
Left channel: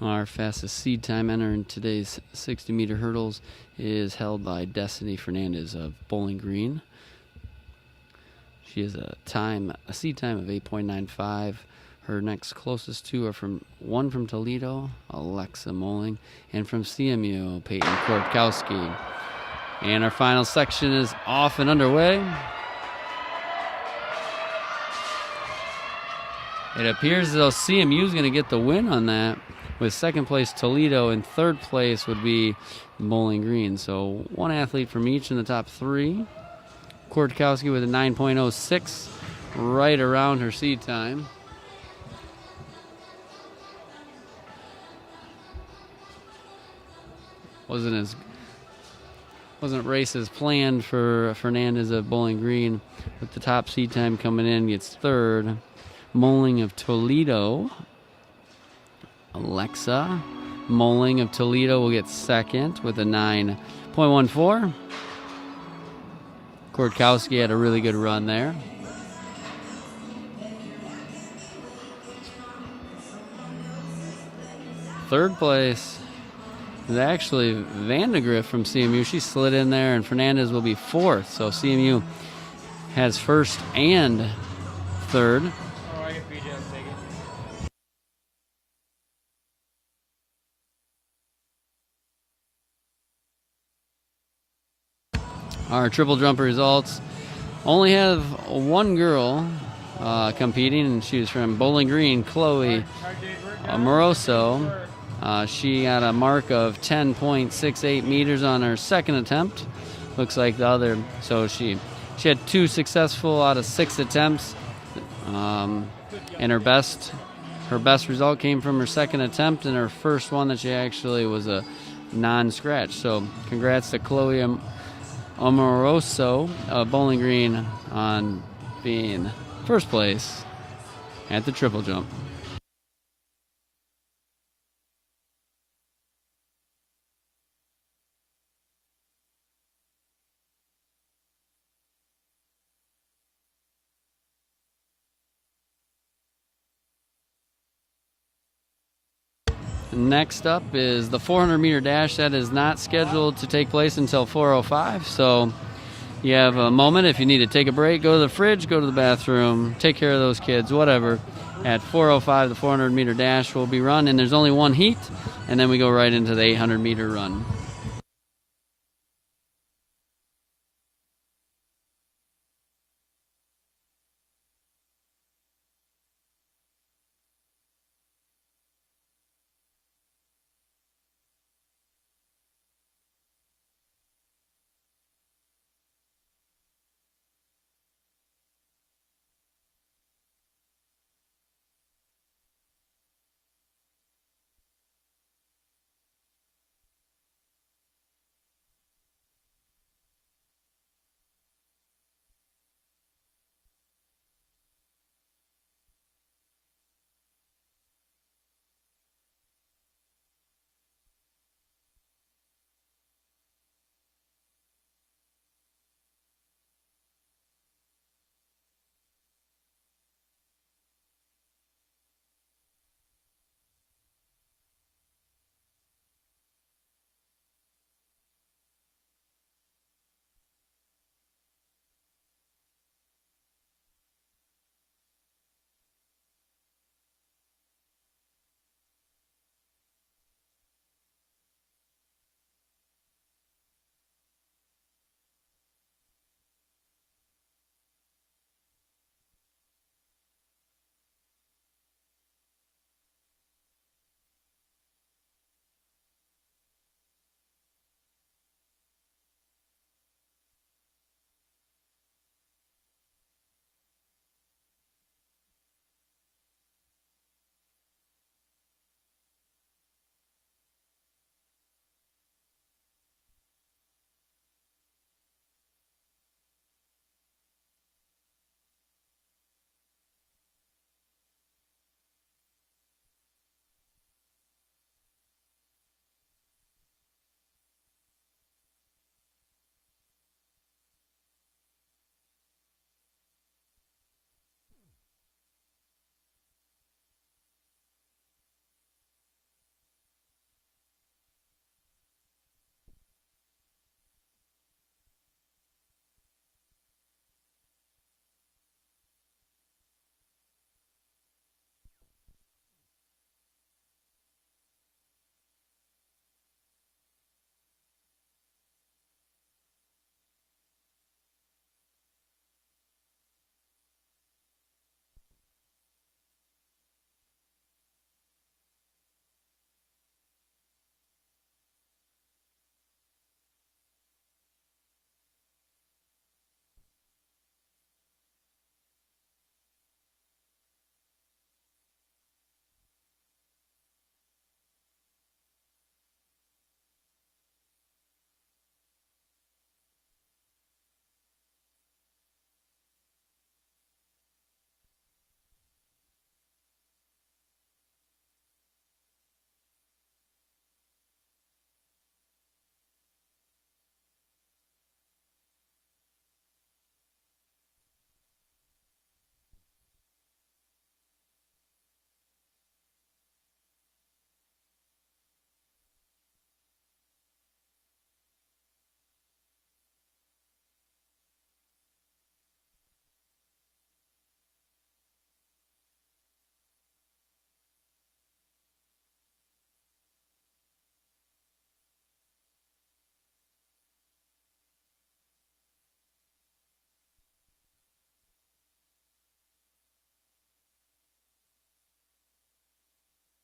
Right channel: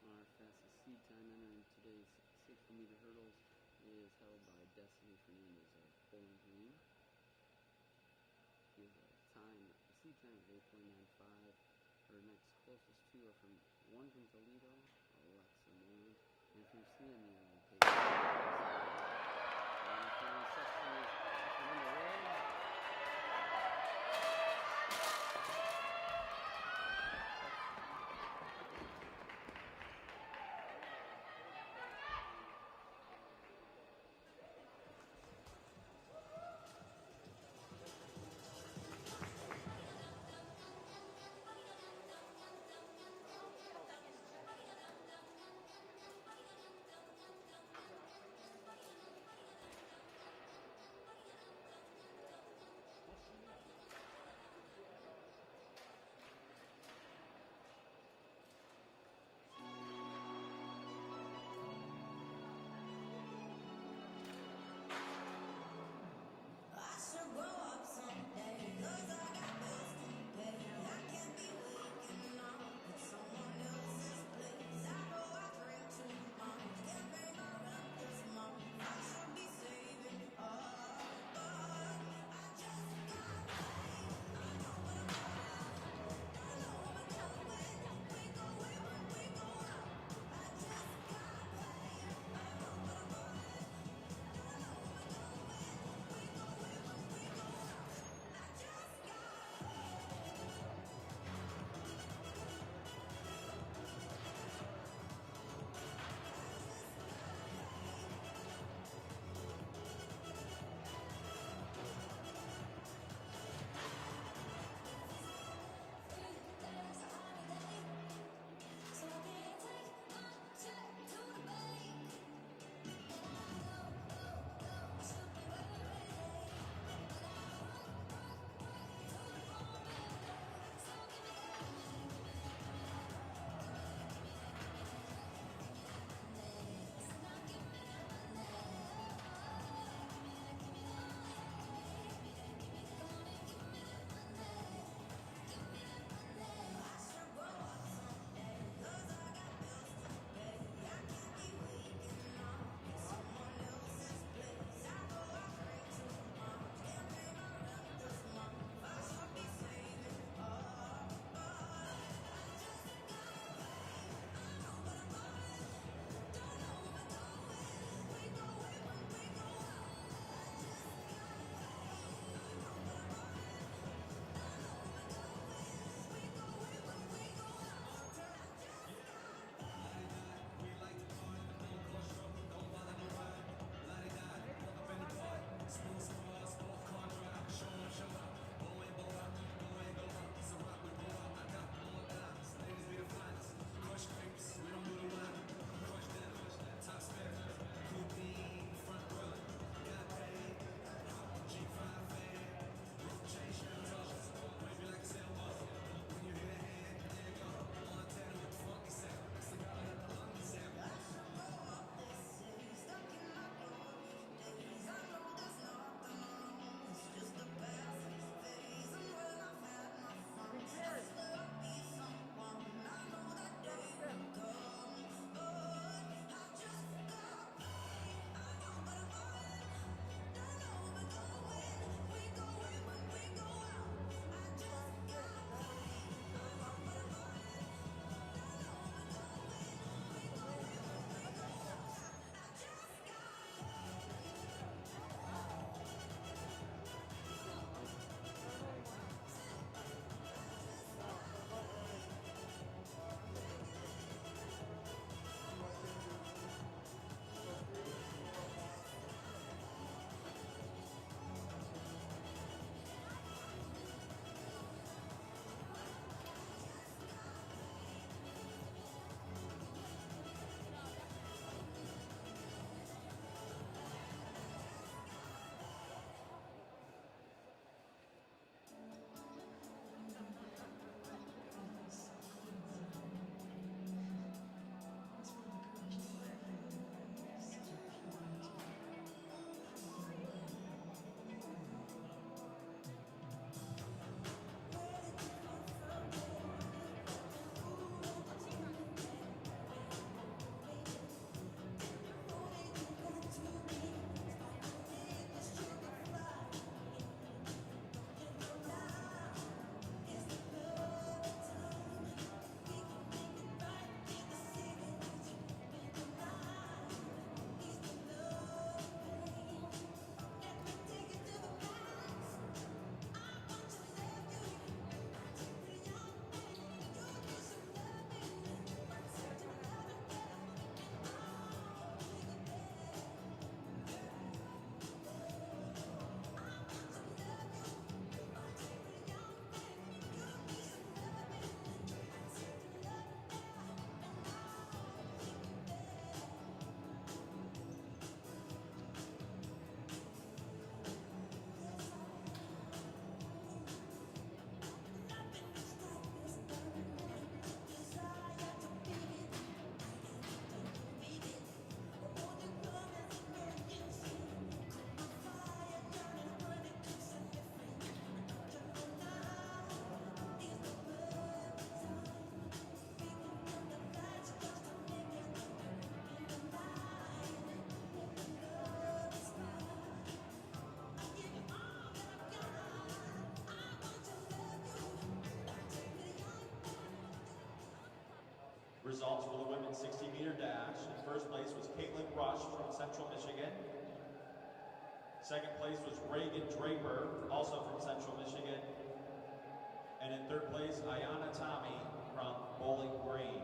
Our fastest seed time entering today's 60-meter hurdles is held by Destiny Fernandez of Bowling Green. She has a seed time of 8.95. Her next closest two are one from Toledo, Alexa Moling, and from CMU, Peyton Kortkowski. And our final section is off and underway. It appears as though CMU is going to get the win on that, with second place Toledo and third place would be Bowling Green. So one athlete from each in the top 3. Kortkowski with a 9.06, right around her seed time. Wasn't races planned for Fernandez of Bowling Green, with the top seed time coming in, gets third. Moling of Toledo, Alexa Moling of Toledo will get second with a 9.14. Kortkowski had a really good run there. Third place is actually Vandegrift from CMU. She slid in there, and Fernandez will be fourth. So CMU has first and third. Our triple jump results only have one girl competing, and she was from Bowling Green, Chloe Moroso. She got a mark of 10.68 meters on her second attempt. Looks like the other, so she had 2 successful out of 6 attempts, and her best result came from her second attempt, and her first one that she actually was a non-scratch. So congrats to Chloe Amoroso of Bowling Green on being first place at the triple jump. Next up is the 400-meter dash. That is not scheduled to take place until 4:05, so You have a moment if you need to take a break, go to the fridge, go to the bathroom, take care of those kids, whatever. At 4:05, the 400-meter dash will be run, and there's only one heat, and then we go right into the 800-meter run. Results for the women's 60-meter dash. In first place was Caitlin Rush from Central Michigan. Second place was Reagan Draper, also from Central Michigan. And in third place, Ayana Tommy from Bowling Green.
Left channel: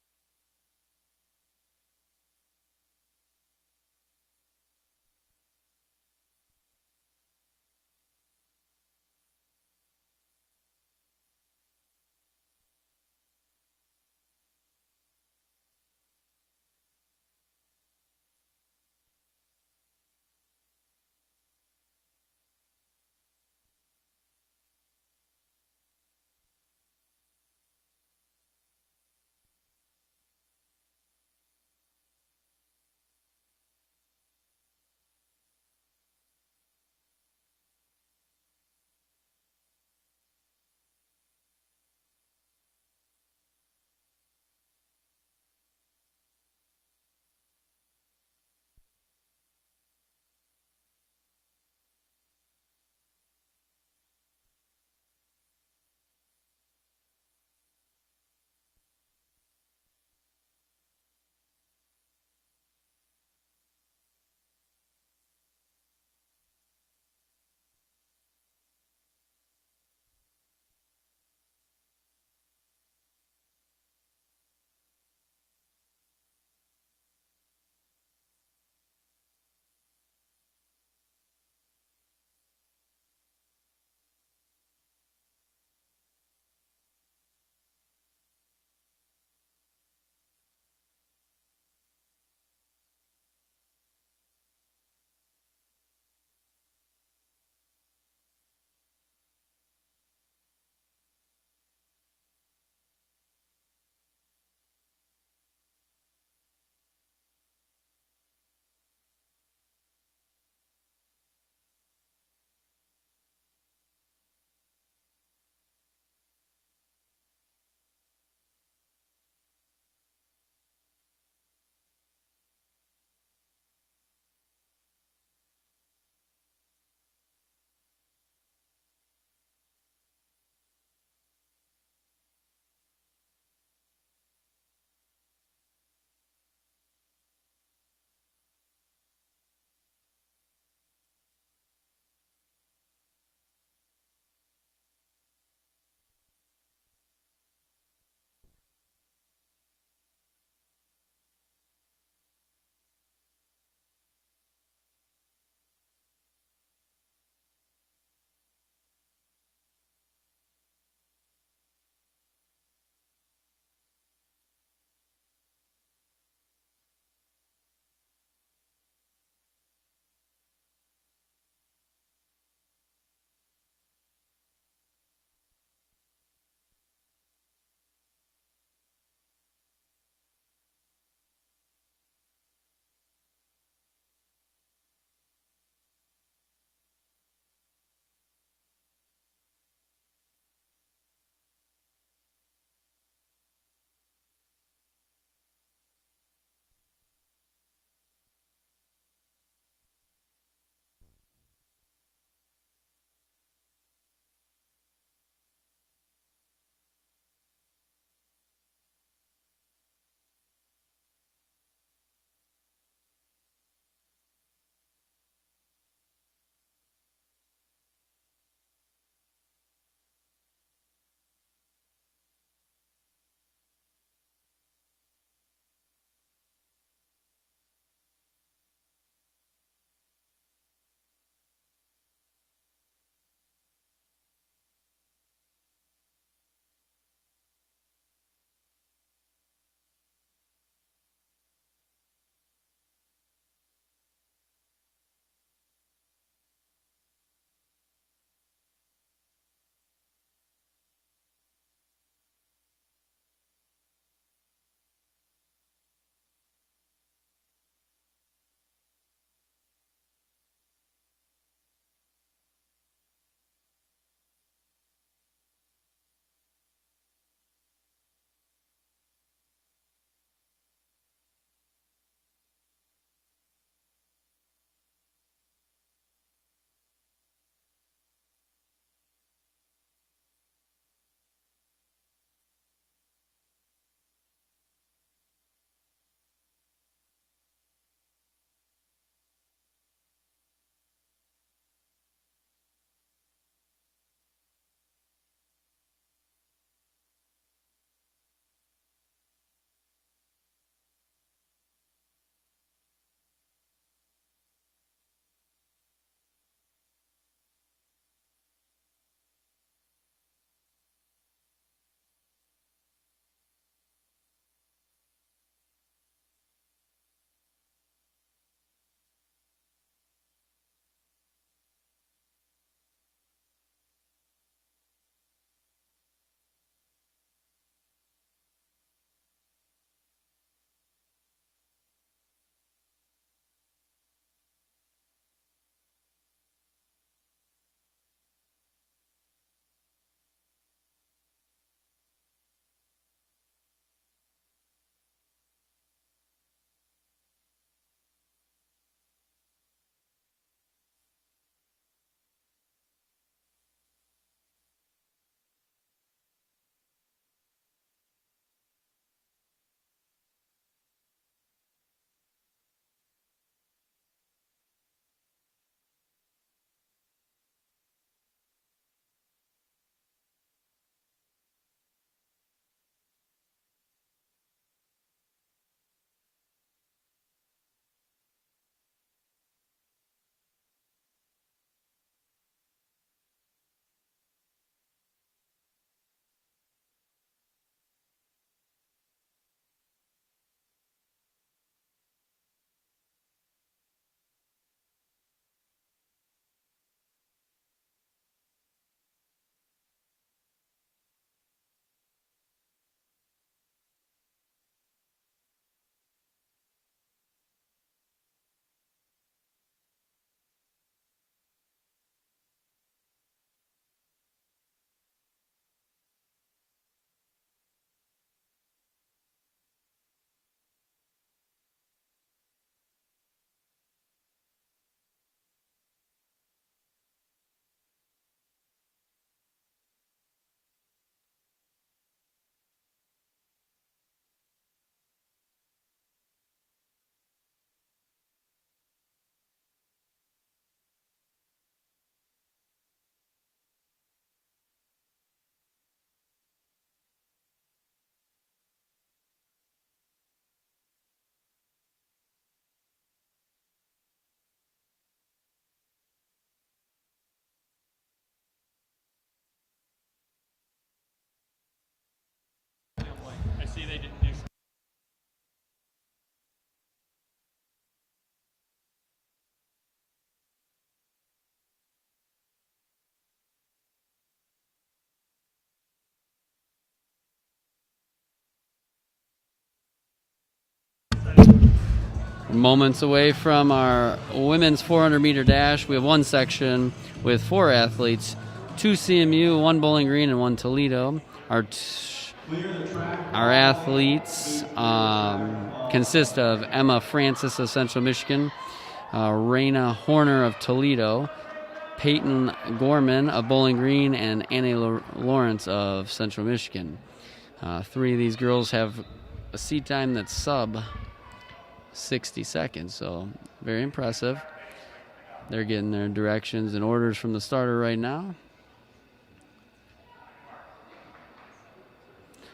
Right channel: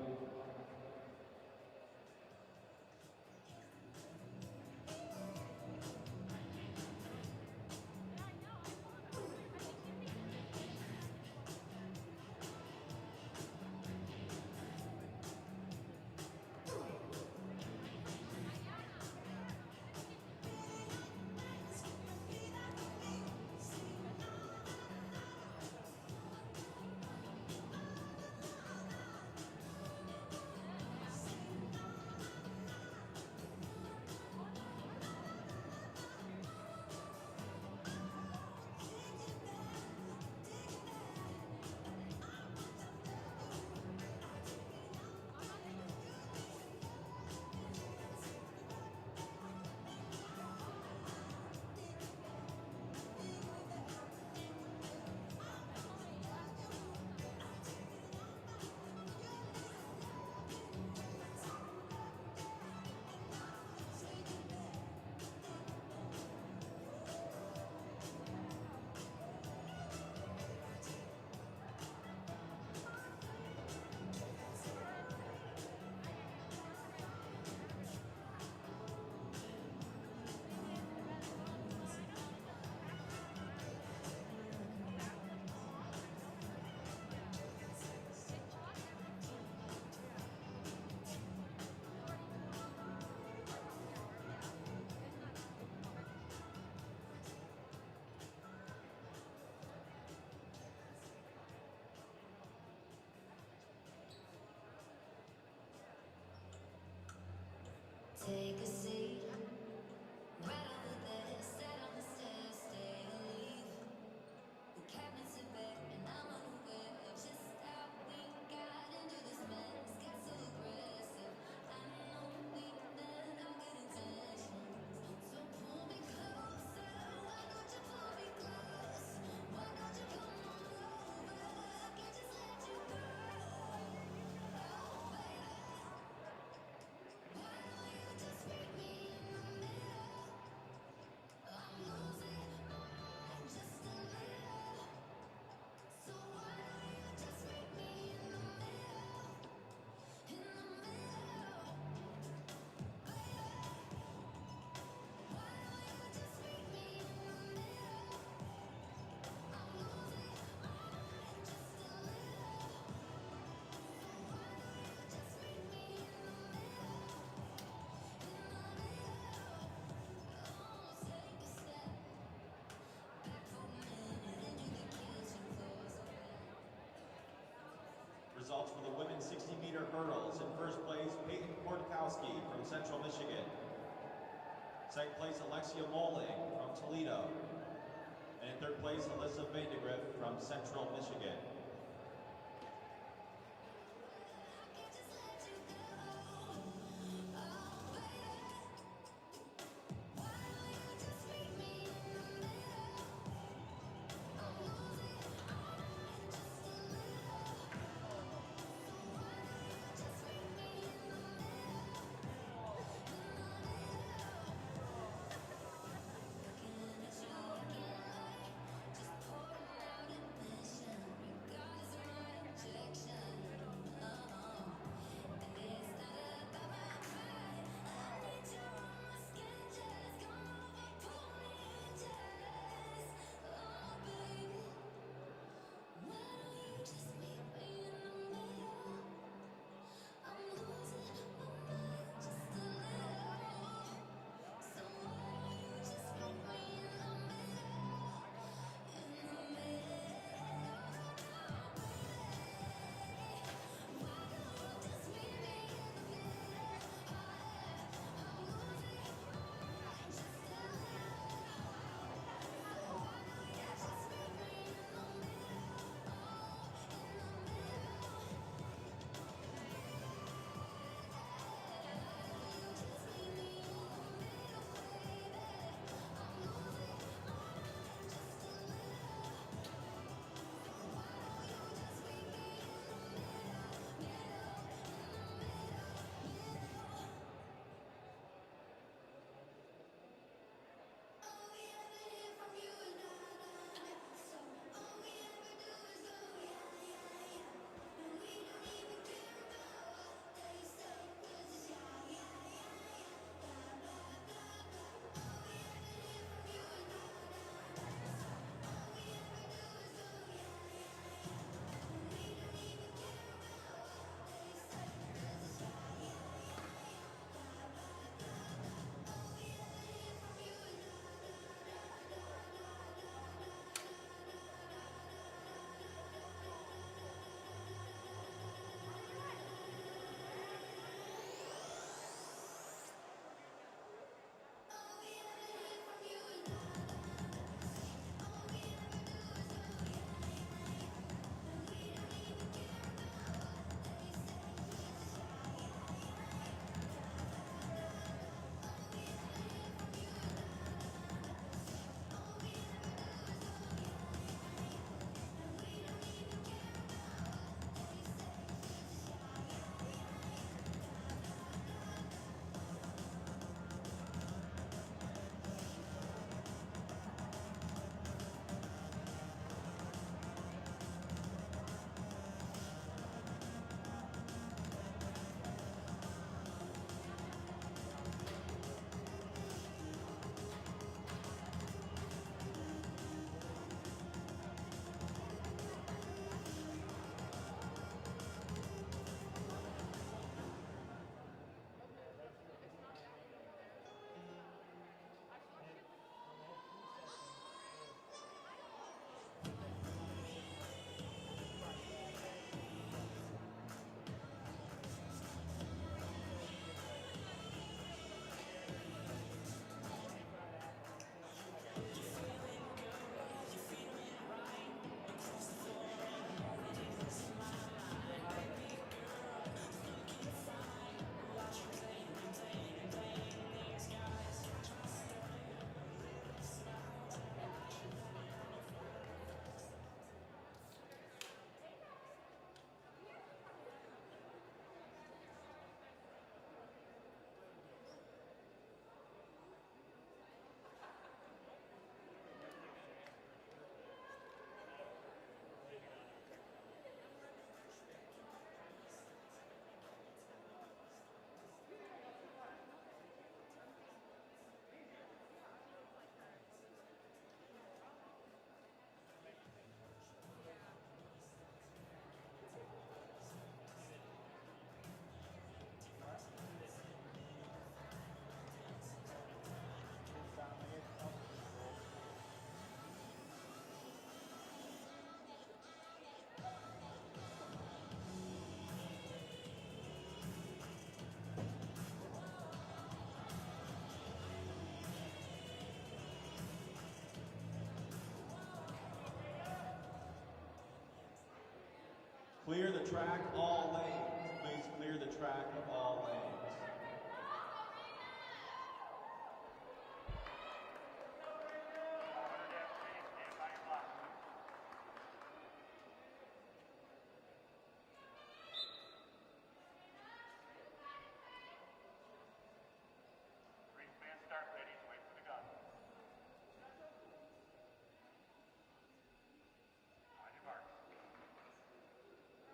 Second place, Alexia Mole from Toledo. And in third place, Alyssa Vandegrift from Central Michigan. Moments away from our women's 400-meter dash. We have one section with 4 athletes, 2 CMU, 1 Bowling Green, and 1 Toledo. Our athletes consist of Emma Francis of Central Michigan, Raina Horner of Toledo, Peyton Gorman of Bowling Green, and Annie Lawrence of Central Michigan. 3 of these girls have a seat time that's sub 60 seconds, so very impressive. They're getting their directions and orders from the starter right now.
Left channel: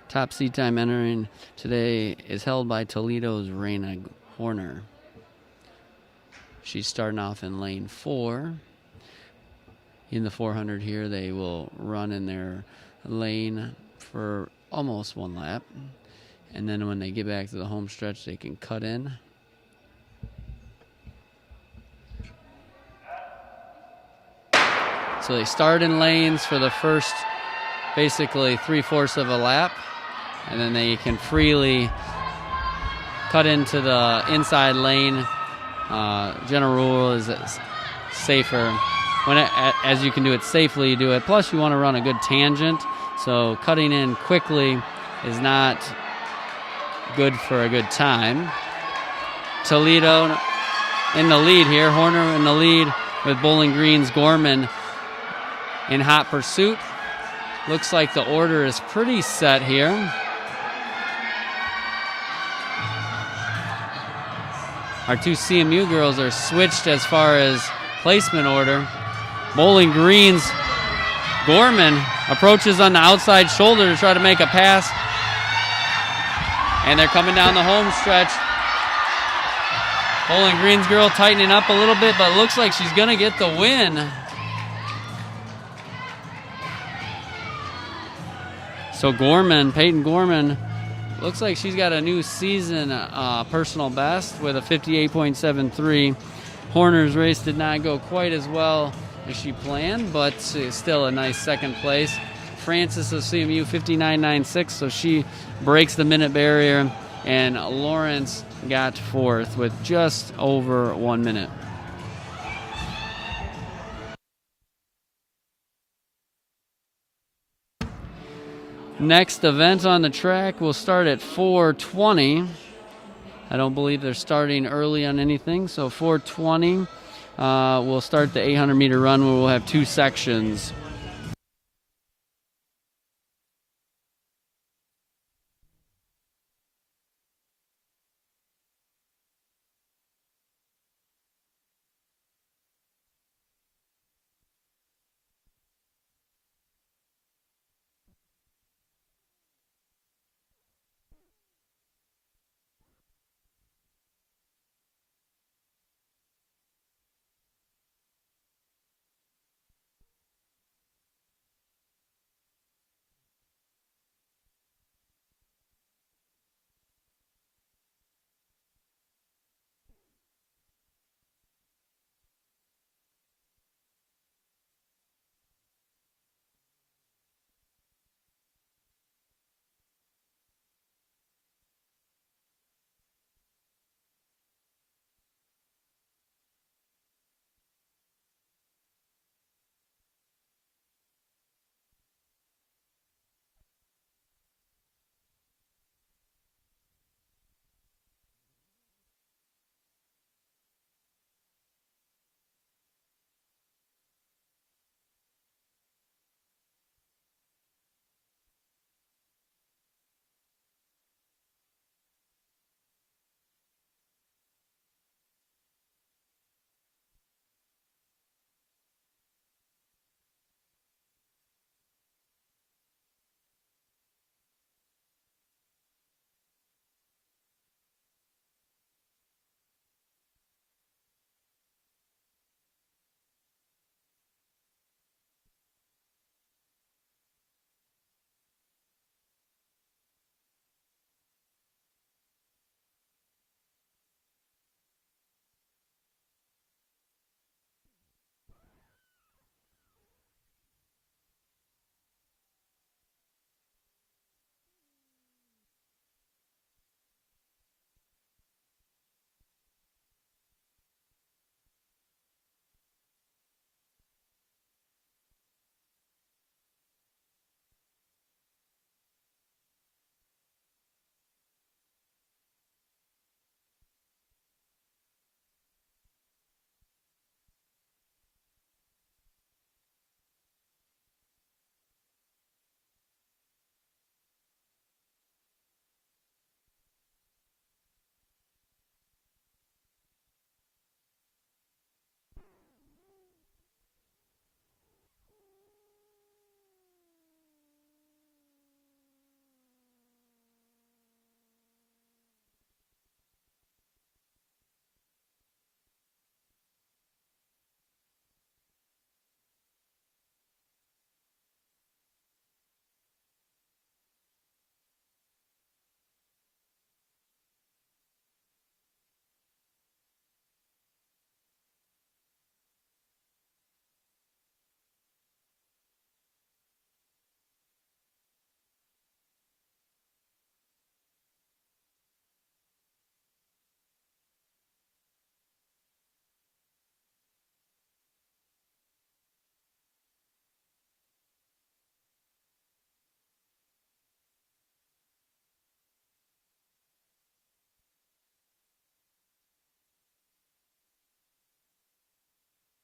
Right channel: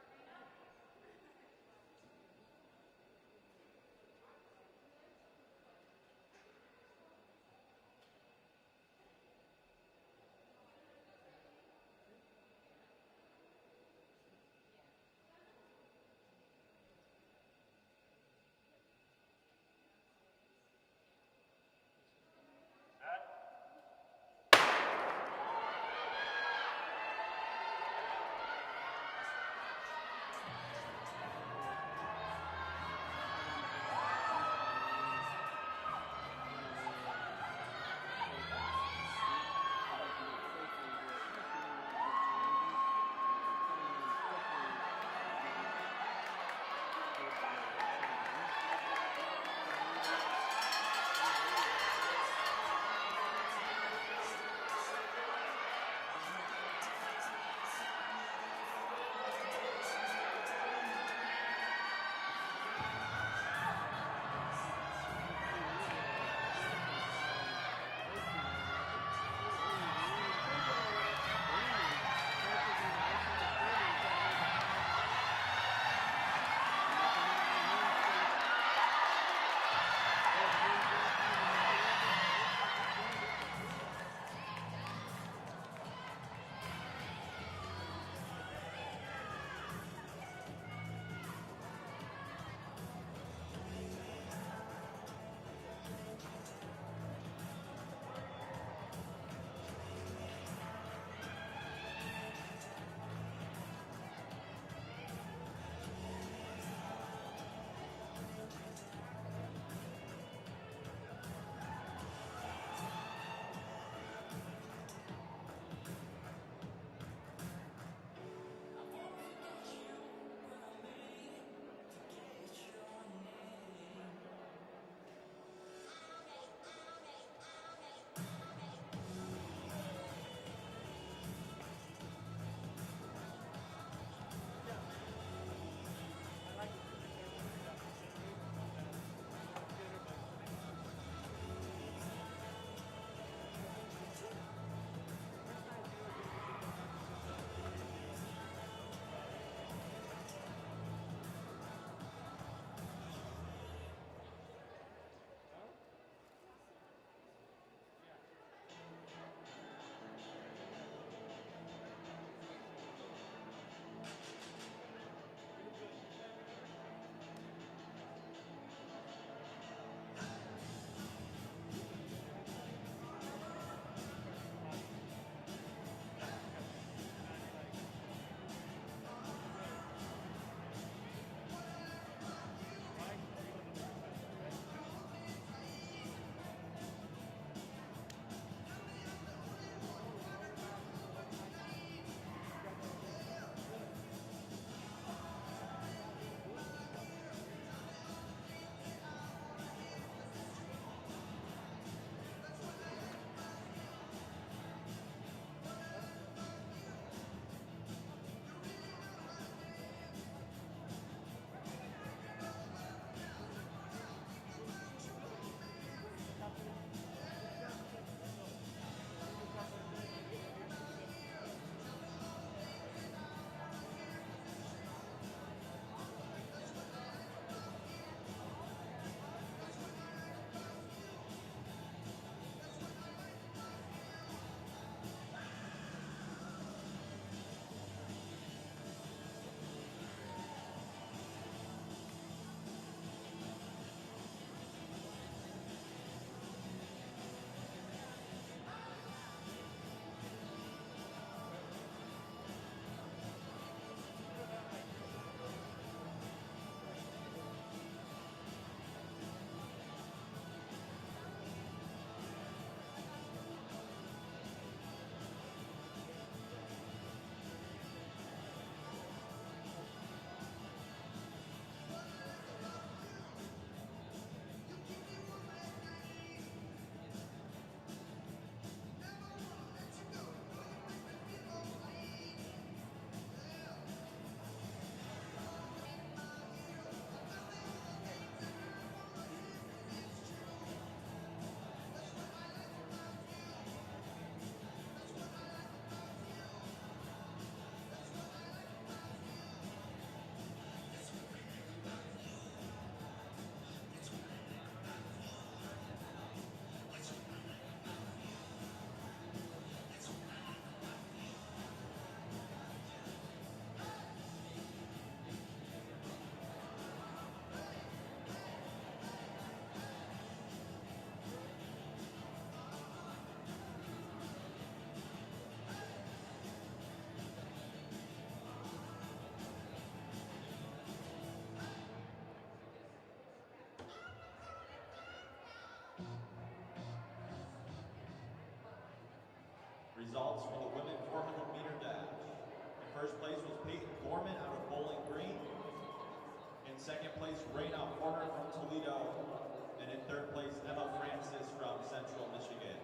Top seat time entering today is held by Toledo's Raina Horner. She's starting off in lane 4. In the 400 here, they will run in their lane for almost 1 lap. And then when they get back to the home stretch, they can cut in. So they start in lanes for the first, basically 3/4 of a lap. And then they can freely cut into the inside lane. General rule is it's safer. As you can do it safely, you do it. Plus, you want to run a good tangent. So cutting in quickly is not good for a good time. Toledo in the lead here. Horner in the lead with Bowling Green's Gorman in hot pursuit. Looks like the order is pretty set here. Our 2 CMU girls are switched as far as placement order. Bowling Green's Gorman approaches on the outside shoulder to try to make a pass. And they're coming down the home stretch. Bowling Green's girl tightening up a little bit, but looks like she's going to get the win. So Gorman, Peyton Gorman, looks like she's got a new season personal best with a 58.73. Horner's race did not go quite as well as she planned, but still a nice second place. Francis of CMU 59.96, so she breaks the minute barrier, and Lawrence got 4th with just over 1 minute. Next event on the track will start at 4:20. I don't believe they're starting early on anything, so 4:20 we'll start the 800-meter run where we'll have 2 sections. Results for the women 400-meter dash. In first place was Peyton Gorman out of Bowling Green. In second place, Raina Horner from Toledo. And in third place, Emma Francis from Central Michigan.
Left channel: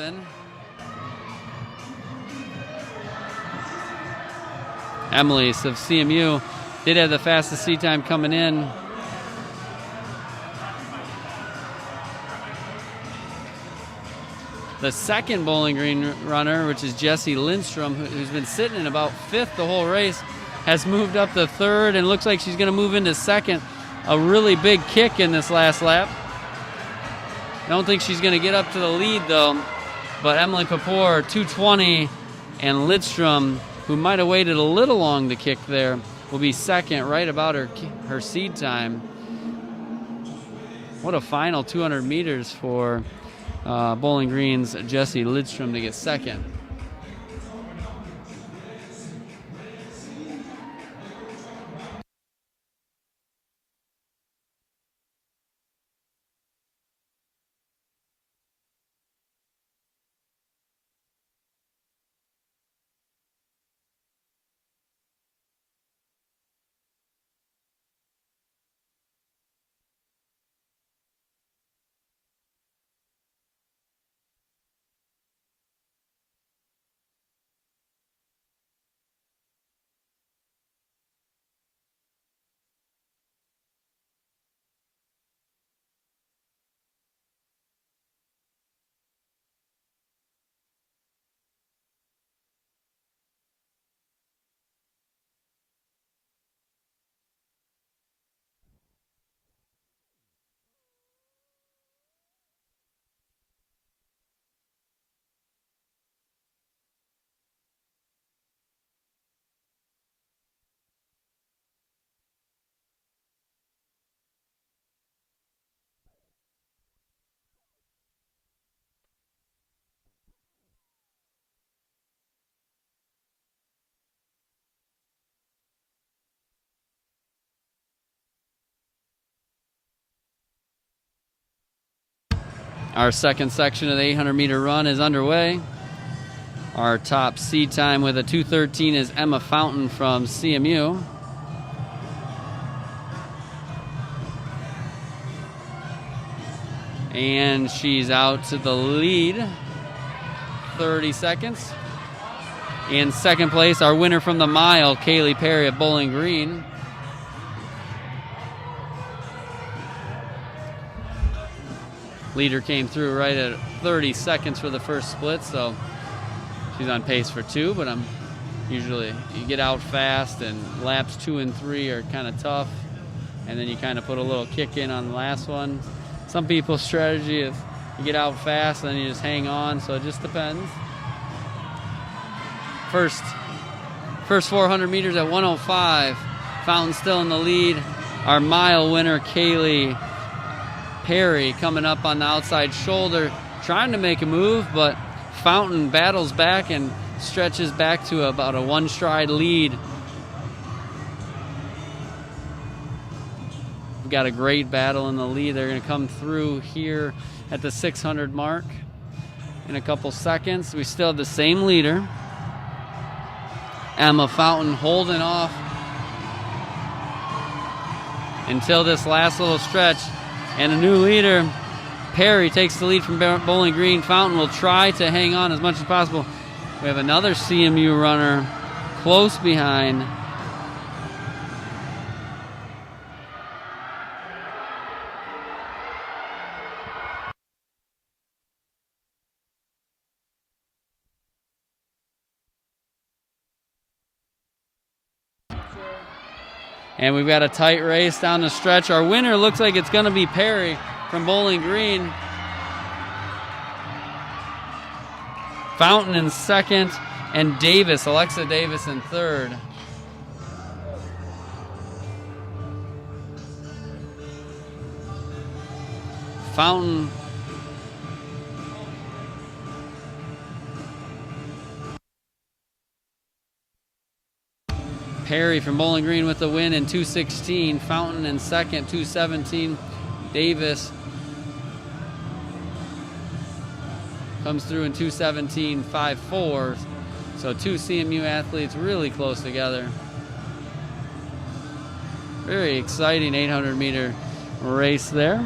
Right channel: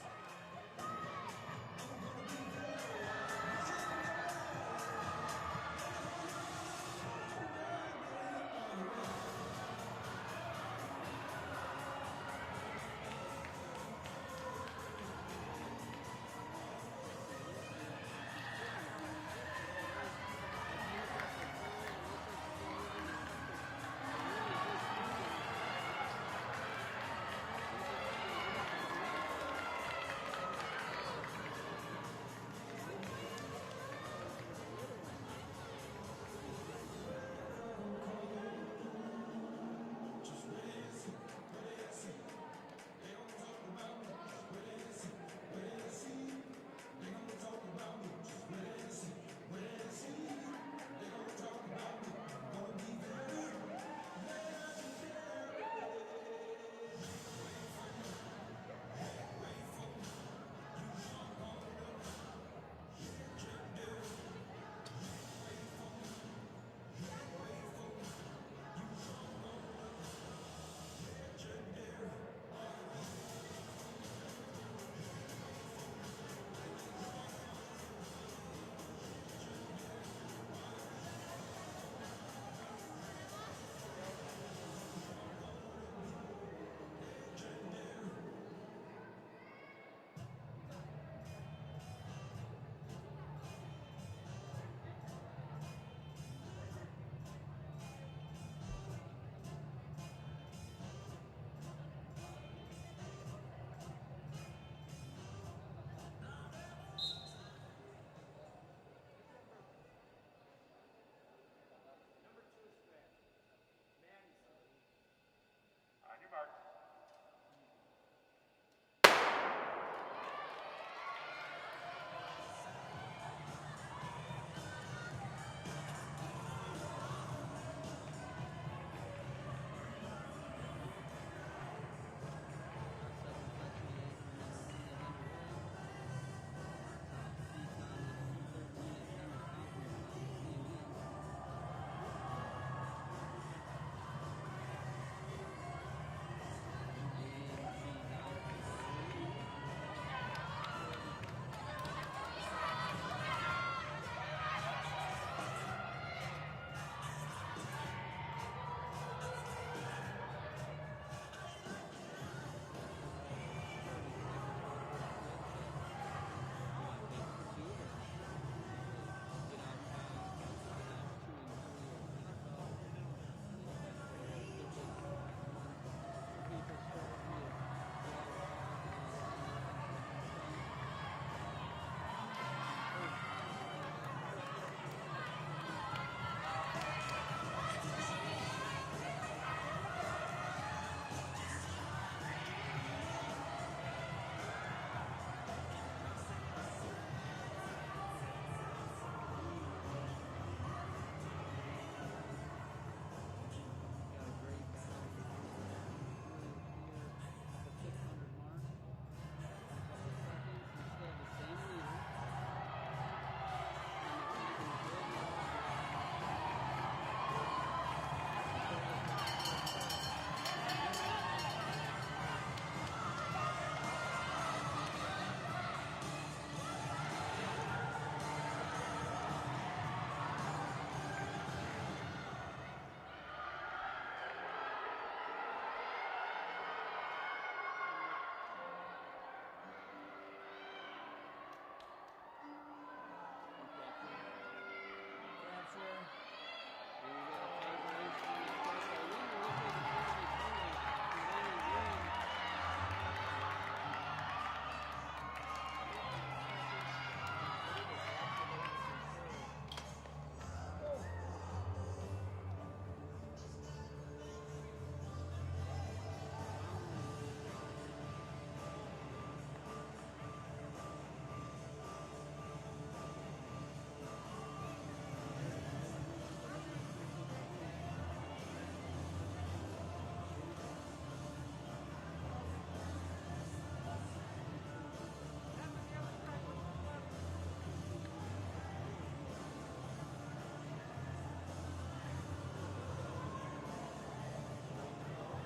11. Emily of CMU did have the fastest seed time coming in. The second Bowling Green runner, which is Jessie Lindstrom, who's been sitting in about 5th the whole race, has moved up to 3rd and looks like she's going to move into 2nd. A really big kick in this last lap. I don't think she's going to get up to the lead, though. But Emily Papour, 2:20, and Lindstrom, who might have waited a little long to kick there, will be 2nd, right about her seed time. What a final 200 meters for Bowling Green's Jessie Lindstrom to get 2nd. Our second section of the 800-meter run is underway. Our top seed time with a 2:13 is Emma Fountain from CMU. And she's out to the lead, 30 seconds. In second place, our winner from the mile, Kaylee Perry of Bowling Green. Leader came through right at 30 seconds for the first split, so she's on pace for 2, but usually you get out fast, and laps 2 and 3 are kind of tough, and then you kind of put a little kick in on the last one. Some people's strategy is you get out fast and then you just hang on, so it just depends. First 400 meters at 1:05. Fountain still in the lead. Our mile winner, Kaylee Perry, coming up on the outside shoulder, trying to make a move, but Fountain battles back and stretches back to about a 1-stride lead. We've got a great battle in the lead. They're going to come through here at the 600 mark in a couple seconds. We still have the same leader, Emma Fountain, holding off until this last little stretch. And a new leader, Perry, takes the lead from Bowling Green. Fountain will try to hang on as much as possible. We have another CMU runner close behind. And we've got a tight race down the stretch. Our winner looks like it's going to be Perry from Bowling Green. Fountain in second, and Alexa Davis in third. Fountain Perry from Bowling Green with the win in 2:16. Fountain in second, 2:17. Davis comes through in 2:17.54. So 2 CMU athletes really close together. Very exciting 800-meter race there.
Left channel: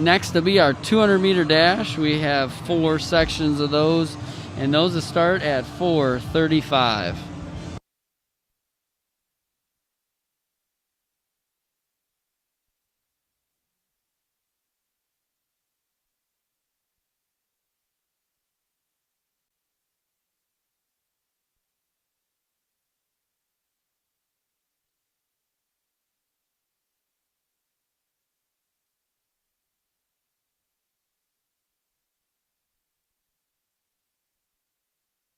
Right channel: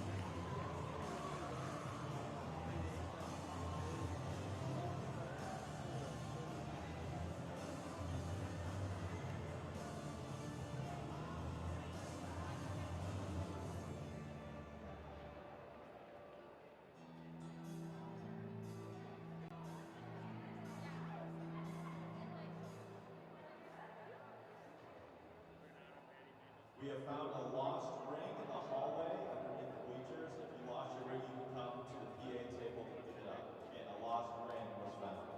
Next to be our 200-meter dash. We have 4 sections of those, and those will start at 4:35. We have found a lost ring in the hallway underneath the bleachers. If you lost your ring, you can come to the PA table to pick it up. Again, a lost ring was found.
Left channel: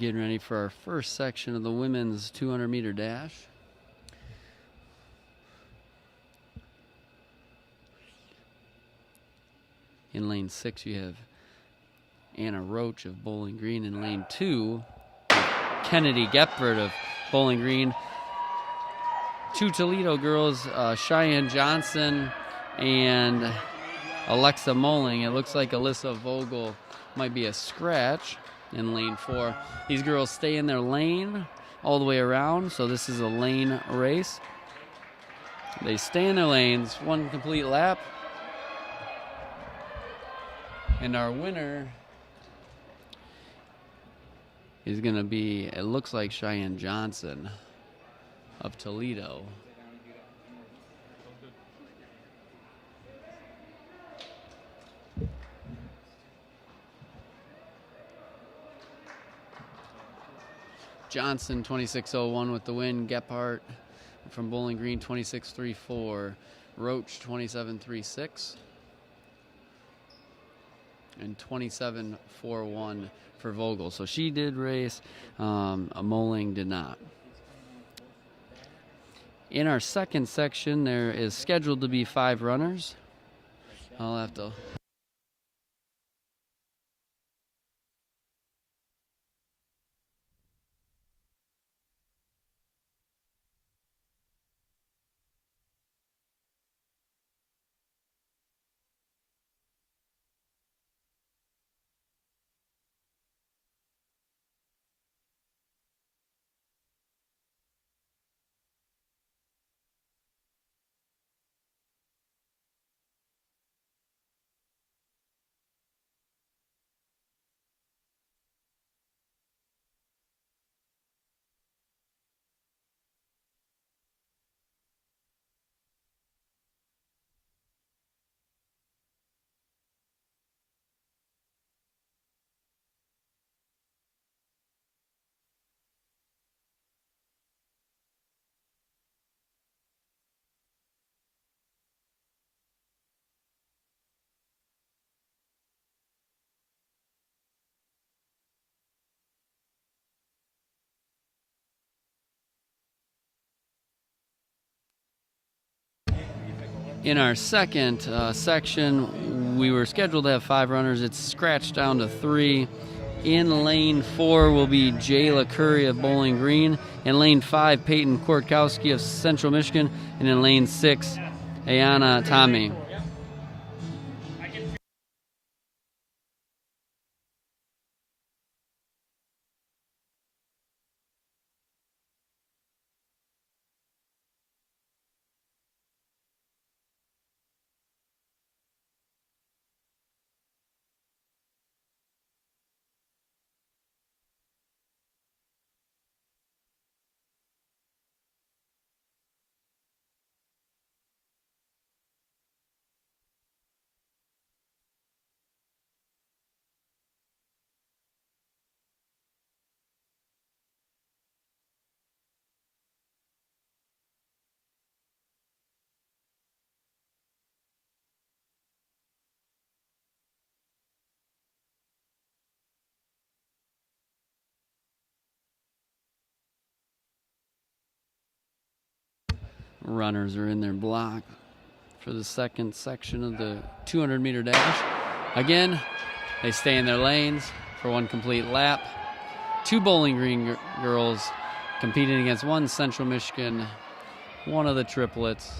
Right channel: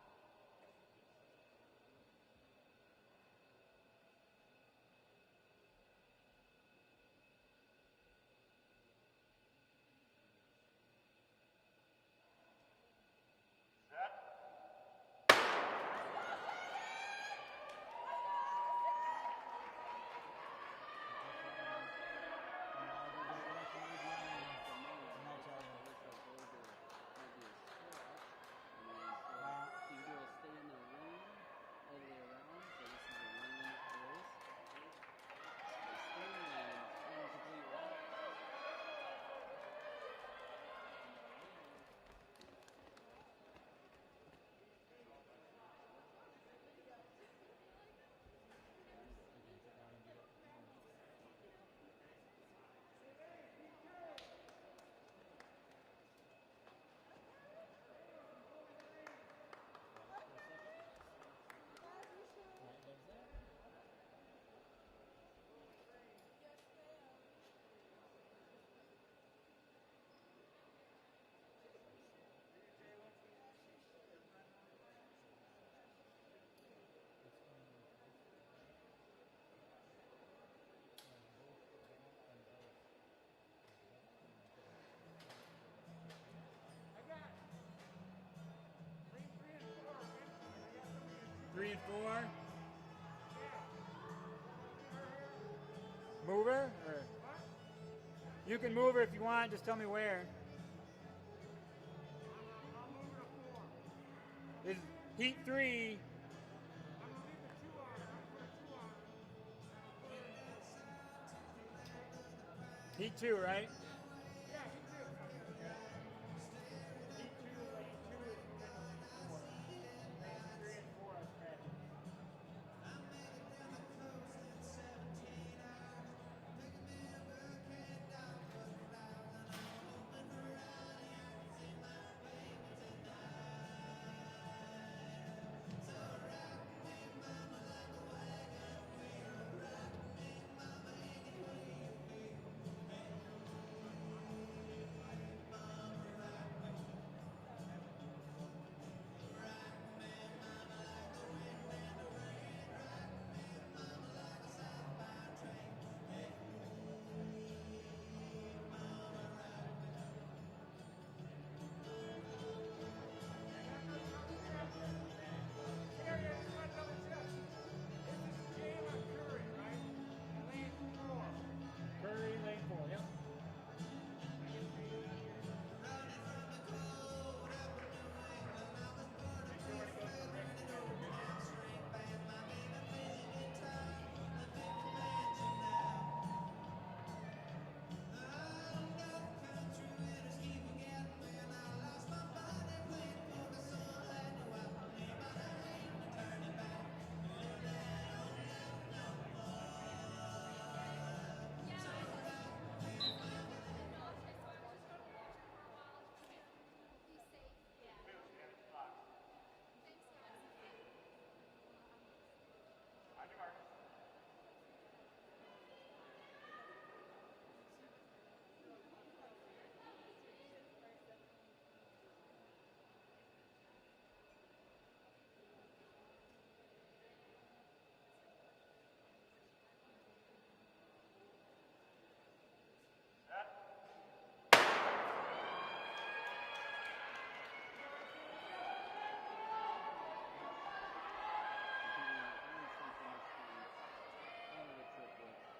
Getting ready for our first section of the women's 200-meter dash. In lane 6, you have Anna Roach of Bowling Green. In lane 2, Kennedy Gepford of Bowling Green. Two Toledo girls, Cheyenne Johnson and Alexa Moling. It looks like Alyssa Vogel might be a scratch in lane 4. These girls stay in their lane all the way around, so this is a lane race. They stay in their lanes, one complete lap. And our winner is going to be, it looks like Cheyenne Johnson of Toledo. Johnson 26.01 with the win. Gephardt from Bowling Green 26.34. Roach 27.36. And 27.41 for Vogel. So she did race, Moling did not. In our second section, there is scheduled to be 5 runners. I'll have to... Move her? Or you can move her if you want, just tell me where. This is heat 3. Heat 2, right? In our second section, we were scheduled to have 5 runners. It's scratched down to 3. In lane 4 will be Jayla Curry of Bowling Green. In lane 5, Peyton Kortkowski of Central Michigan. And in lane 6, Ayana Tommy. Runners are in their block for the second section of the 200-meter dash. Again, they stay in their lanes for one complete lap. 2 Bowling Green girls competing against 1 Central Michigan, one of the triplets.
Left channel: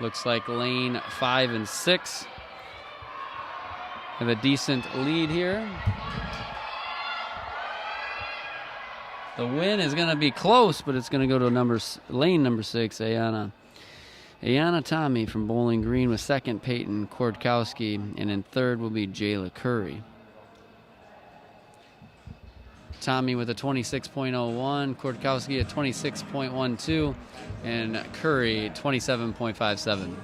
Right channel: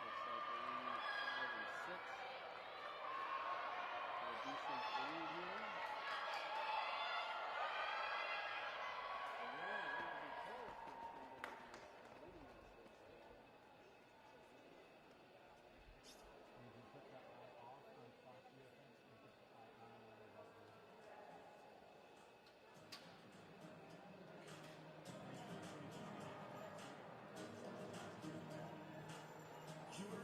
Looks like lane 5 and 6 have a decent lead here. The win is going to be close, but it's going to go to lane number 6, Ayana Tommy from Bowling Green with second, Peyton Kortkowski, and in third will be Jayla Curry. Tommy with a 26.01, Kortkowski a 26.12, and Curry 27.57.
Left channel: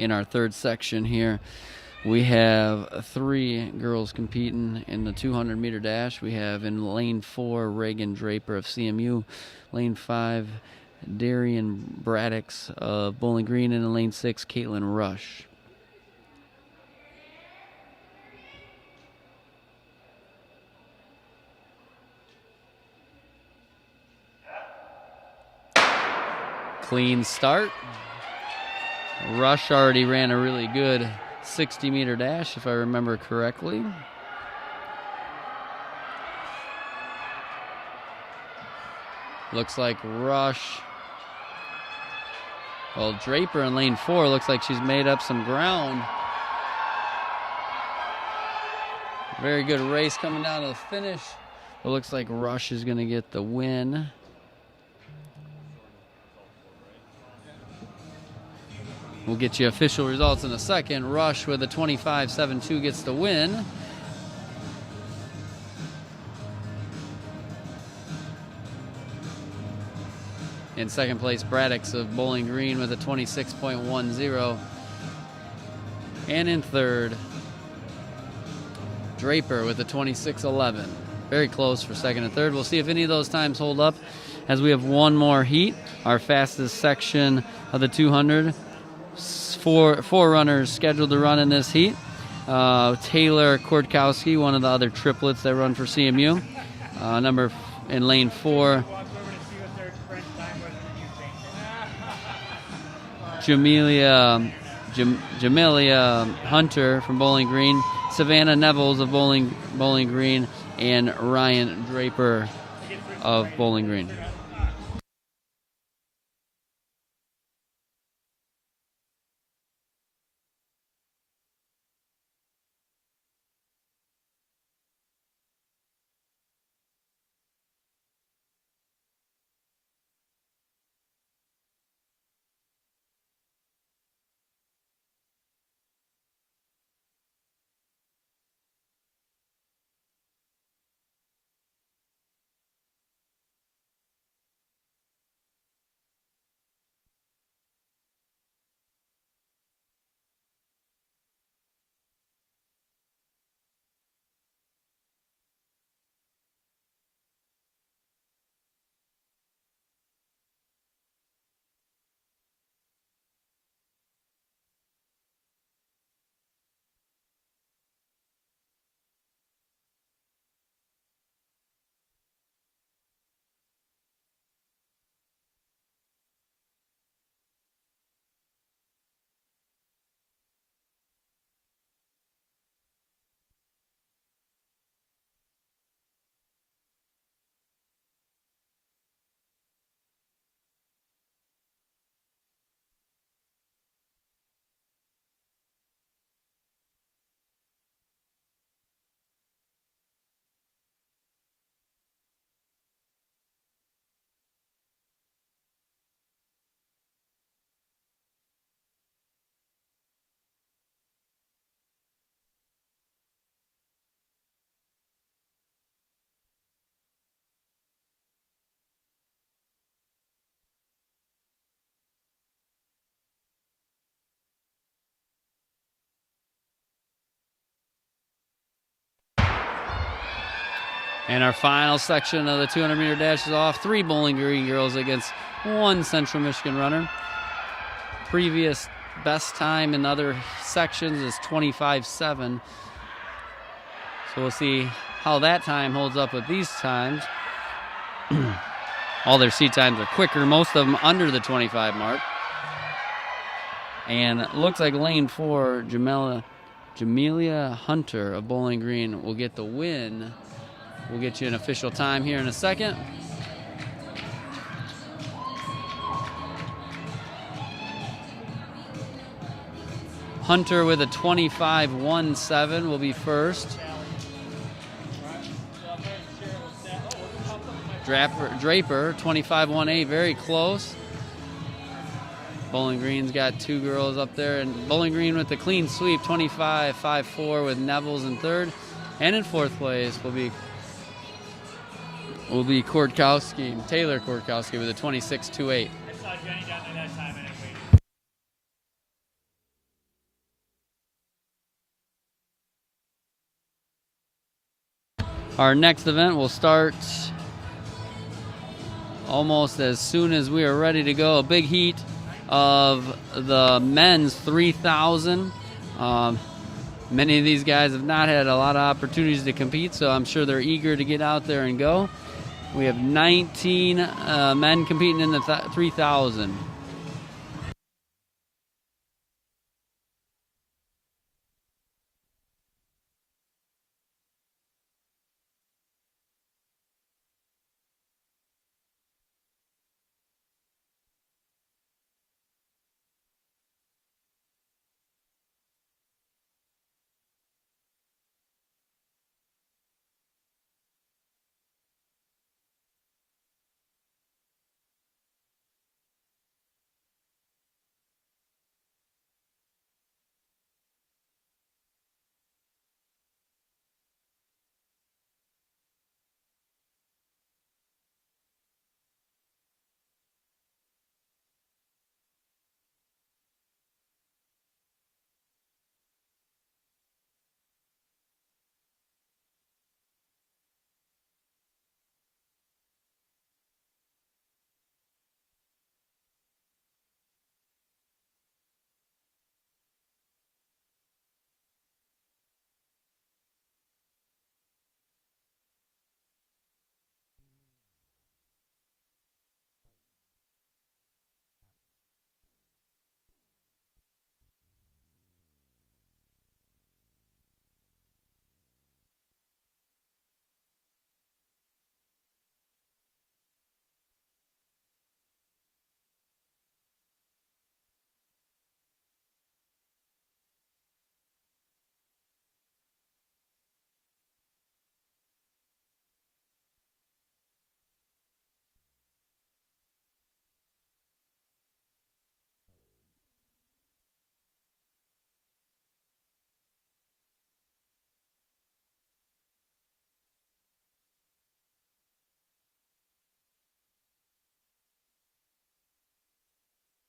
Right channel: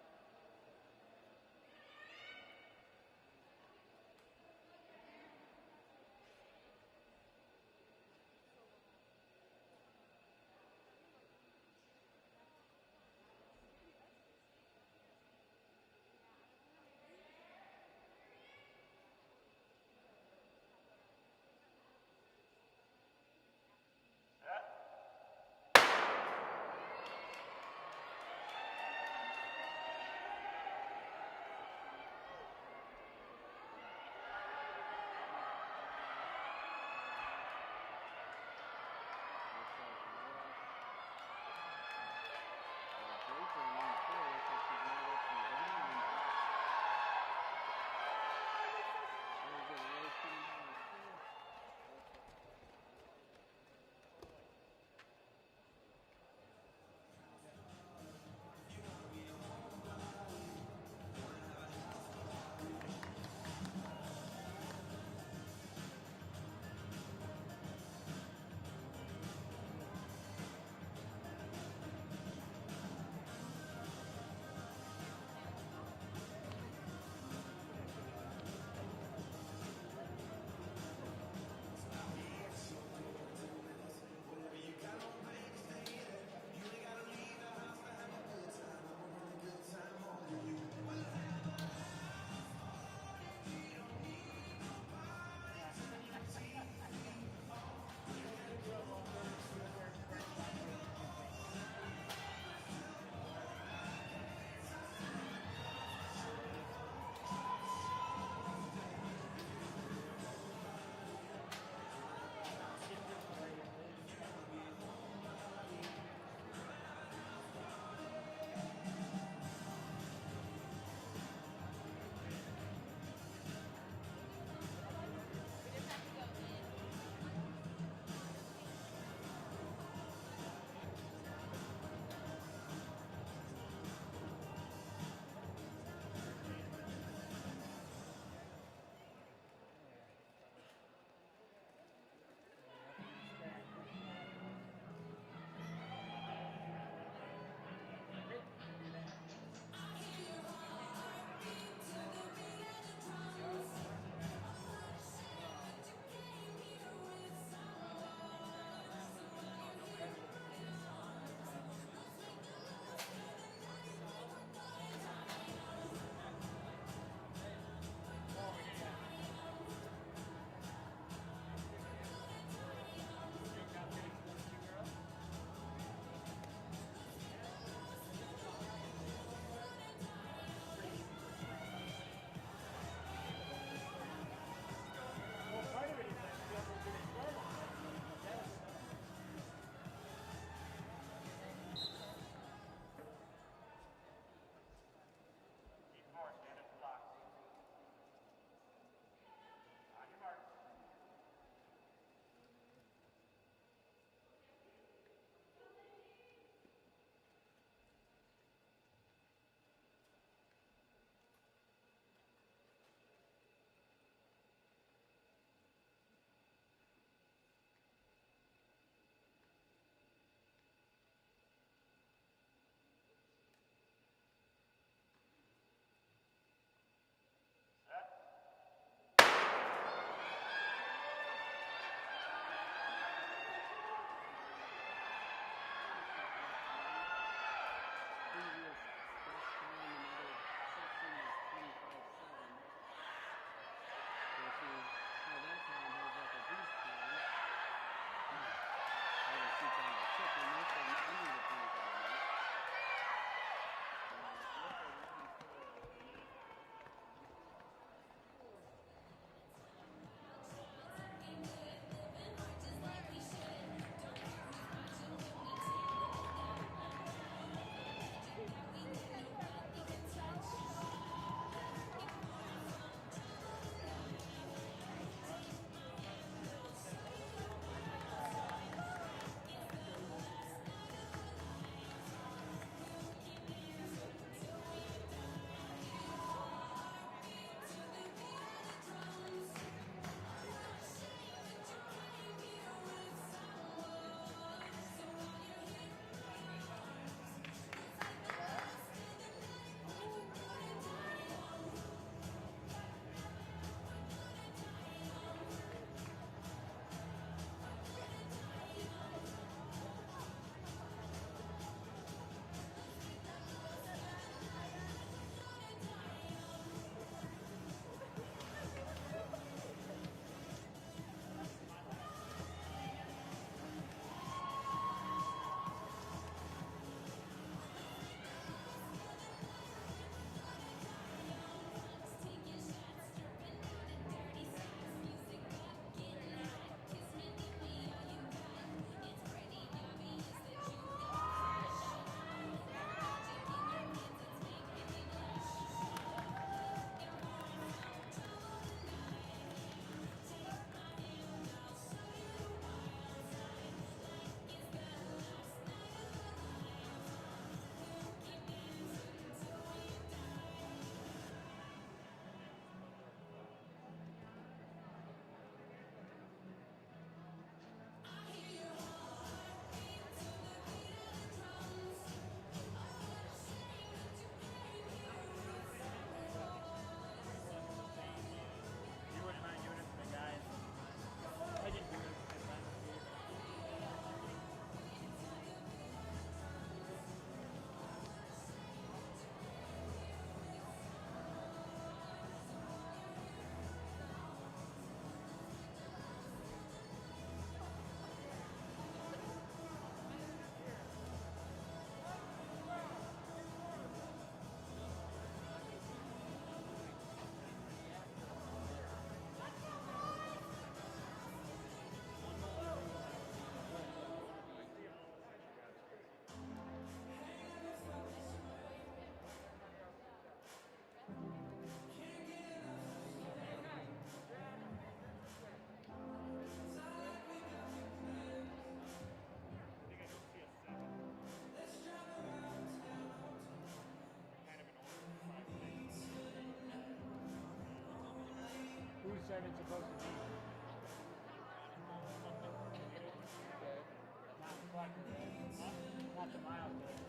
in our third section here. We have 3 girls competing in the 200-meter dash. We have in lane 4, Reagan Draper of CMU. Lane 5, Darian Braddix of Bowling Green. And in lane 6, Caitlin Rush. Clean start. Rush already ran a really good 60-meter dash, if I remember correctly. Looks like Rush. Well, Draper in lane 4 looks like she's made up some ground. Very good race coming down to the finish. It looks like Rush is going to get the win. We'll get you official results in a second. Rush with a 25.72 gets the win. In second place, Braddix of Bowling Green with a 26.10. And in third, Draper with a 26.11. Very close for second and third. We'll see if any of those times hold up as we have one more heat. Our fastest section of the 200. Four runners scheduled to run in this heat. Taylor Kordkowski, one of the other triplets that run for CMU. In lane 4. Jamelia Hunter from Bowling Green. Savannah Nevels of Bowling Green. And Ryan Draper of Bowling Green. And our final section of the 200-meter dash is off. 3 Bowling Green girls against 1 Central Michigan runner. Previous best time in other sections is 25.7. So we'll see how that time holds up with these times. All their seat times are quicker, most of them under the 25 mark. And it looks like lane 4, Jamelia Hunter of Bowling Green will get the win. We'll get you an official time here in a second. Hunter with a 25.17 will be first. Draper 25.18, very close. Bowling Green's got 2 girls up there, and Bowling Green with the clean sweep, 25.54 with Nevels in third. And in fourth place will be Kordkowski, Taylor Kordkowski with a 26.28. I saw Jenny down there that time and Our next event will start almost as soon as we are ready to go. A big heat of the men's 3,000. Many of these guys have not had a lot of opportunities to compete, so I'm sure they're eager to get out there and go. We have 19 men competing in the 3,000. Who said it's supposed to be? Not the milestone.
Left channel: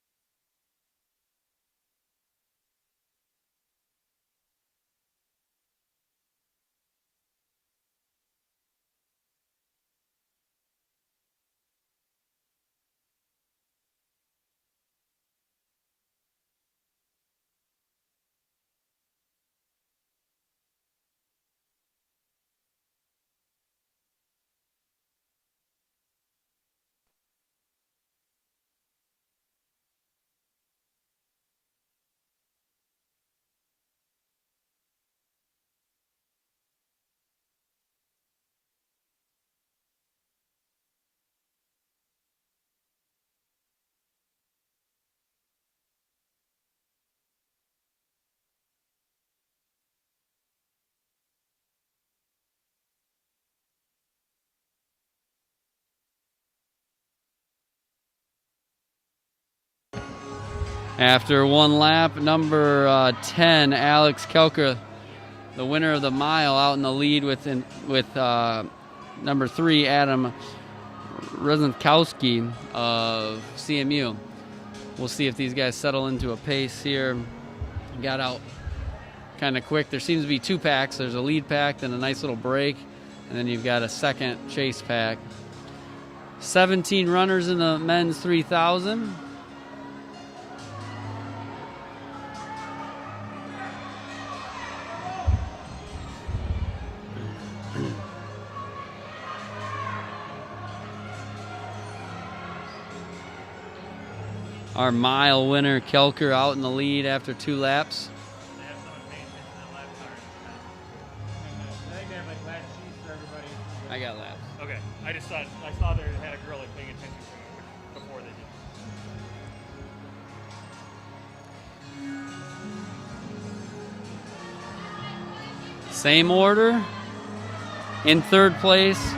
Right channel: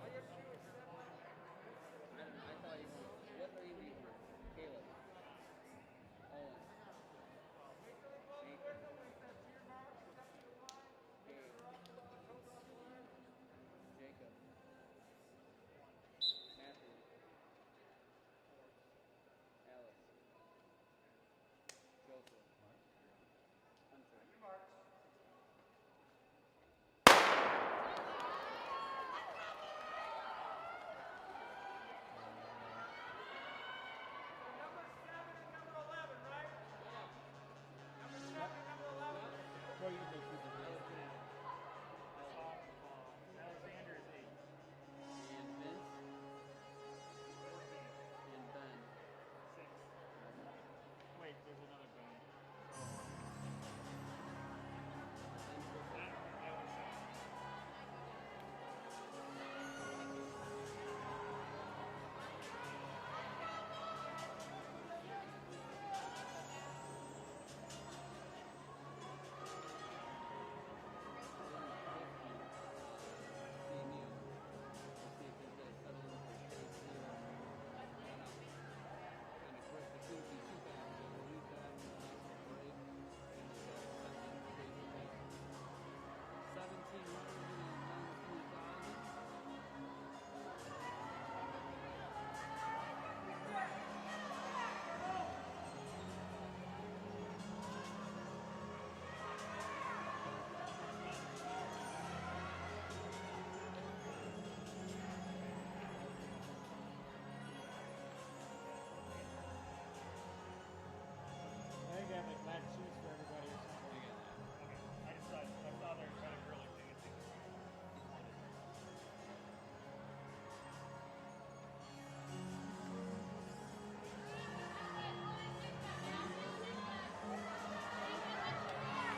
What do you think? Alexander is 8. And Vince and Ben. 6. Wait, there's another Ben. After one lap, number 10, Alex Kelker, the winner of the mile, out in the lead with number 3, Adam Rozenkowski of CMU. We'll see if these guys settle into a pace here. Got out kind of quick. There seems to be 2 packs. There's a lead pack, then a nice little break, and then you've got a second chase pack. 17 runners in the men's 3,000. Our mile winner, Kelker, out in the lead after 2 laps. I have someone paying attention to that lap card. I think they have like lap sheets for everybody. I got laps. Okay. I saw they had a girl like paying attention to it before they did. Same order. In third place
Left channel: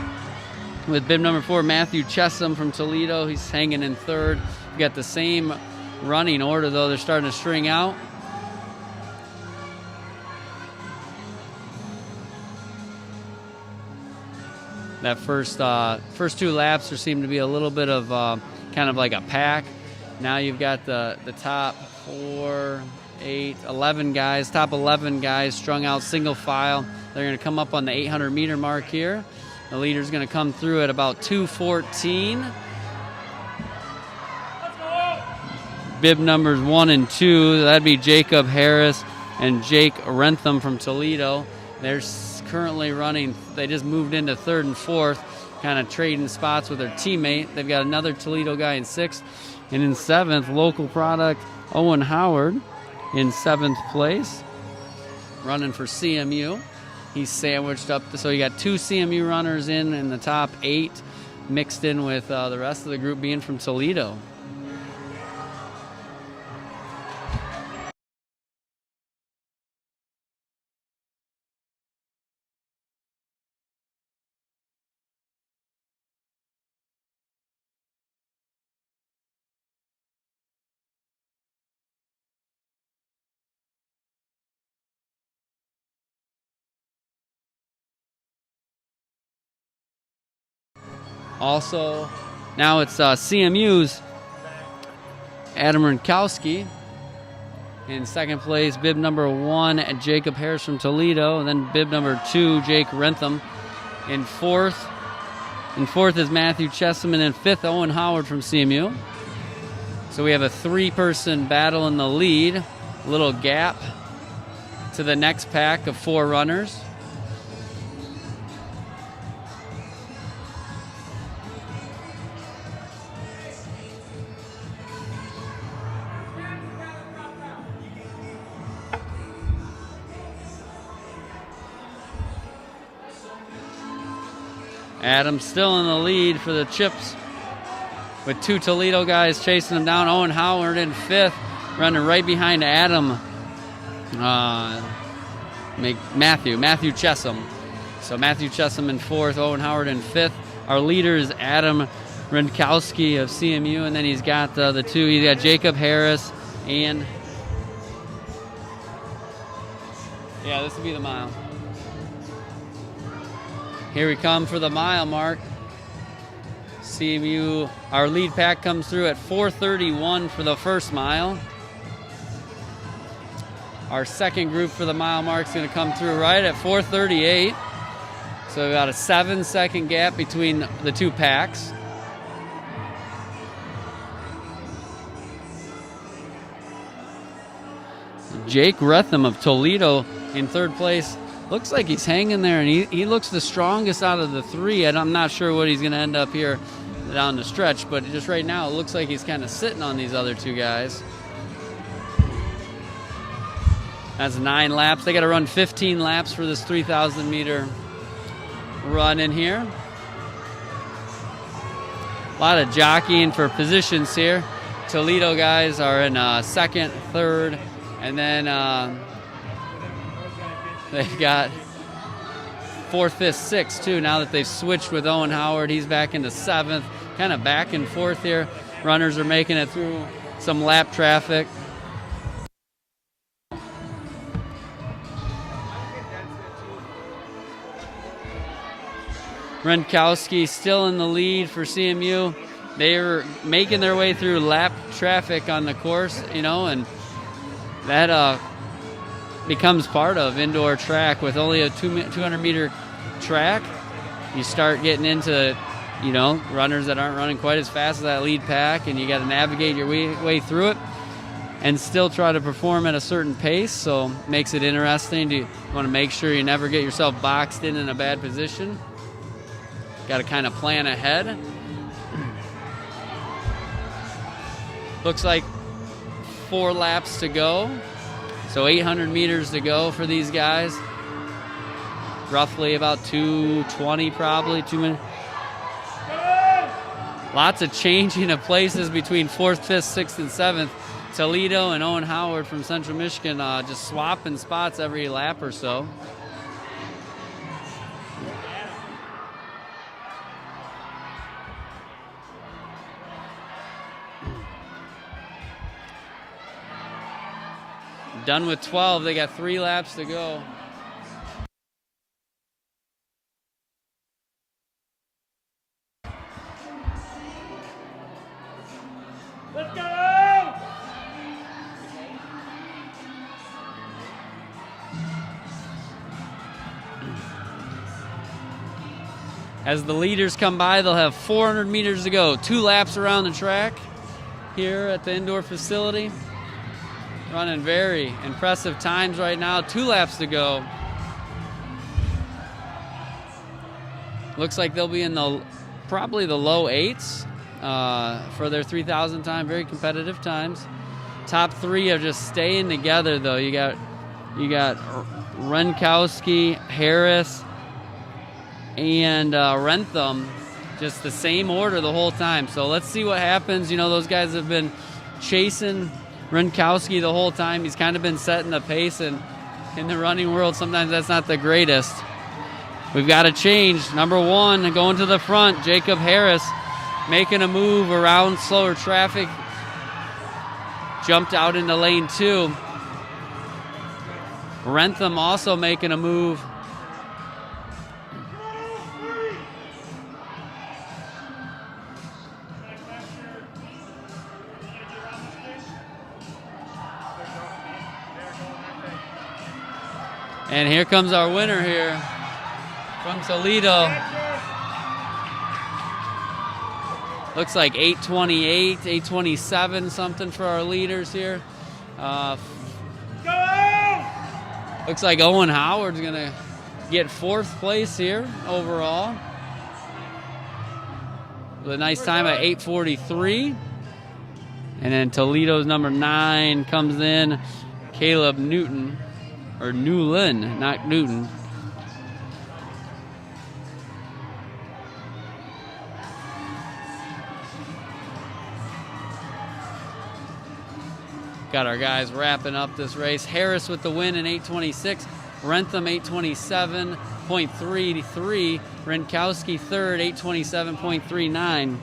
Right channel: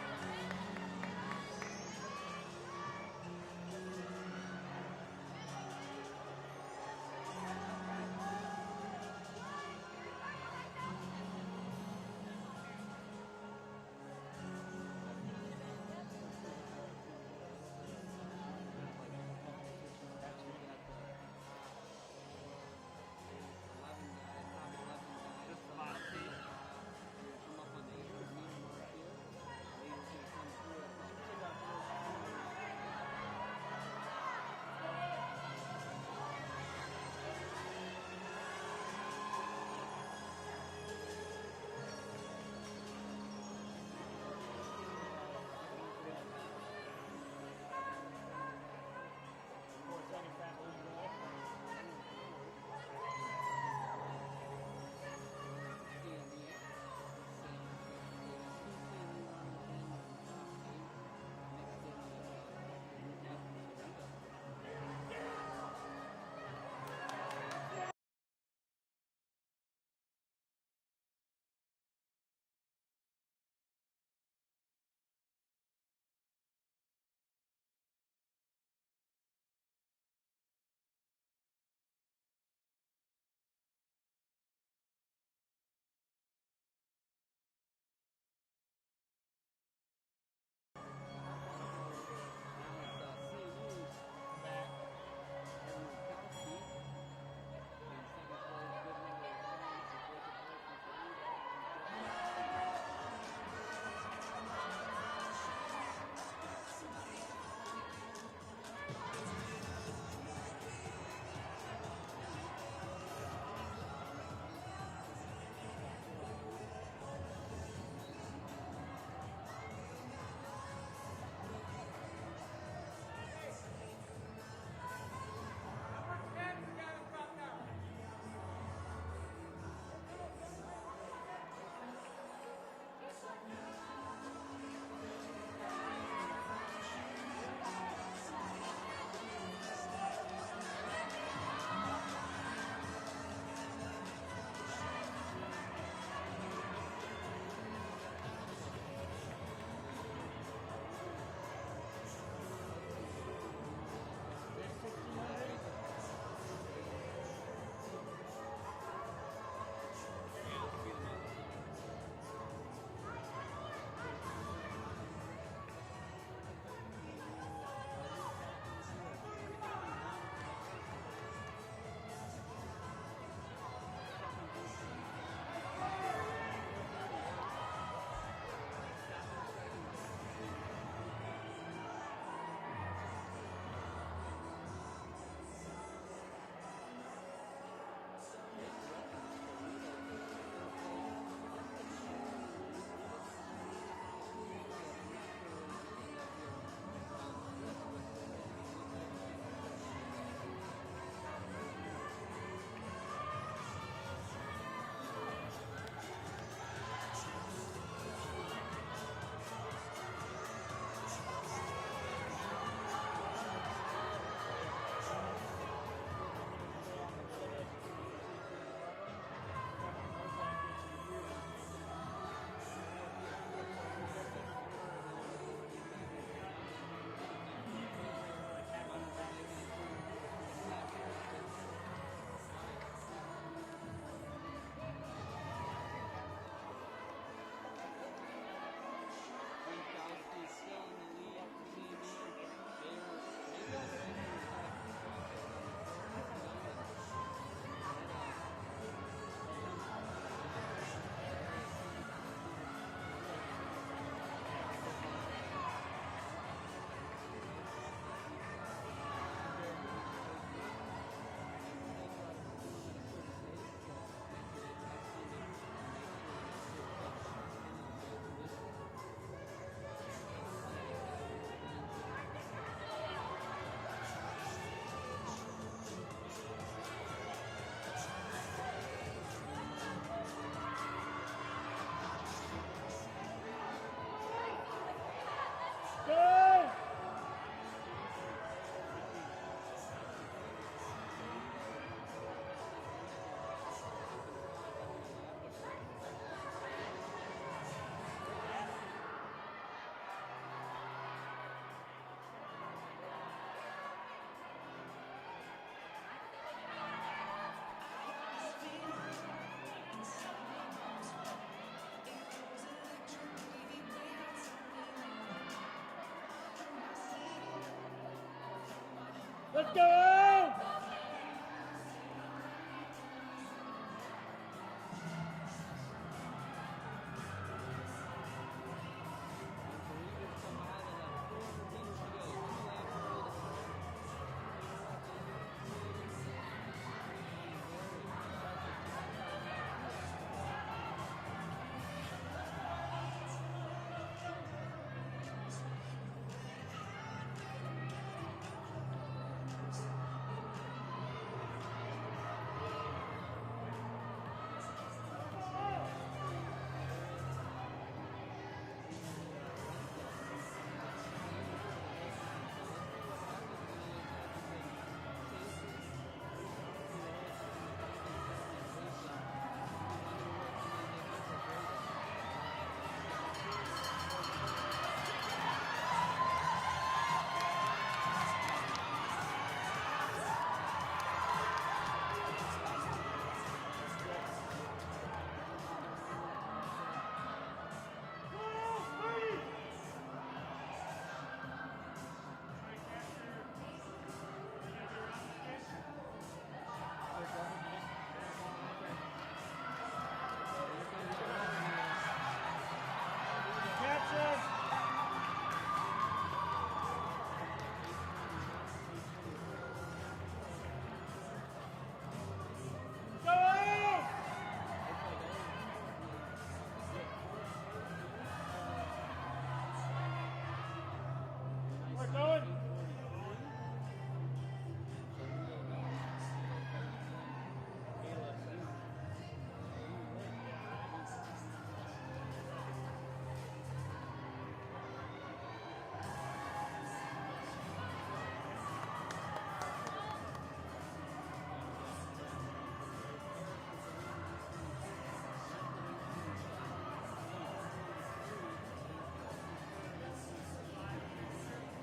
with bib number 4, Matthew Chessum from Toledo. He's hanging in third. We got the same running order, though. They're starting to string out. That first 2 laps, there seemed to be a little bit of kind of like a pack. Now you've got the top 4, 8, 11 guys, top 11 guys strung out single file. They're going to come up on the 800-meter mark here. The leader's going to come through at about 2:14. Bib numbers 1 and 2, that'd be Jacob Harris and Jake Rentham from Toledo. They're currently running, they just moved into 3rd and 4th, kind of trading spots with their teammate. They've got another Toledo guy in 6th. And in 7th, local product Owen Howard in 7th place, running for CMU. He's sandwiched up, so you got 2 CMU runners in the top 8, mixed in with the rest of the group being from Toledo. Also, now it's CMU's Adam Rinkowski in 2nd place, bib number 1, Jacob Harris from Toledo, and then bib number 2, Jake Rentham in 4th. In 4th is Matthew Chessum, and in 5th, Owen Howard from CMU. So we have a 3-person battle in the lead, a little gap to the next pack of 4 runners. Adam still in the lead for the chips with 2 Toledo guys chasing him down. Owen Howard in 5th, running right behind Adam. Matthew Chessum. So Matthew Chessum in 4th, Owen Howard in 5th. Our leader is Adam Rinkowski of CMU, and then he's got the 2. He's got Jacob Harris and this will be the mile. Here we come for the mile mark. CMU, our lead pack comes through at 4:31 for the first mile. Our second group for the mile mark is going to come through right at 4:38. So about a 7-second gap between the 2 packs. Jake Rentham of Toledo in 3rd place. Looks like he's hanging there, and he looks the strongest out of the 3. And I'm not sure what he's going to end up here down the stretch, but just right now it looks like he's kind of sitting on these other 2 guys. That's 9 laps. They got to run 15 laps for this 3,000-meter run in here. A lot of jockeying for positions here. Toledo guys are in 2nd, 3rd, and then they've got 4th, 5th, 6th too. Now that they've switched with Owen Howard, he's back into 7th, kind of back and forth here. Runners are making it through some lap traffic. Rinkowski still in the lead for CMU. They're making their way through lap traffic on the course, and that becomes part of indoor track. With only a 200-meter track, you start getting into, runners that aren't running quite as fast as that lead pack, and you got to navigate your way through it and still try to perform at a certain pace. So it makes it interesting. You want to make sure you never get yourself boxed in a bad position. Got to kind of plan ahead. Looks like 4 laps to go. So 800 meters to go for these guys. Roughly about 2:20 probably, 2 minutes. Lots of changing of places between 4th, 5th, 6th, and 7th. Toledo and Owen Howard from Central Michigan just swapping spots every lap or so. Done with 12. They got 3 laps to go. Let's go! As the leaders come by, they'll have 400 meters to go. 2 laps around the track here at the Indor facility. Running very impressive times right now. 2 laps to go. Looks like they'll be in probably the low 8s for their 3,000 time. Very competitive times. Top 3 are just staying together though. You got Renkowski, Harris, and Rentham, just the same order the whole time. So let's see what happens. You know, those guys have been chasing Renkowski the whole time. He's kind of been setting the pace, and in the running world, sometimes that's not the greatest. We've got to change. Number 1 going to the front, Jacob Harris, making a move around slower traffic. Jumped out into lane 2. Rentham also making a move. And here comes our winner here from Toledo. Looks like 8:28, 8:27 something for our leaders here. Looks like Owen Howard's gonna get 4th place here overall. With a nice time at 8:43. And then Toledo's number 9 comes in, Caleb Newton. Or Newlin, not Newton. Got our guys wrapping up this race. Harris with the win in 8:26. Rentham 8:27.33. Renkowski 3rd, 8:27.39.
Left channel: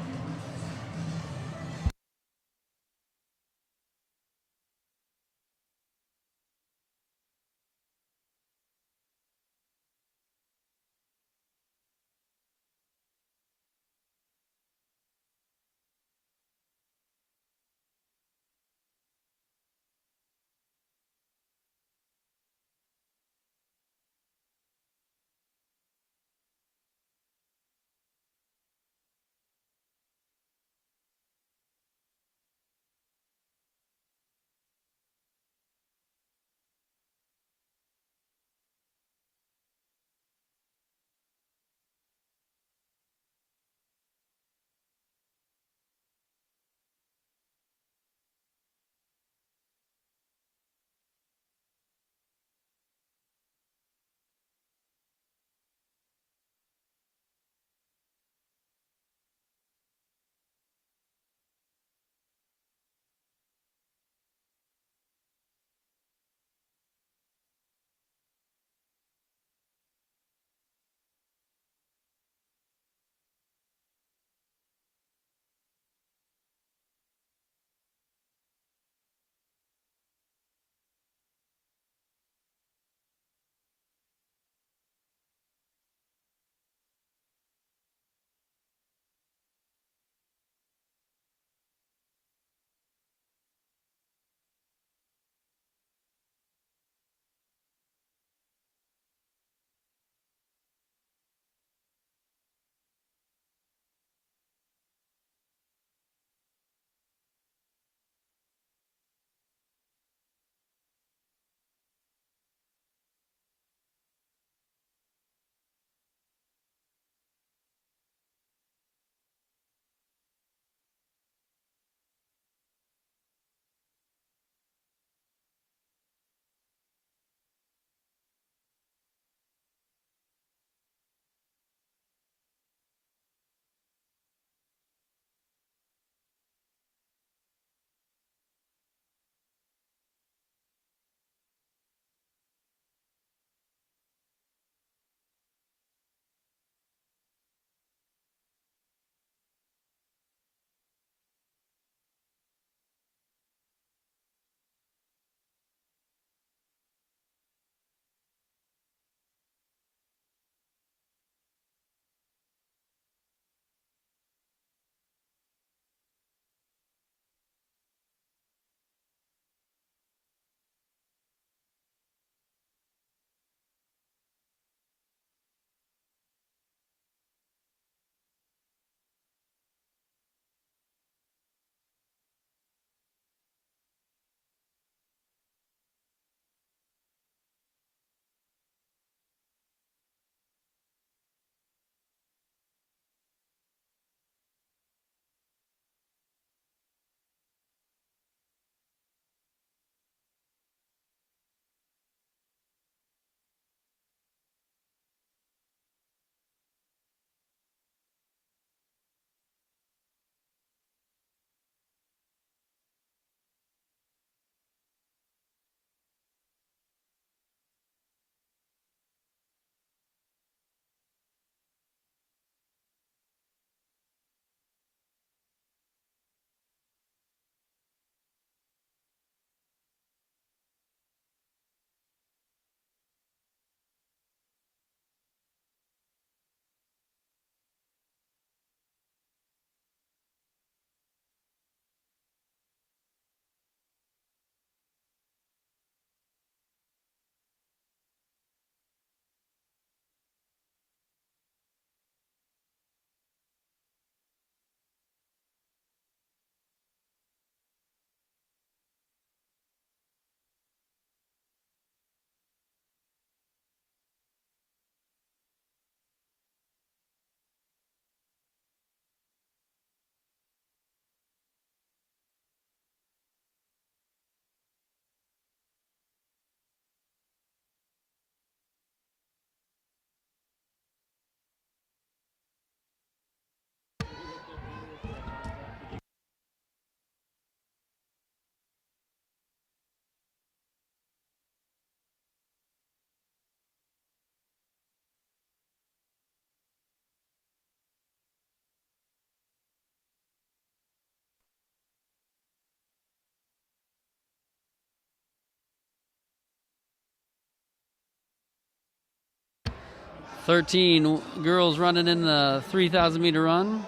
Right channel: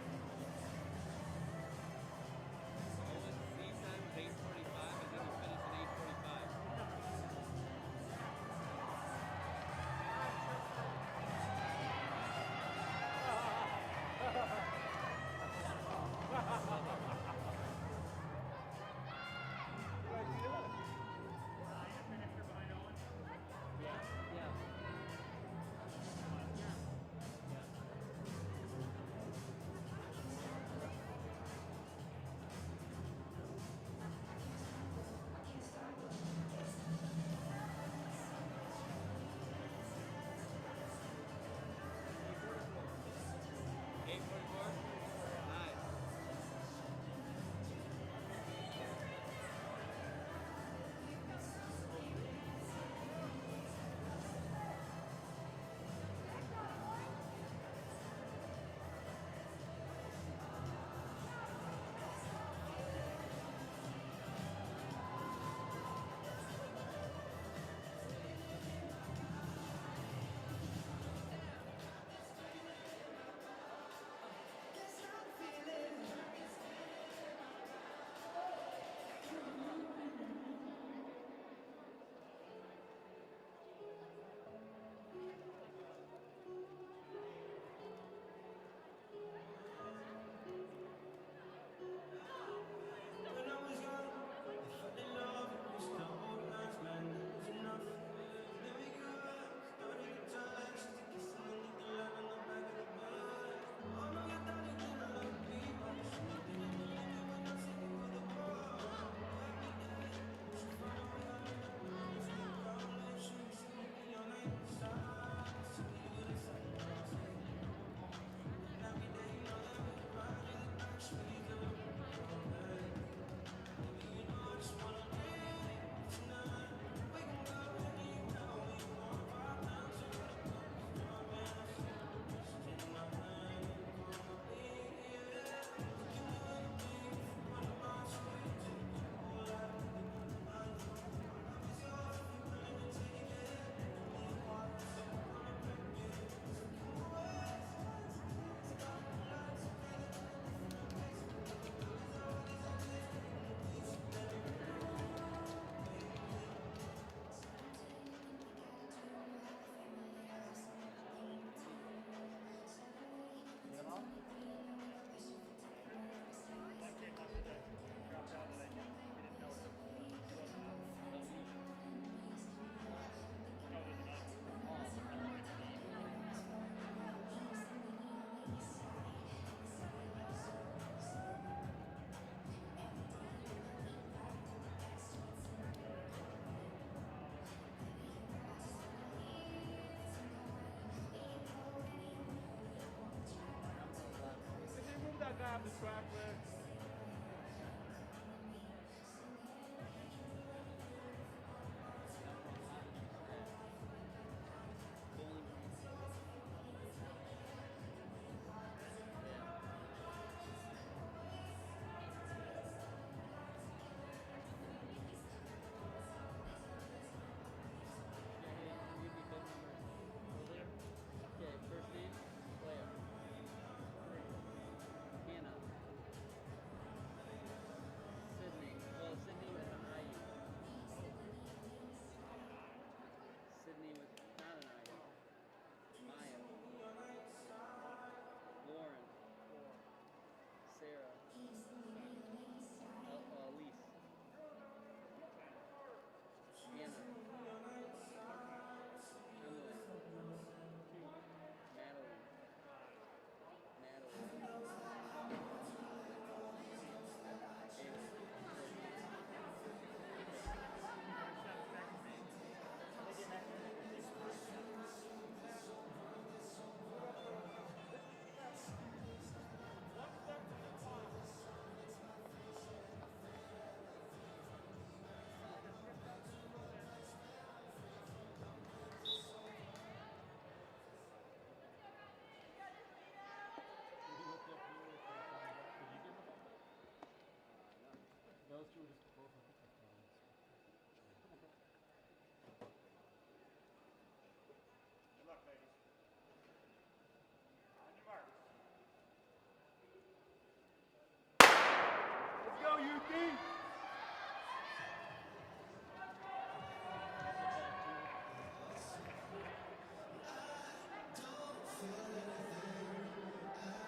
13 girls running in the 3,000 meter run.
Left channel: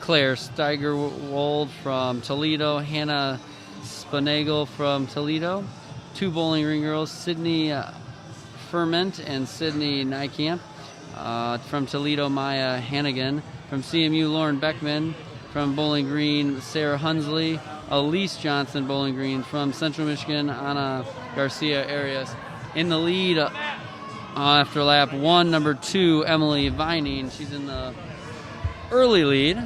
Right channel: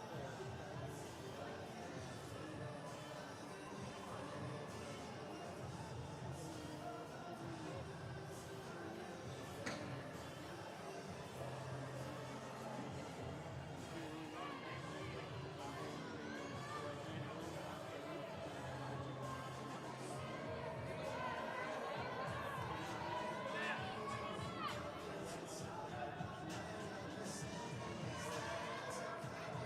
Claire Steigerwold from Toledo, Hannah Spanagle from Toledo. 2 Bowling Green girls, Sydney Ferment and Sydney Nykamp. From Toledo, Maya Hannigan. From CMU, Lauren Beckman. From Bowling Green, Sarah Hunsley. Elise Johnson, Bowling Green. From Central Michigan, Ana Garcia Arias. In the lead after lap 1, number 2, Emily Vining. She's in the early lead.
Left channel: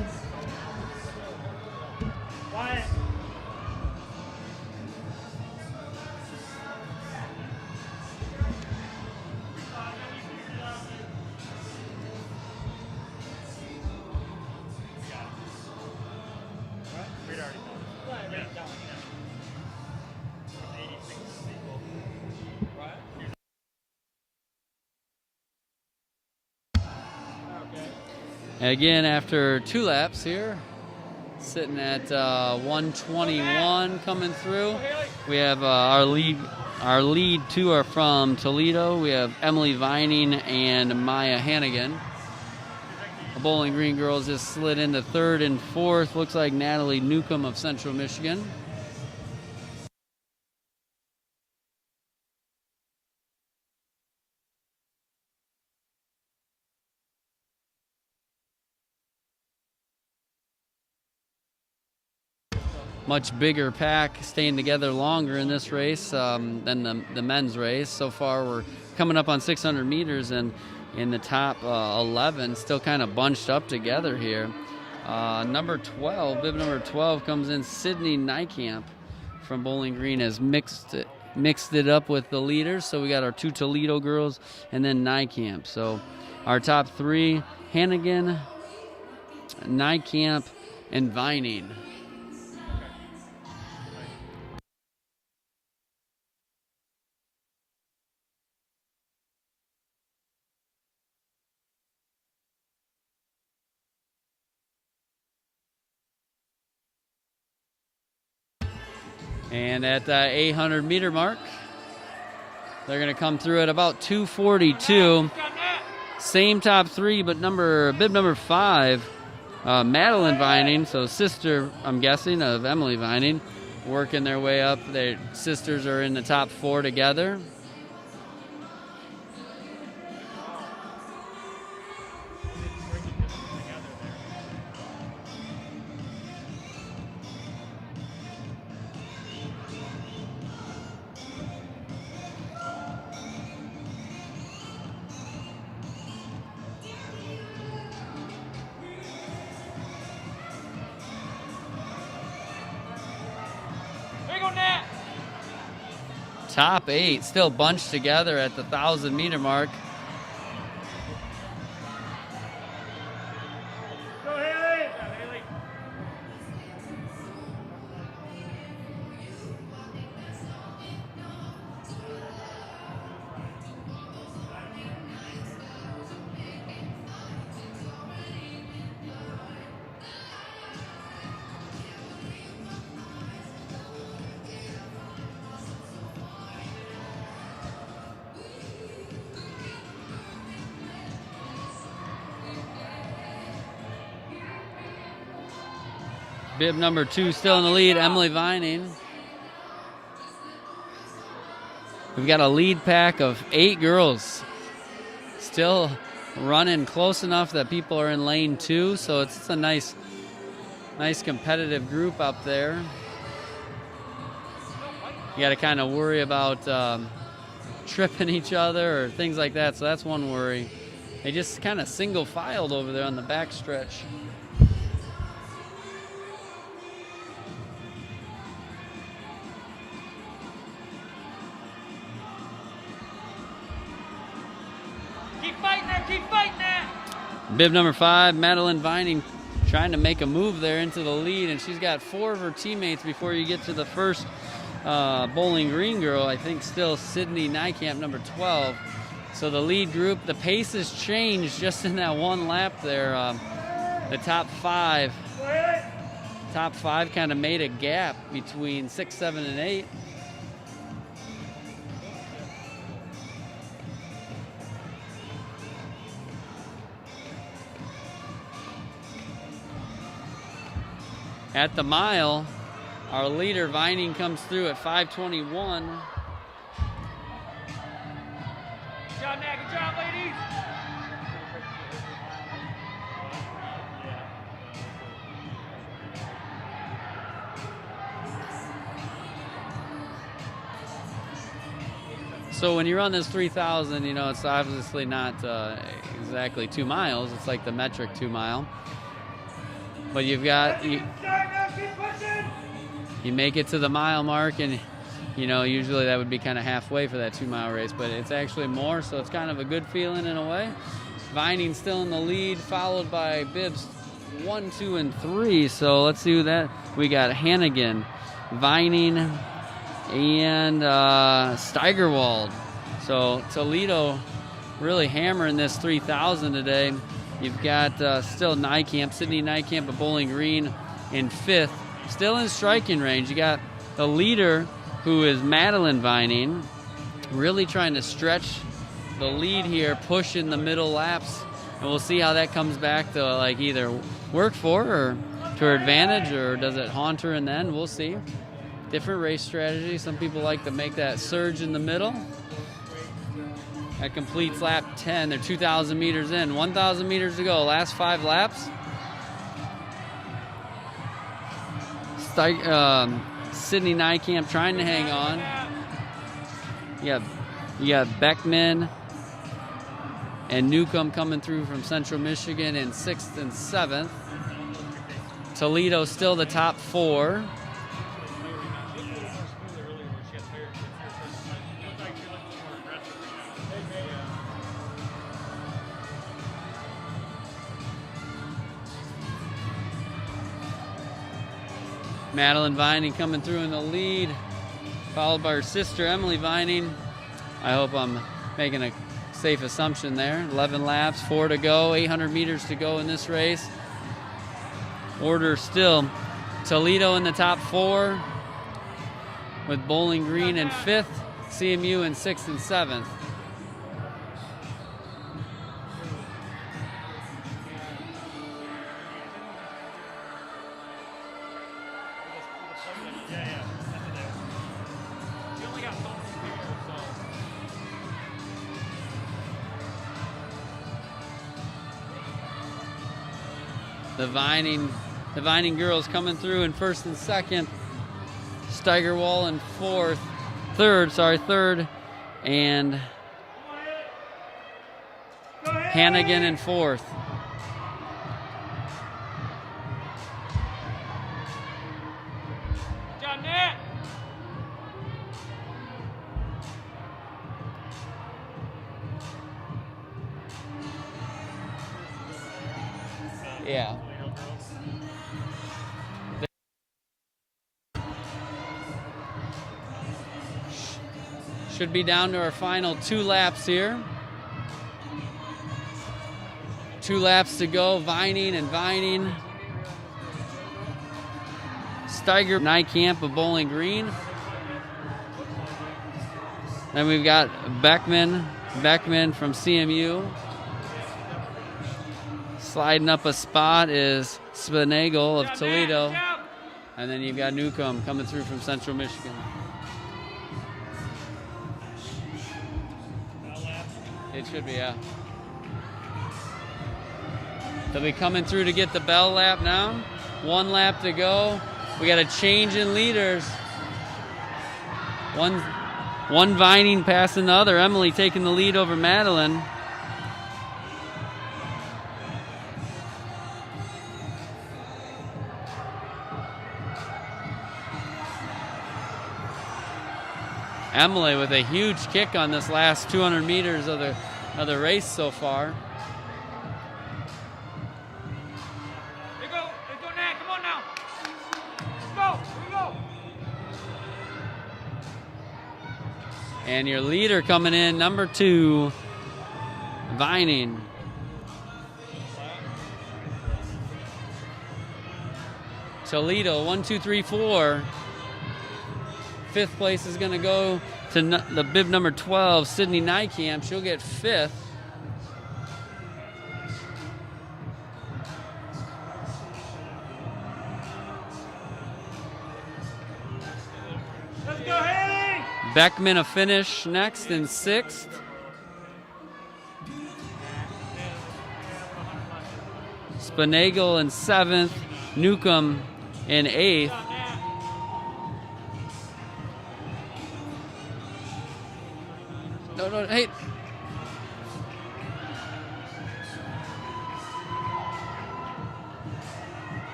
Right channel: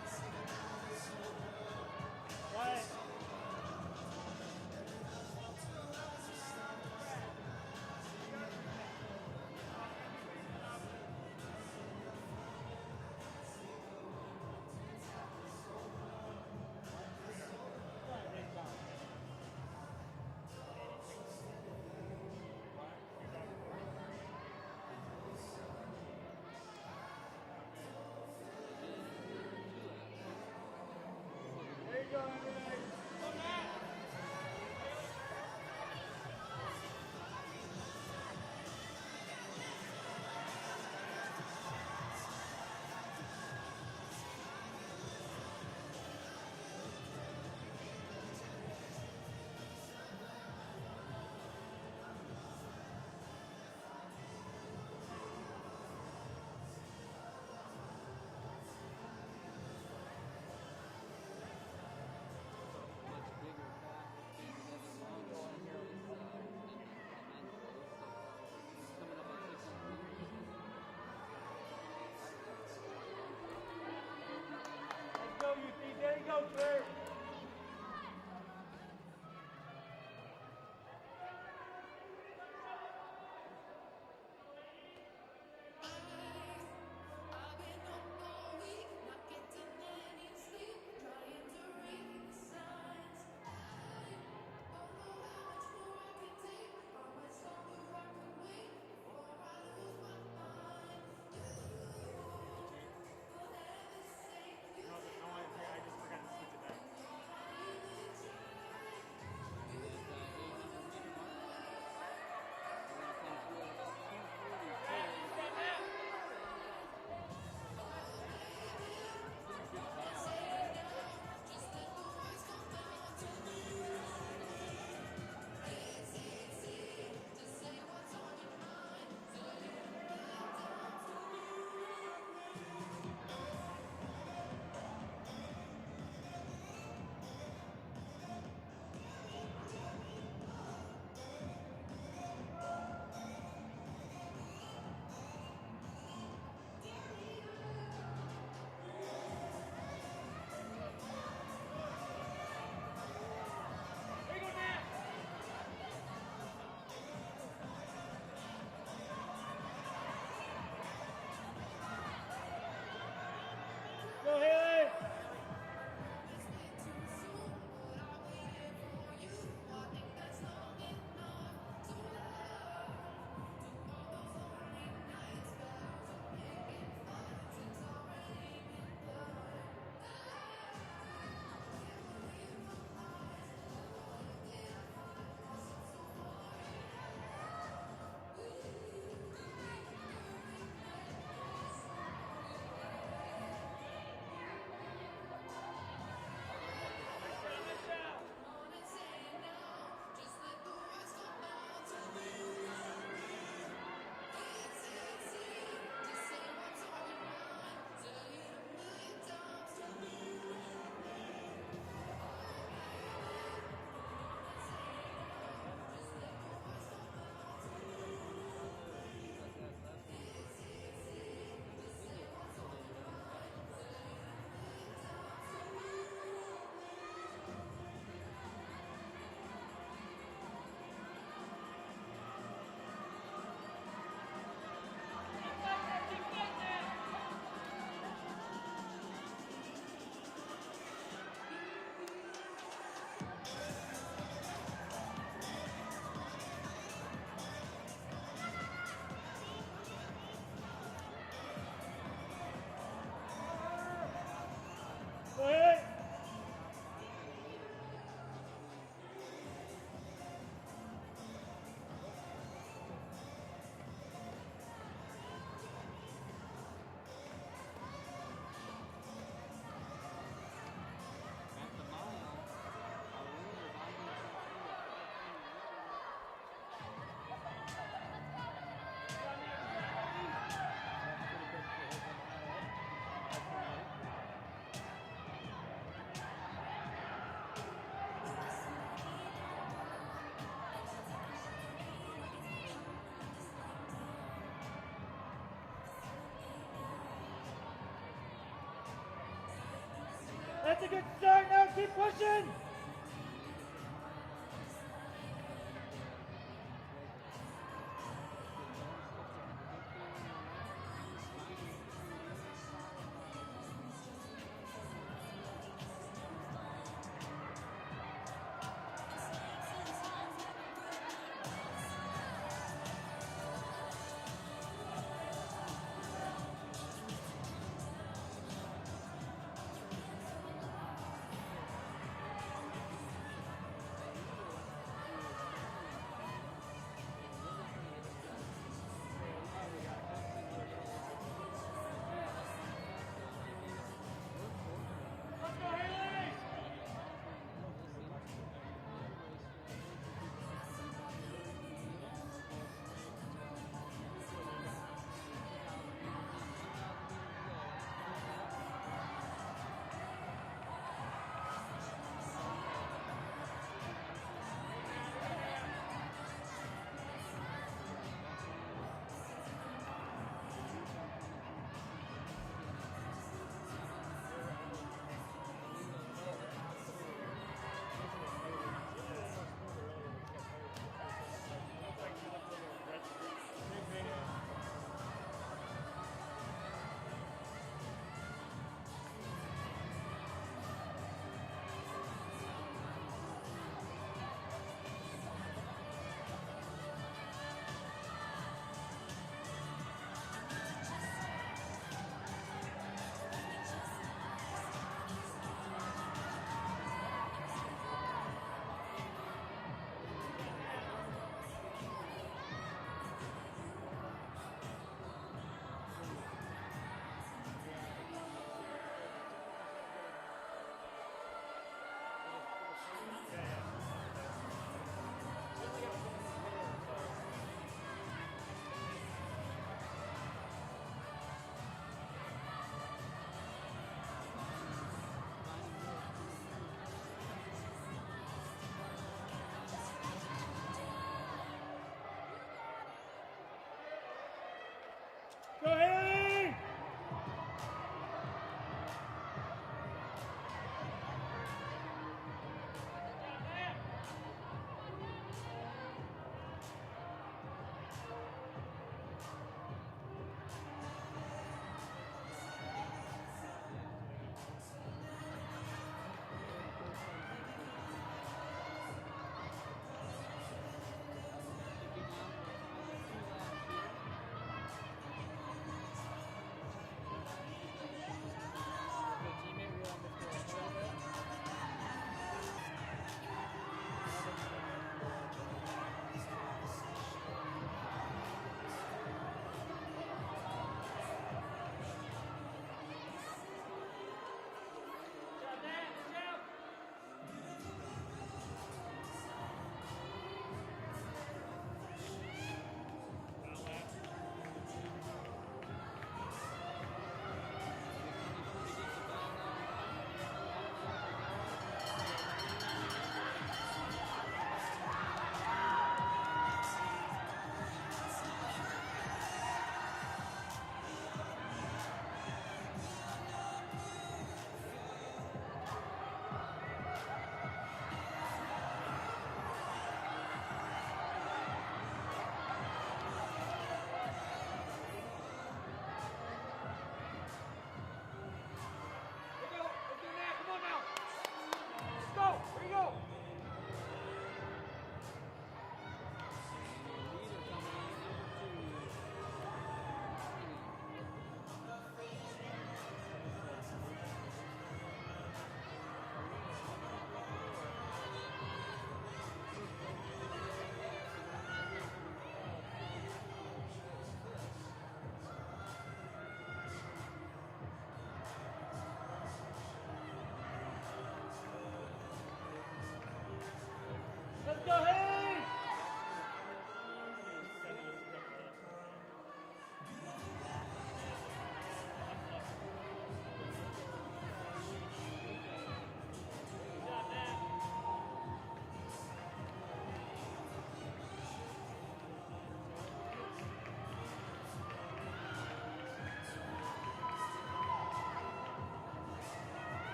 Again, after 2 laps here, sitting at 121 coming through. We have our lead 2 are from Toledo. We have Emily Vining and Maya Hannigan. The Bowling Green girls just slid into 3rd and 4th. Looks like Natalie Newcomb of Central Michigan. Much bigger pack, staying together longer in this race than the men's race. So far, we're coming up on 600 meters, and in the top 11, still kind of bunched up together here. Number 12, bib number 12 comes in. Sydney Nykamp from Bowling Green has mixed it up with the leaders. So we got our 2 Toledo girls and then Nykamp. So our top 3, Hannigan, Nykamp, and Vining. And at the 800 meter mark, they're going to come through at about 2:42. Same top 3, but bib number 5, Madeline Vining, so sister, I'm guessing, of Emily Vining, working their way up. Their sisters are in the top 4 together. Top 8 still bunched together at the 1,000 meter mark. Go Haley! Bib number 2 still in the lead, Emily Vining. We've got a lead pack of 8 girls. Still running close enough that people are in lane 2, so it's a nice competitive group up there. You got to kind of worry about tripping each other or things like that, so that's one worry. They just kind of single filed over there on the back stretch. Bib number 5, Madeline Vining, trying to make a move there into the lead, and she's got 4 of her teammates before you get to the first Bowling Green girl. I think still Sydney Nykamp, number 12. So the lead group, the pace has changed just in that one lap there. The top five kind of made a gap between 6, 7, and 8. At the mile, our leader Vining comes through at 5:21. Good job, Nat. Good job, ladies. So when you run this 3,000, you know, it's obviously not exactly 2 miles. It's like the metric 2 mile. But you've got, you make it to the mile mark, and, you know, usually that would be kind of halfway for that 2 mile race, but it's actually more, so it's kind of a good feeling in a way. Vining still in the lead, followed by Bibbs 1, 2, and 3. So let's see who that, we got Hannigan, Vining, and Steigerwald. So Toledo really hammering this 3,000 today. You've got still Nykamp, Sydney Nykamp of Bowling Green in 5th, still in striking range. You got the leader, who is Madeline Vining, really trying to stretch the lead here, push in the middle laps, and we'll see how that comes back to like either work for her or to her advantage, or does it haunt her in the end? We'll see. Different race strategy. Some people like to make that surge in the middle. That completes lap 10. They're 2,000 meters in. 1,000 meters to go. Last 5 laps. Sydney Nykamp trying to hang on. You got Beckman and Newcomb coming through from Central Michigan in 6th and 7th. Toledo still the top 4. Madeline Vining coming through in the lead, followed by her sister Emily Vining. I hope I'm making a safe assumption there. 11 laps, 4 to go, 800 meters to go in this race. Order still Toledo in the top 4, with Bowling Green in 5th, CMU in 6th and 7th. The Vining girls coming through in 1st and 2nd. Steigerwald in 3rd, and Hannigan in 4th. Yeah. Should be down to our final 2 laps here. 2 laps to go. Vining and Vining. Steiger, Nykamp of Bowling Green. Then we've got Beckman from CMU. Sliding up a spot is Spinagle of Toledo. And then you've got Newcomb coming through from Central Michigan. It should be, yeah. They'll be coming through to get the bell lap now. 1 lap to go. We got a change in leaders. One Vining passing the other. Emily taking the lead over Madeline. Emily with a huge kick on this last 200 meters of the race so far. Here go, Nat. Come on now. Let's go. Here we go. And your leader coming in, number 2, Vining. Toledo, 1, 2, 3, 4. 5th place is going to go to the bib number 12, Sydney Nykamp. She'll get 5th. Beckman a finish next in 6th. Spinagle in 7th. Newcomb in 8th. No, hey.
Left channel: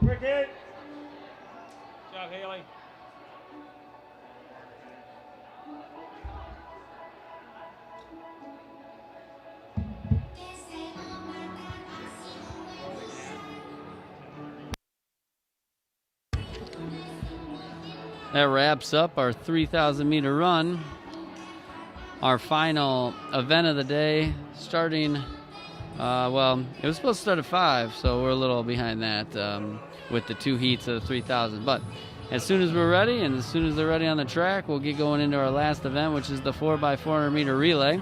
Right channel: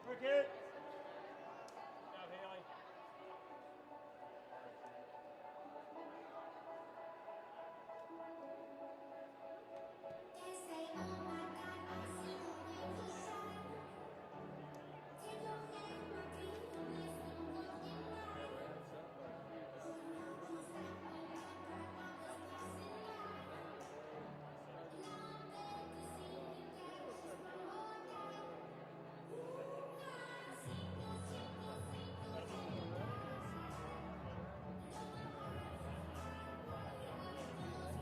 Quick hit. Good job, Haley. That wraps up our 3,000 meter run. Our final event of the day, starting, well, it was supposed to start at 5, so we're a little behind that with the 2 heats of the 3,000. But as soon as we're ready, and as soon as they're ready on the track, we'll get going into our last event, which is the 4x400 meter relay.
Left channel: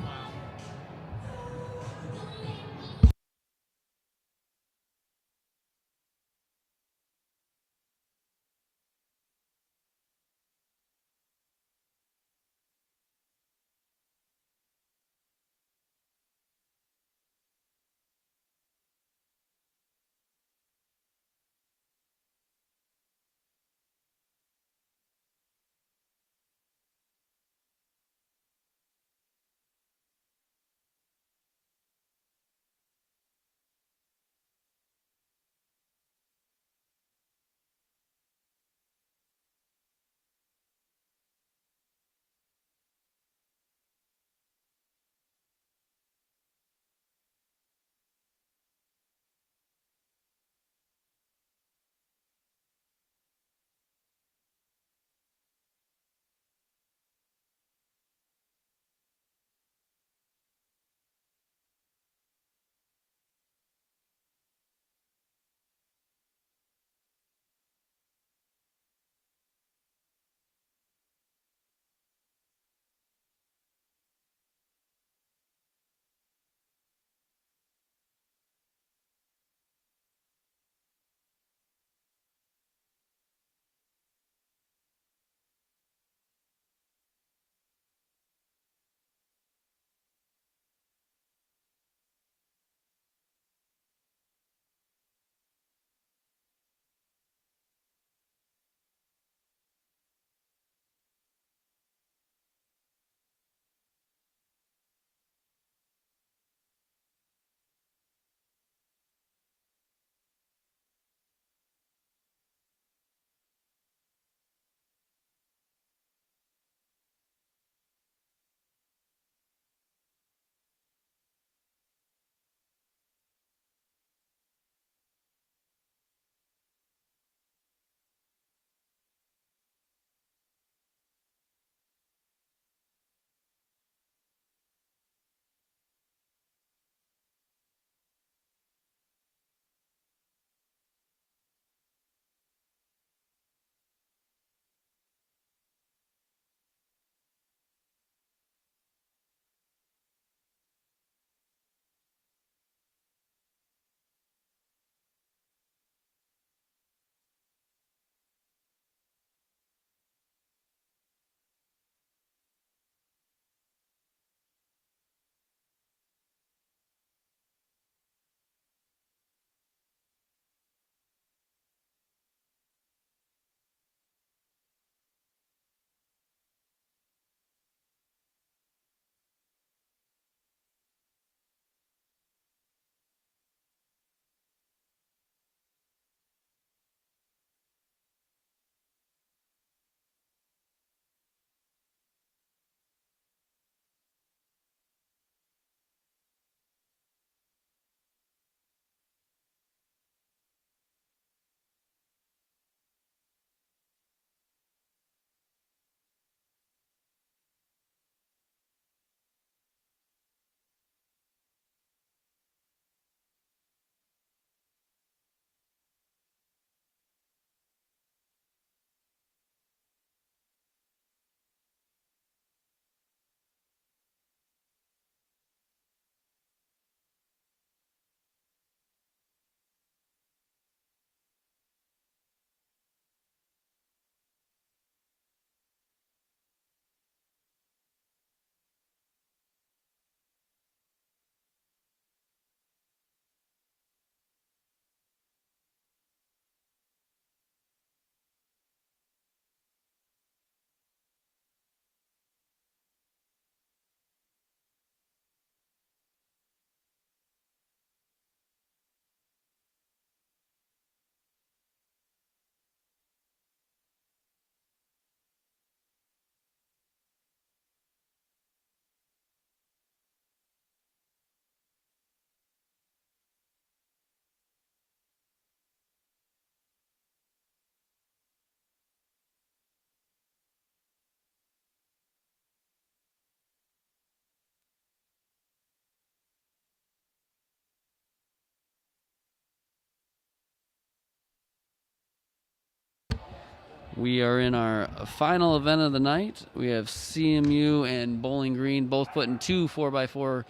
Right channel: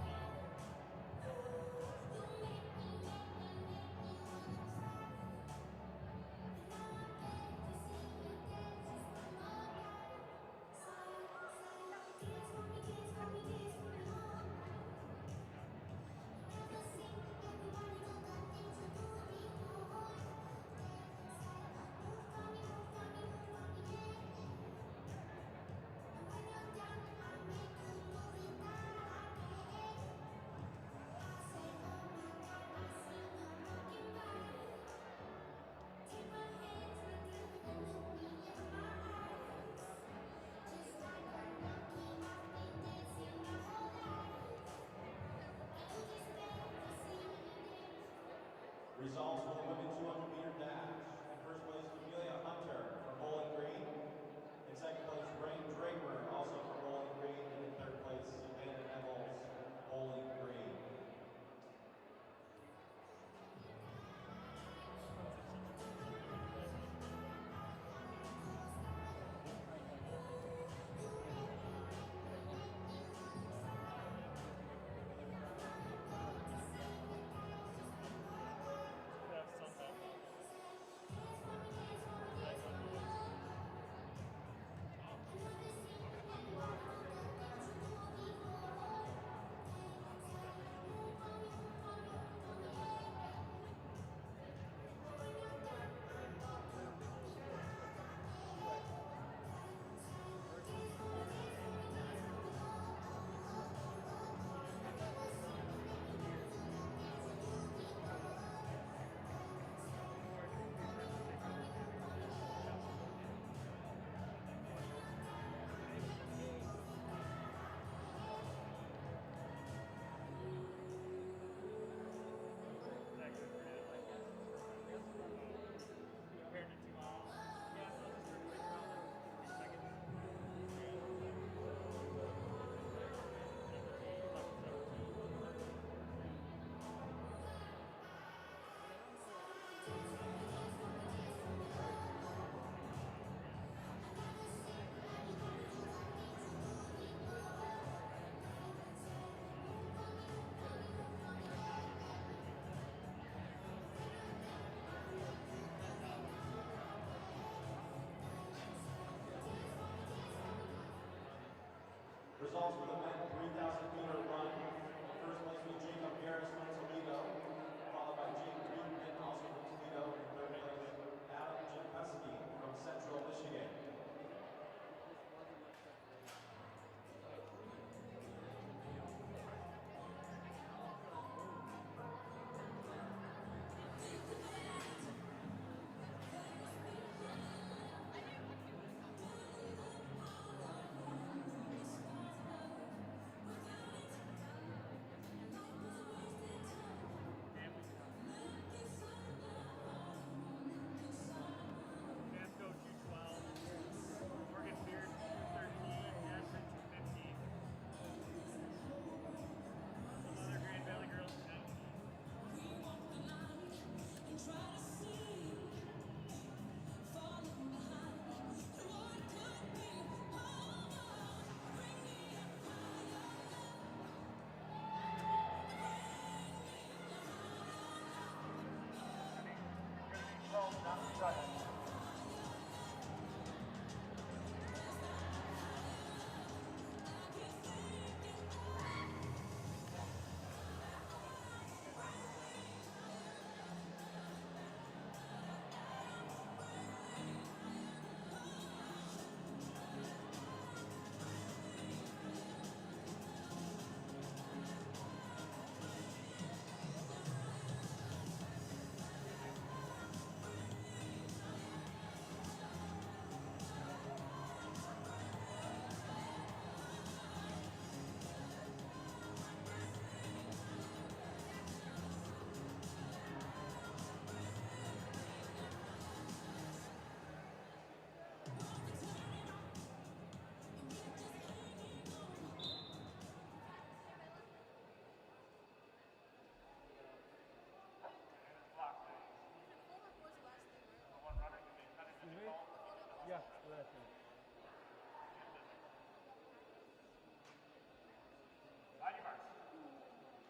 We are in our final event of the night. We have CMU and Bowling Green both putting 2 4x4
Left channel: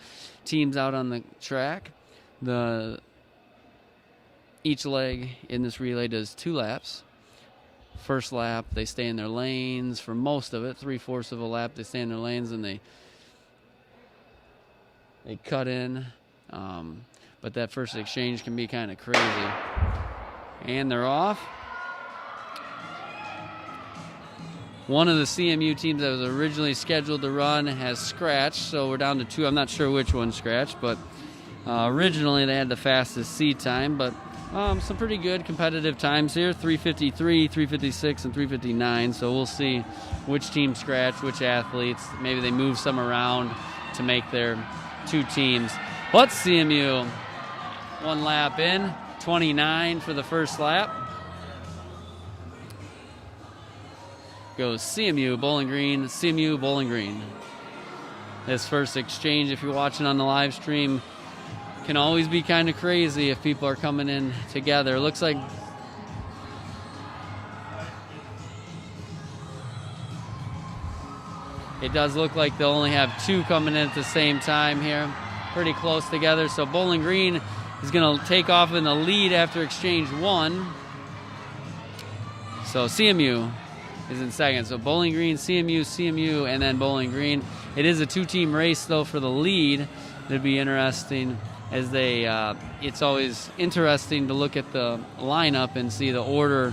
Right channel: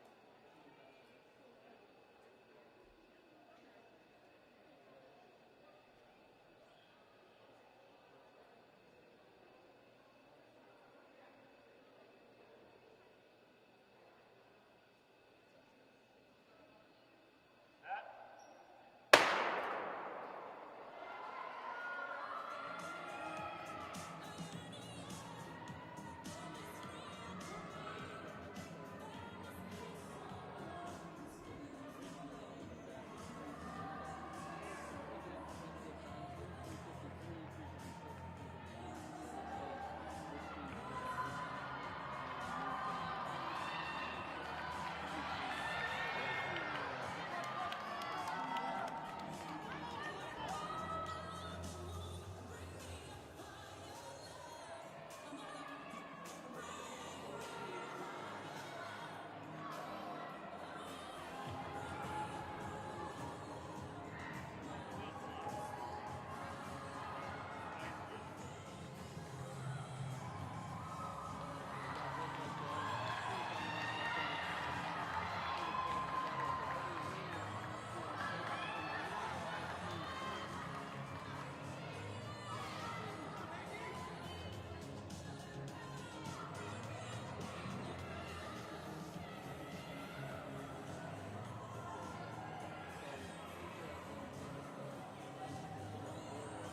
teams out on the track. Each leg in this relay does 2 laps. First lap, they stay in their lanes for most of it. 3/4 of a lap, they stay in their lanes and they cut in. But that first exchange can be kind of crazy. And they're off. One of the CMU teams that was originally scheduled to run has scratched, so we're down to 2. I'm not sure which one scratched, but originally they had the fastest seed time, but some pretty good competitive times here, 3:53, 3:56, and 3:59. So we'll see which team scratched, which athletes. Maybe they move some around to make their 2 teams. But CMU, 1 lap in, 29 for the first lap. Goes CMU, Bowling Green, CMU, Bowling Green. This first exchange, if you're watching on the live stream, can always be kind of crazy if people are coming in together. It looks like it does look like they'll only have 2 coming in at the same time here, pretty close together. So Bowling Green is going to take off in the lead after exchange 1. So CMU is in second. So Bowling Green, CMU, CMU, and then Bowling Green. It is a 2-team race though for the lead. It'd be interesting as it's always interesting to look at the lineup and see the order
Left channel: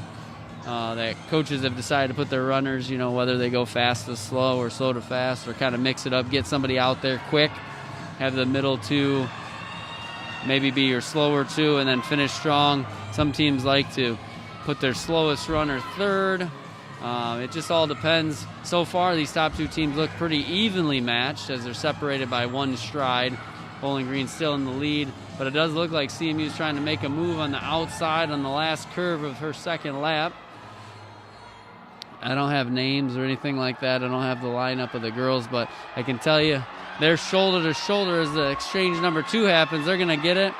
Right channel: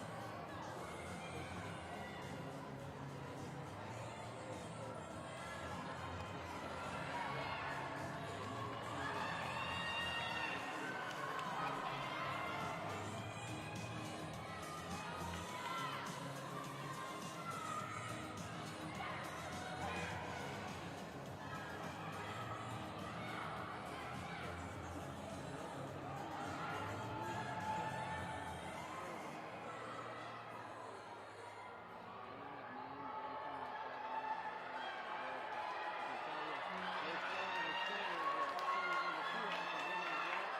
that coaches have decided to put their runners, whether they go fast to slow or slow to fast, or kind of mix it up, get somebody out there quick, have the middle 2 maybe be your slower 2, and then finish strong. Some teams like to put their slowest runner 3rd. It just all depends. So far, these top 2 teams look pretty evenly matched as they're separated by 1 stride. Bowling Green still in the lead, but it does look like CMU is trying to make a move on the outside on the last curve of her second lap. I don't have names or anything like that. I don't have the lineup of the girls, but I can tell you they're shoulder to shoulder as the exchange number 2 happens. They're going to get it.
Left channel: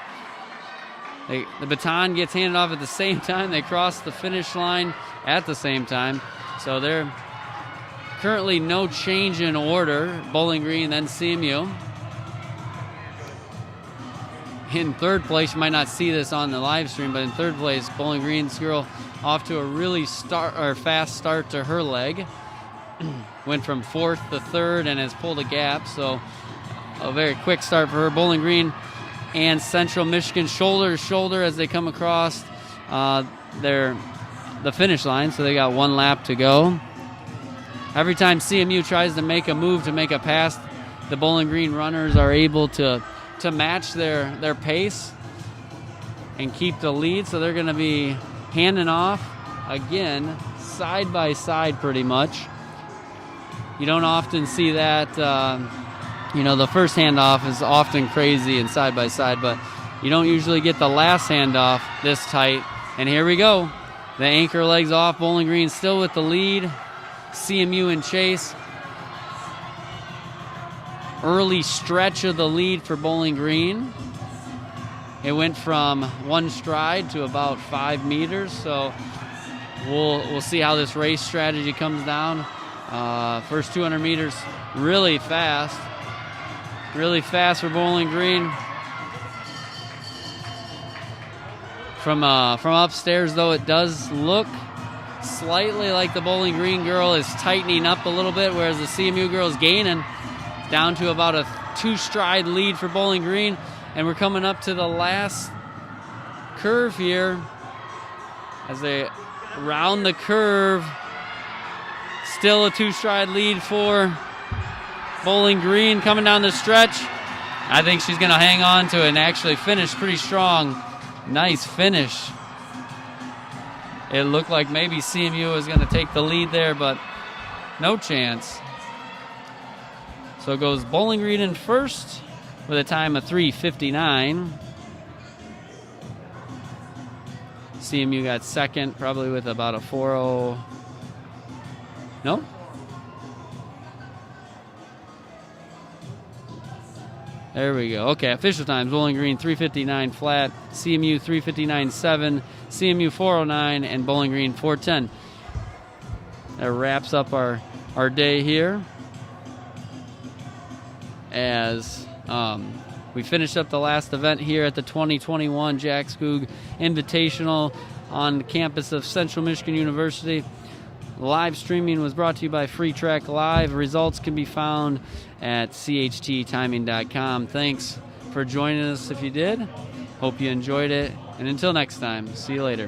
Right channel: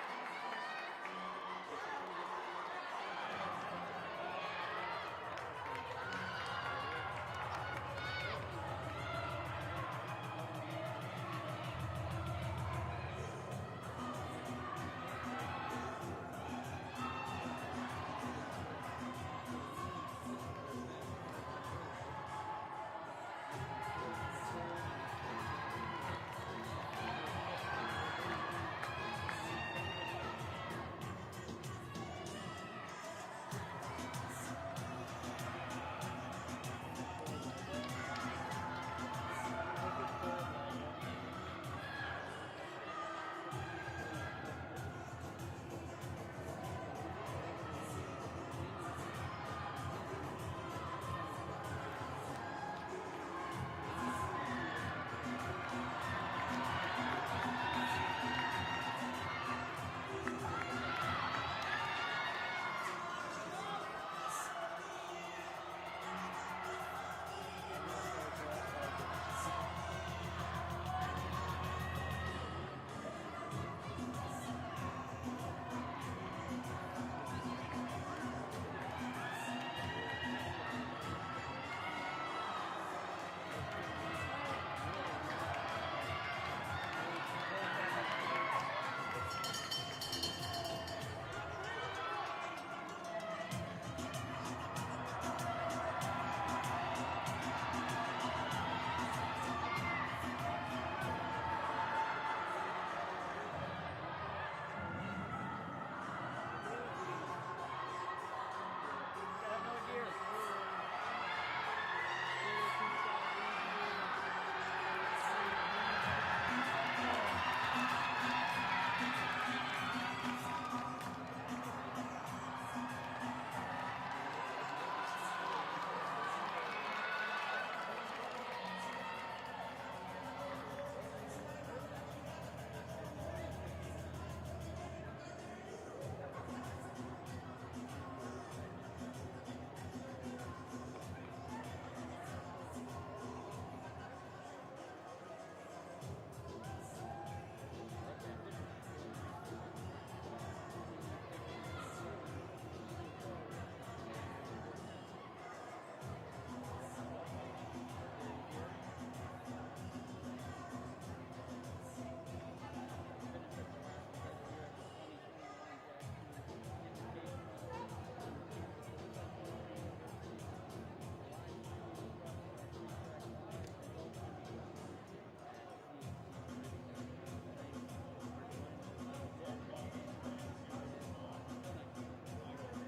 The baton gets handed off at the same time. They cross the finish line at the same time. So they're currently no change in order. Bowling Green, then CMU. In 3rd place, you might not see this on the live stream, but in 3rd place, Bowling Green's girl off to a really fast start to her leg. Went from 4th to 3rd and has pulled a gap, so a very quick start for her. Bowling Green and Central Michigan shoulder to shoulder as they come across the finish line, so they got 1 lap to go. Every time CMU tries to make a move to make a pass, the Bowling Green runners are able to match their pace and keep the lead, so they're going to be handing off again side by side pretty much. You don't often see that. The first handoff is often crazy and side by side, but you don't usually get the last handoff this tight. And here we go. The anchor legs off. Bowling Green still with the lead. CMU in chase. Early stretch of the lead for Bowling Green. It went from 1 stride to about 5 meters, so we'll see how this race strategy comes down. First 200 meters really fast for Bowling Green. From upstairs though, it does look slightly like the Bowling Green girl is tightening up a little bit, whereas the CMU girl is gaining, down to about a 2-stride lead for Bowling Green. And we're coming up to the last curve here as they round the curve. Still a 2-stride lead for Bowling Green coming down the stretch. I think she's going to hang on to it and actually finish pretty strong. Nice finish. It looked like maybe CMU was going to take the lead there, but no chance. So it goes Bowling Green in first with a time of 3:59. CMU got second, probably with about a 4:0. No? There we go. Okay, official times. Bowling Green 3:59 flat, CMU 3:59.7, CMU 4:09, and Bowling Green 4:10. that wraps up our day here as we finished up the last event here at the 2021 Jack Skoog Invitational on the campus of Central Michigan University. Live streaming was brought to you by Free Track Live. Results can be found at chttiming.com. Thanks for joining us if you did. Hope you enjoyed it. And until next time, see you later.